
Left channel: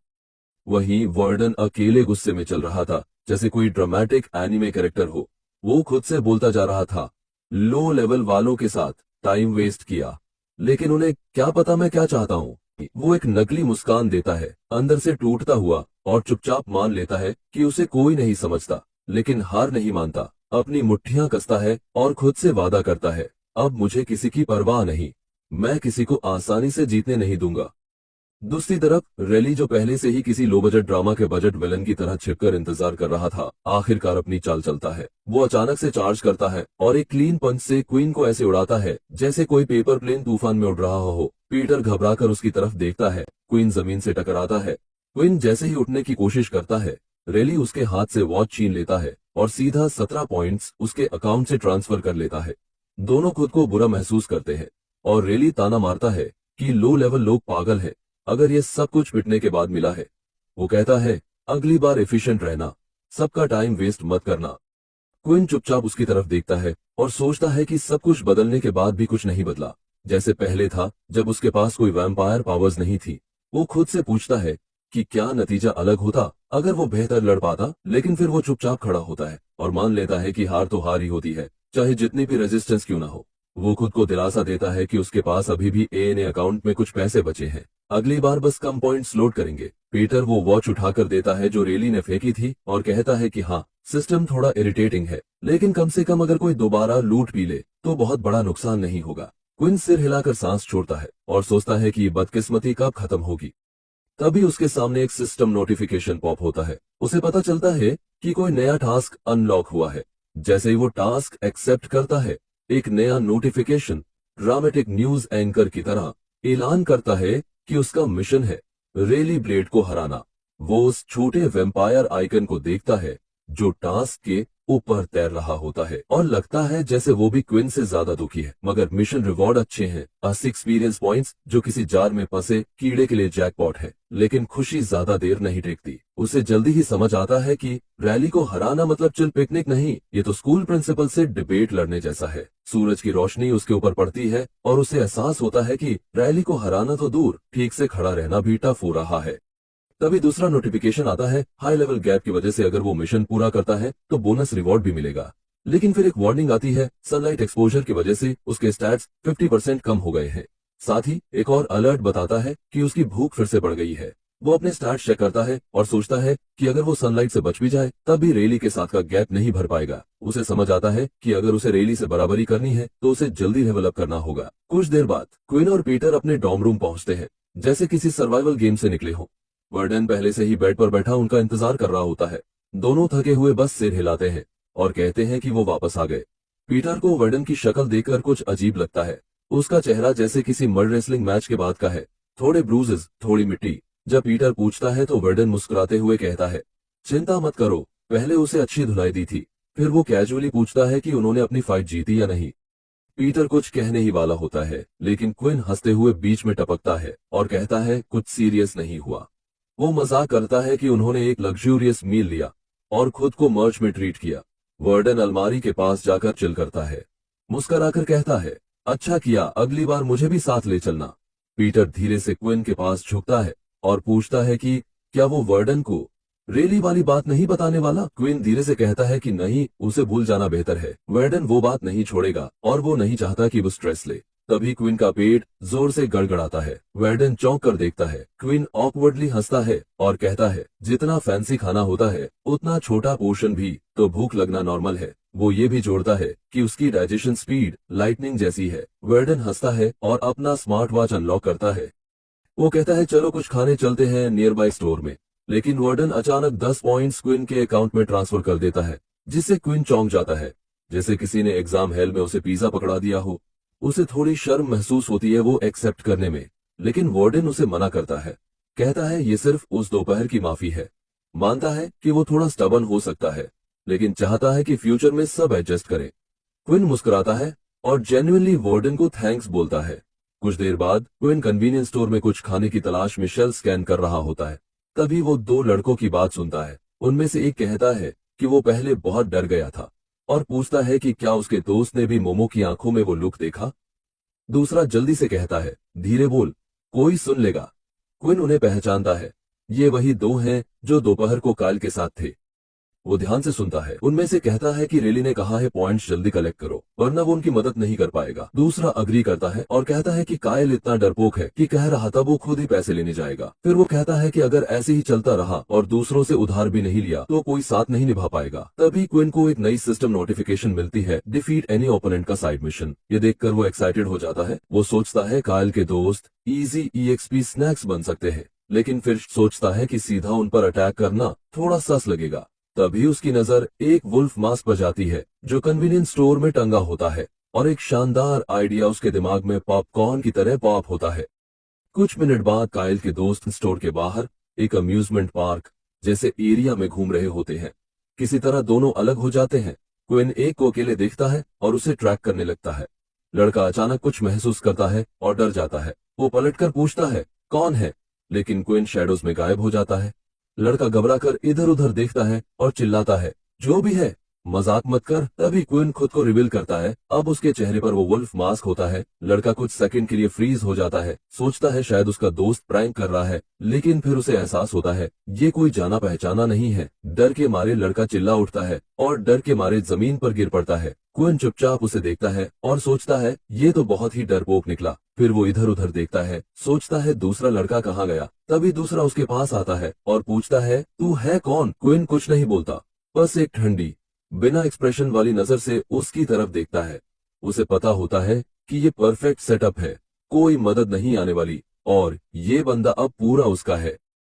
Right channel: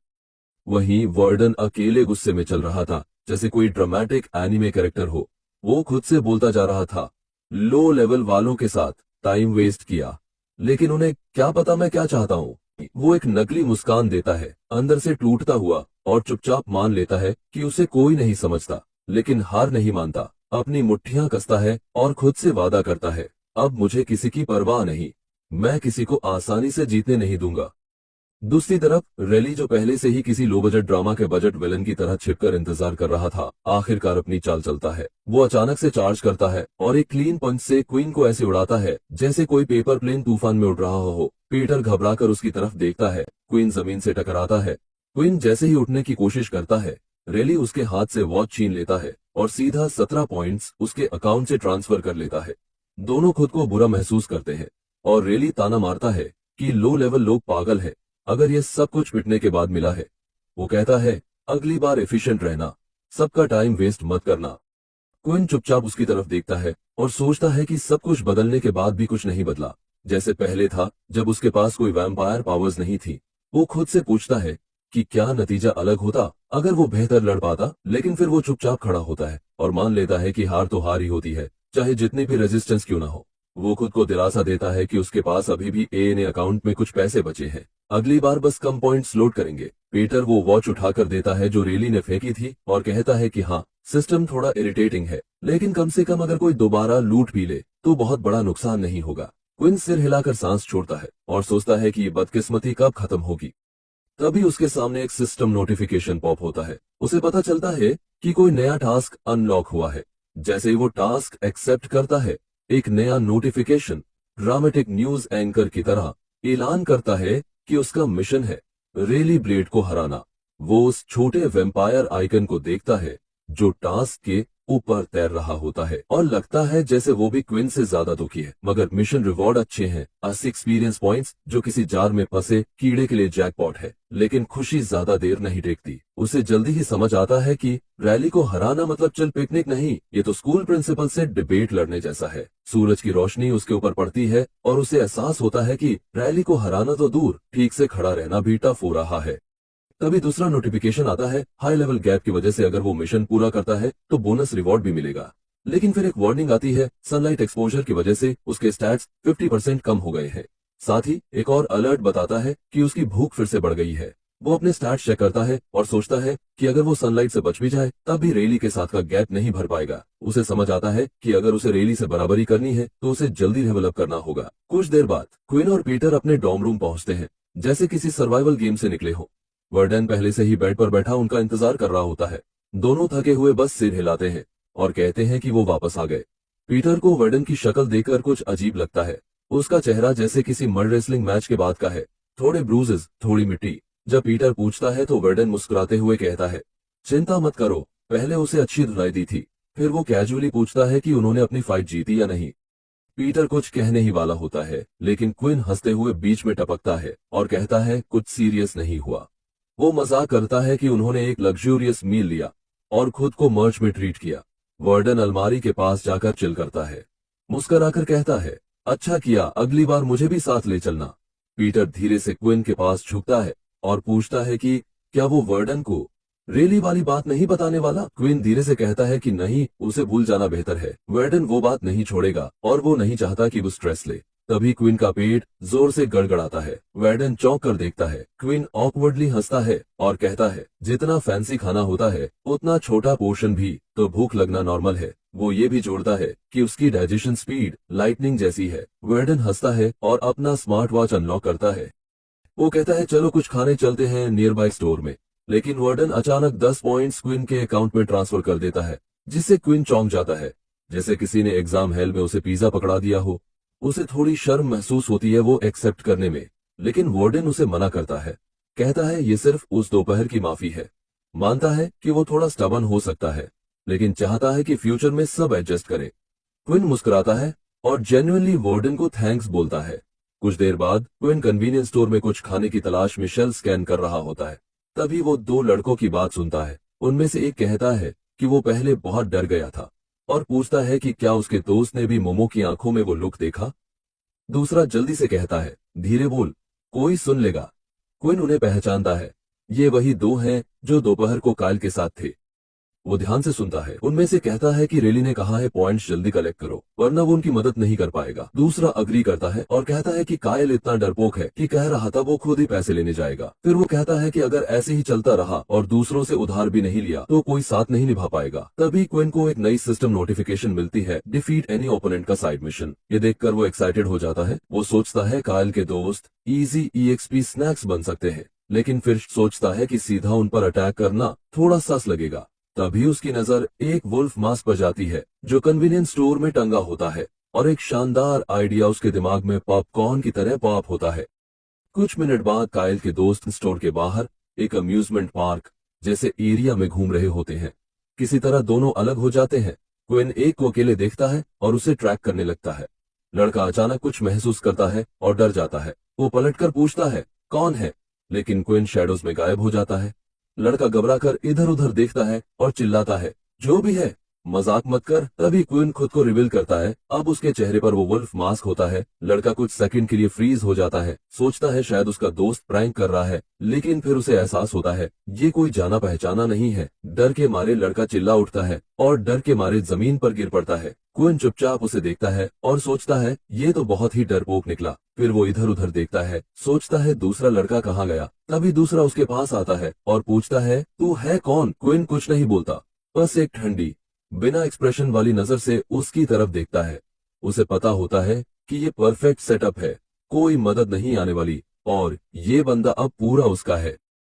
वहीं वर्डन अकेले गुस्से में चल रहा था, जैसे कोई ड्रामेटिक एनिमे कैरेक्टर हो। वो खुद से बोलता जा रहा था, लो लेवल वालों के साथ टाइम वेस्ट किया, लेकिन उन्हें क्या पता मैं क्या चाहता हूँ। वो एक नकली मुस्कान देता है, अंदर से टूटता हुआ, और चुपचाप मान लेता है कि उसे कोई नहीं समझता, लेकिन हार नहीं मानता। अपनी मुट्ठियां कसता है और खुद से वादा करता है, अब मुझे किसी की परवाह नहीं, मैं किसी को आसानी से जीतने नहीं दूंगा। दूसरी तरफ रेली, जो पहले से ही किसी लो बजट ड्रामा के बजट विलन की तरह छिपकर इंतजार कर रहा था, आखिरकार अपनी चाल चलता है। वो अचानक से चार्ज करता है और एक क्लीन पंच से क्वीन को ऐसे उड़ाता है जैसे कोई पेपर प्लेन तूफान में उड़ रहा हो। पीटर घबराकर उसकी तरफ देखता है। क्वीन जमीन से टकराता है। क्वीन जैसे ही उठने की कोशिश करता है, रेली उसके हाथ से वॉच छीन लेता है और सीधा 17 पॉइंट्स उसके अकाउंट से ट्रांसफर कर लेता है। दोनों खुद को बुरा महसूस करते हैं और रेली ताना मारता है कि लो लेवल लोग पागल हैं, अगर ये सब कुछ मिटने के बाद मिला है। वो कहता है, अगली बार एफिशिएंट रहना, सबका टाइम वेस्ट मत करना। क्विन चुपचाप उसकी तरफ देखता है और सोचता है कि सब कुछ बदलने के बाद भी कुछ नहीं बदला, जैसे पहले था जब उसके पास कोई वैम्पायर पावर्स नहीं थी। वो खुद से पूछता है कि क्या नतीजा अलग होता अगर वो बेहतर लड़ पाता, लेकिन फिर वो चुपचाप खड़ा होता है और मान लेता है कि हार तो हार ही होती है, चाहे जितनी भी रेजिस्टेंस क्यों ना हो। वो खुद को दिलासा देता है कि उसके पास अभी भी एएनए अकाउंट में कुछ पैसे बचे हैं, अगली बार बस कम पॉइंट्स लोड करेंगे। पीटर वो वॉच उठाकर देता है जो रेली ने फेंकी थी और कहता है कि हाँ, सिस्टम थोड़ा इरिटेटिंग है, लेकिन कम से कम अगर कोई दोबारा लूट भी ले तो बहुत बड़ा नुकसान नहीं होगा। क्विन सिर हिलाकर सांस छोड़ता है और सोचता है कि ये बदकिस्मती कब खत्म होगी। तभी उसके सामने एक सिस्टम नोटिफिकेशन पॉप होता है। उसे पता चलता है कि कोई नया टास्क अनलॉक हुआ है। जैसे ही वो टास्क एक्सेप्ट करता है, एक नया नोटिफिकेशन ड्रामेटिक न्यूज एंकर की तरह ऐलान करता है कि उसका मिशन है रेली ब्लेड को हराना। वो उस छोटे वेम्पायर आइकन को देखता है जो टास्क के ऊपर तैर रहा होता है और लगता है जैसे वो भी क्विन से ज्यादा दुखी है। मगर मिशन रिवॉर्ड अच्छे हैं, 80 एक्सपीरियंस पॉइंट्स, जो किसी जार में फंसे कीड़े के लिए जैकपॉट है। लेकिन खुशी ज्यादा देर नहीं टेकती। उसे जल्दी ही समझ आता है कि रैली को हराना मतलब चिल पिकनिक नहीं, ये तो स्कूल प्रिंसिपल से डिबेट लड़ने जैसा है। सूरज की रोशनी उसके ऊपर पड़ती है और उसे एहसास होता है कि रैली को हराना तो दूर, ठीक से खड़ा रहना भी टफ हो रहा है। तभी दूसरा नोटिफिकेशन आता है, हाई लेवल गैप की वजह से अगर वो मिशन पूरा करता है तो बोनस रिवॉर्ड भी मिलेगा। लेकिन फिर एक वार्निंग आती है, सनलाइट एक्सपोजर की वजह से उसके स्टैट्स 50% कम हो गए हैं। साथ ही एक और अलर्ट बताता है कि उसकी भूख फिर से बढ़ गई है। वो अपने स्टैट्स चेक करता है और सोचता है कि अगर वो सनलाइट से बच भी जाए तब भी रेली के साथ का गैप नहीं भर पाएगा। उसे समझ आता है कि अगर उसे रेली से बराबरी करनी है तो उसे जल्दी लेवल अप करना होगा। कुछ देर बाद क्विन और पीटर अपने डॉर्म रूम पहुंचते हैं, जैसे किसी सर्वाइवल गेम से निकले हो। वर्डन पहले से ही बेड पर बैठा उनका इंतजार कर रहा होता है। दोनों थके हुए बस सिर हिलाते हैं और कहते हैं कि वो वापस आ गए। पीटर को वर्डन की शक्ल देखकर कुछ अजीब लगता है। उसका चेहरा जैसे किसी मड रेसलिंग मैच के बाद का है, थोड़े ब्रूजेस, थोड़ी मिट्टी। जब पीटर पूछता है तो वर्डन मुस्कुराते हुए कहता है, चिंता मत करो, पहले उसे अच्छी धुलाई दी थी। फिर वो कैजुअली पूछता है कि उन्होंने अपनी फाइट जीती या नहीं। पीटर कुछ कहने ही वाला होता है, लेकिन क्विन हंसते हुए बीच में टपकता है और कहता है, कुछ सीरियस नहीं हुआ। वो मजाक करता है कि उन्होंने एक लग्जूरियस मील लिया और खुद को मर्च में ट्रीट किया। वर्डन अलमारी के पास जाकर चिल करता है, मुस्कुराकर कहता है, अच्छा किया, अगली बार मुझे भी साथ ले चलना। पीटर धीरे से क्विन के पास झुकता है और पूछता है कि क्या वो वर्डन को रेली वाली बात नहीं बताने वाला? क्विन धीरे से कहता है कि नहीं, उसे भूल जाना बेहतर है। वर्डन वो बात नहीं छोड़ेगा और वो नहीं चाहता कि वो स्ट्रेस ले। तभी क्विन का पेट जोर से गड़गड़ाता है। वर्डन चौंक कर देखता है। क्विन ऑकवर्डली हंसता है और कहता है, जितना फैंसी खाना होता है उतना छोटा पोर्शन भी तो भूख लगना नॉर्मल है। वो ये भी जोड़ता है कि उसकी डाइजेशन स्पीड लाइटनिंग जैसी है। वर्डन हंसता है और अपना स्मार्ट वॉच अनलॉक करता है। वो कहता है, चलो कुछ खाने चलते हैं नियर बाय स्टोर में। लेकिन वार्डन अचानक 10 पॉइंट्स क्विन के अकाउंट में ट्रांसफर कर देता है, जिससे क्विन चौंक जाता है, जैसे किसी ने एग्जाम हेल में उसे पिज्जा पकड़ा दिया हो। उसे थोड़ी शर्म महसूस होती है वो एक्सेप्ट करने में, लेकिन वार्डन उसे मना करता है। कहता है ये सिर्फ उस दोपहर की माफी है। मानता है कि वो थोड़ा स्टबन हो सकता है, लेकिन चाहता है कि फ्यूचर में सब एडजस्ट करे। क्विन मुस्कुराता है और जेन्युइनली वार्डन को थैंक्स बोलता है। कुछ देर बाद क्विन कन्वीनियंस स्टोर में कुछ खाने की तलाश में शेल्फ स्कैन कर रहा होता है। तभी वो दो लड़कों की बात सुनता है। उनमें से एक कहता है कि वो पहले बहुत डर गया था और पूछता है कि क्या उसके दोस्त ने भी मोमो की आंखों में वो लुक देखा। दूसरा जल्दी से कहता है, धीरे बोल, कोई सुन लेगा। क्विन उन्हें पहचानता है। ये वही दो हैं जो दोपहर को कायल के साथ थे। वो ध्यान से सुनता है। उनमें से कहता है कि रेली ने कहा है पॉइंट्स जल्दी कलेक्ट करो, वरना वो उनकी मदद नहीं कर पाएगा। दूसरा अग्री करता है और कहता है कि कायल इतना डरपोक है कि कह रहा था वो खुद ही पैसे लेने जाएगा। फिर वो कहता है कि अगर ऐसे ही चलता रहा और दूसरों से उधार भी नहीं लिया तो कोई साथ नहीं निभा पाएगा। तभी क्विन को एक नई सिस्टम नोटिफिकेशन मिलती है, डिफीट एनी ओपोनेंट का साइड मिशन। ये देखकर वो एक्साइटेड हो जाता है। वो सोचता है कायल के दोस्त इजी EXP स्नैक्स बन सकते हैं, लेकिन फिर सोचता है कि सीधा उन पर अटैक करना थोड़ा सस लगेगा। तभी उसकी नजर एक वुल्फ मास्क पर जाती है जो कन्वीनियंस स्टोर में टंगा होता है, और एक शानदार आइडिया उसके दिमाग में पॉपकॉर्न की तरह पॉप होता है। कुछ मिनट बाद कायल के दोस्त स्टोर के बाहर एक अम्यूजमेंट पार्क जैसे एरिया में घूम रहे होते हैं। किसी तरह दोनों अलग हो जाते हैं। क्विन एक को अकेले देखता है और उसे ट्रैक करने लगता है। लड़का अचानक कुछ महसूस करता है और डर जाता है। वो पलटकर पूछता है, कौन है? लेकिन क्विन शैडोज में गायब हो जाता है। लड़का घबराकर इधर उधर देखता है और चिल्लाता है, जो भी है मजाक मत कर। तभी क्विन खुद को रिवील करता है। अब उसके चेहरे पर वो वुल्फ मास्क होता है। लड़का कुछ सेकंड के लिए फ्रीज हो जाता है, सोचता है शायद उसका दोस्त प्रैंक कर रहा है, लेकिन फिर उसे एहसास होता है ये कोई जाना पहचाना नहीं है। डर के मारे लड़का चिल्ला उठता है और डर के मारे जमीन पर गिर पड़ता है। क्विन चुपचाप उसे देखता है और सोचता है ये तो बहुत ही डरपोक निकला। फिर वो इधर उधर देखता है, सोचता है दूसरा लड़का कहाँ गया। तभी दूसरा उसके पास आता है और पूछता है, तू है कौन? क्विन कुछ नहीं बोलता, बस एक ठंडी बिना एक्सप्रेशन वाली नजर से उसकी तरफ देखता है। उसे पता होता है कि ये परफेक्ट सेटअप है, कोई मदद नहीं आने वाली और ये बंदा अब पूरा उसका है।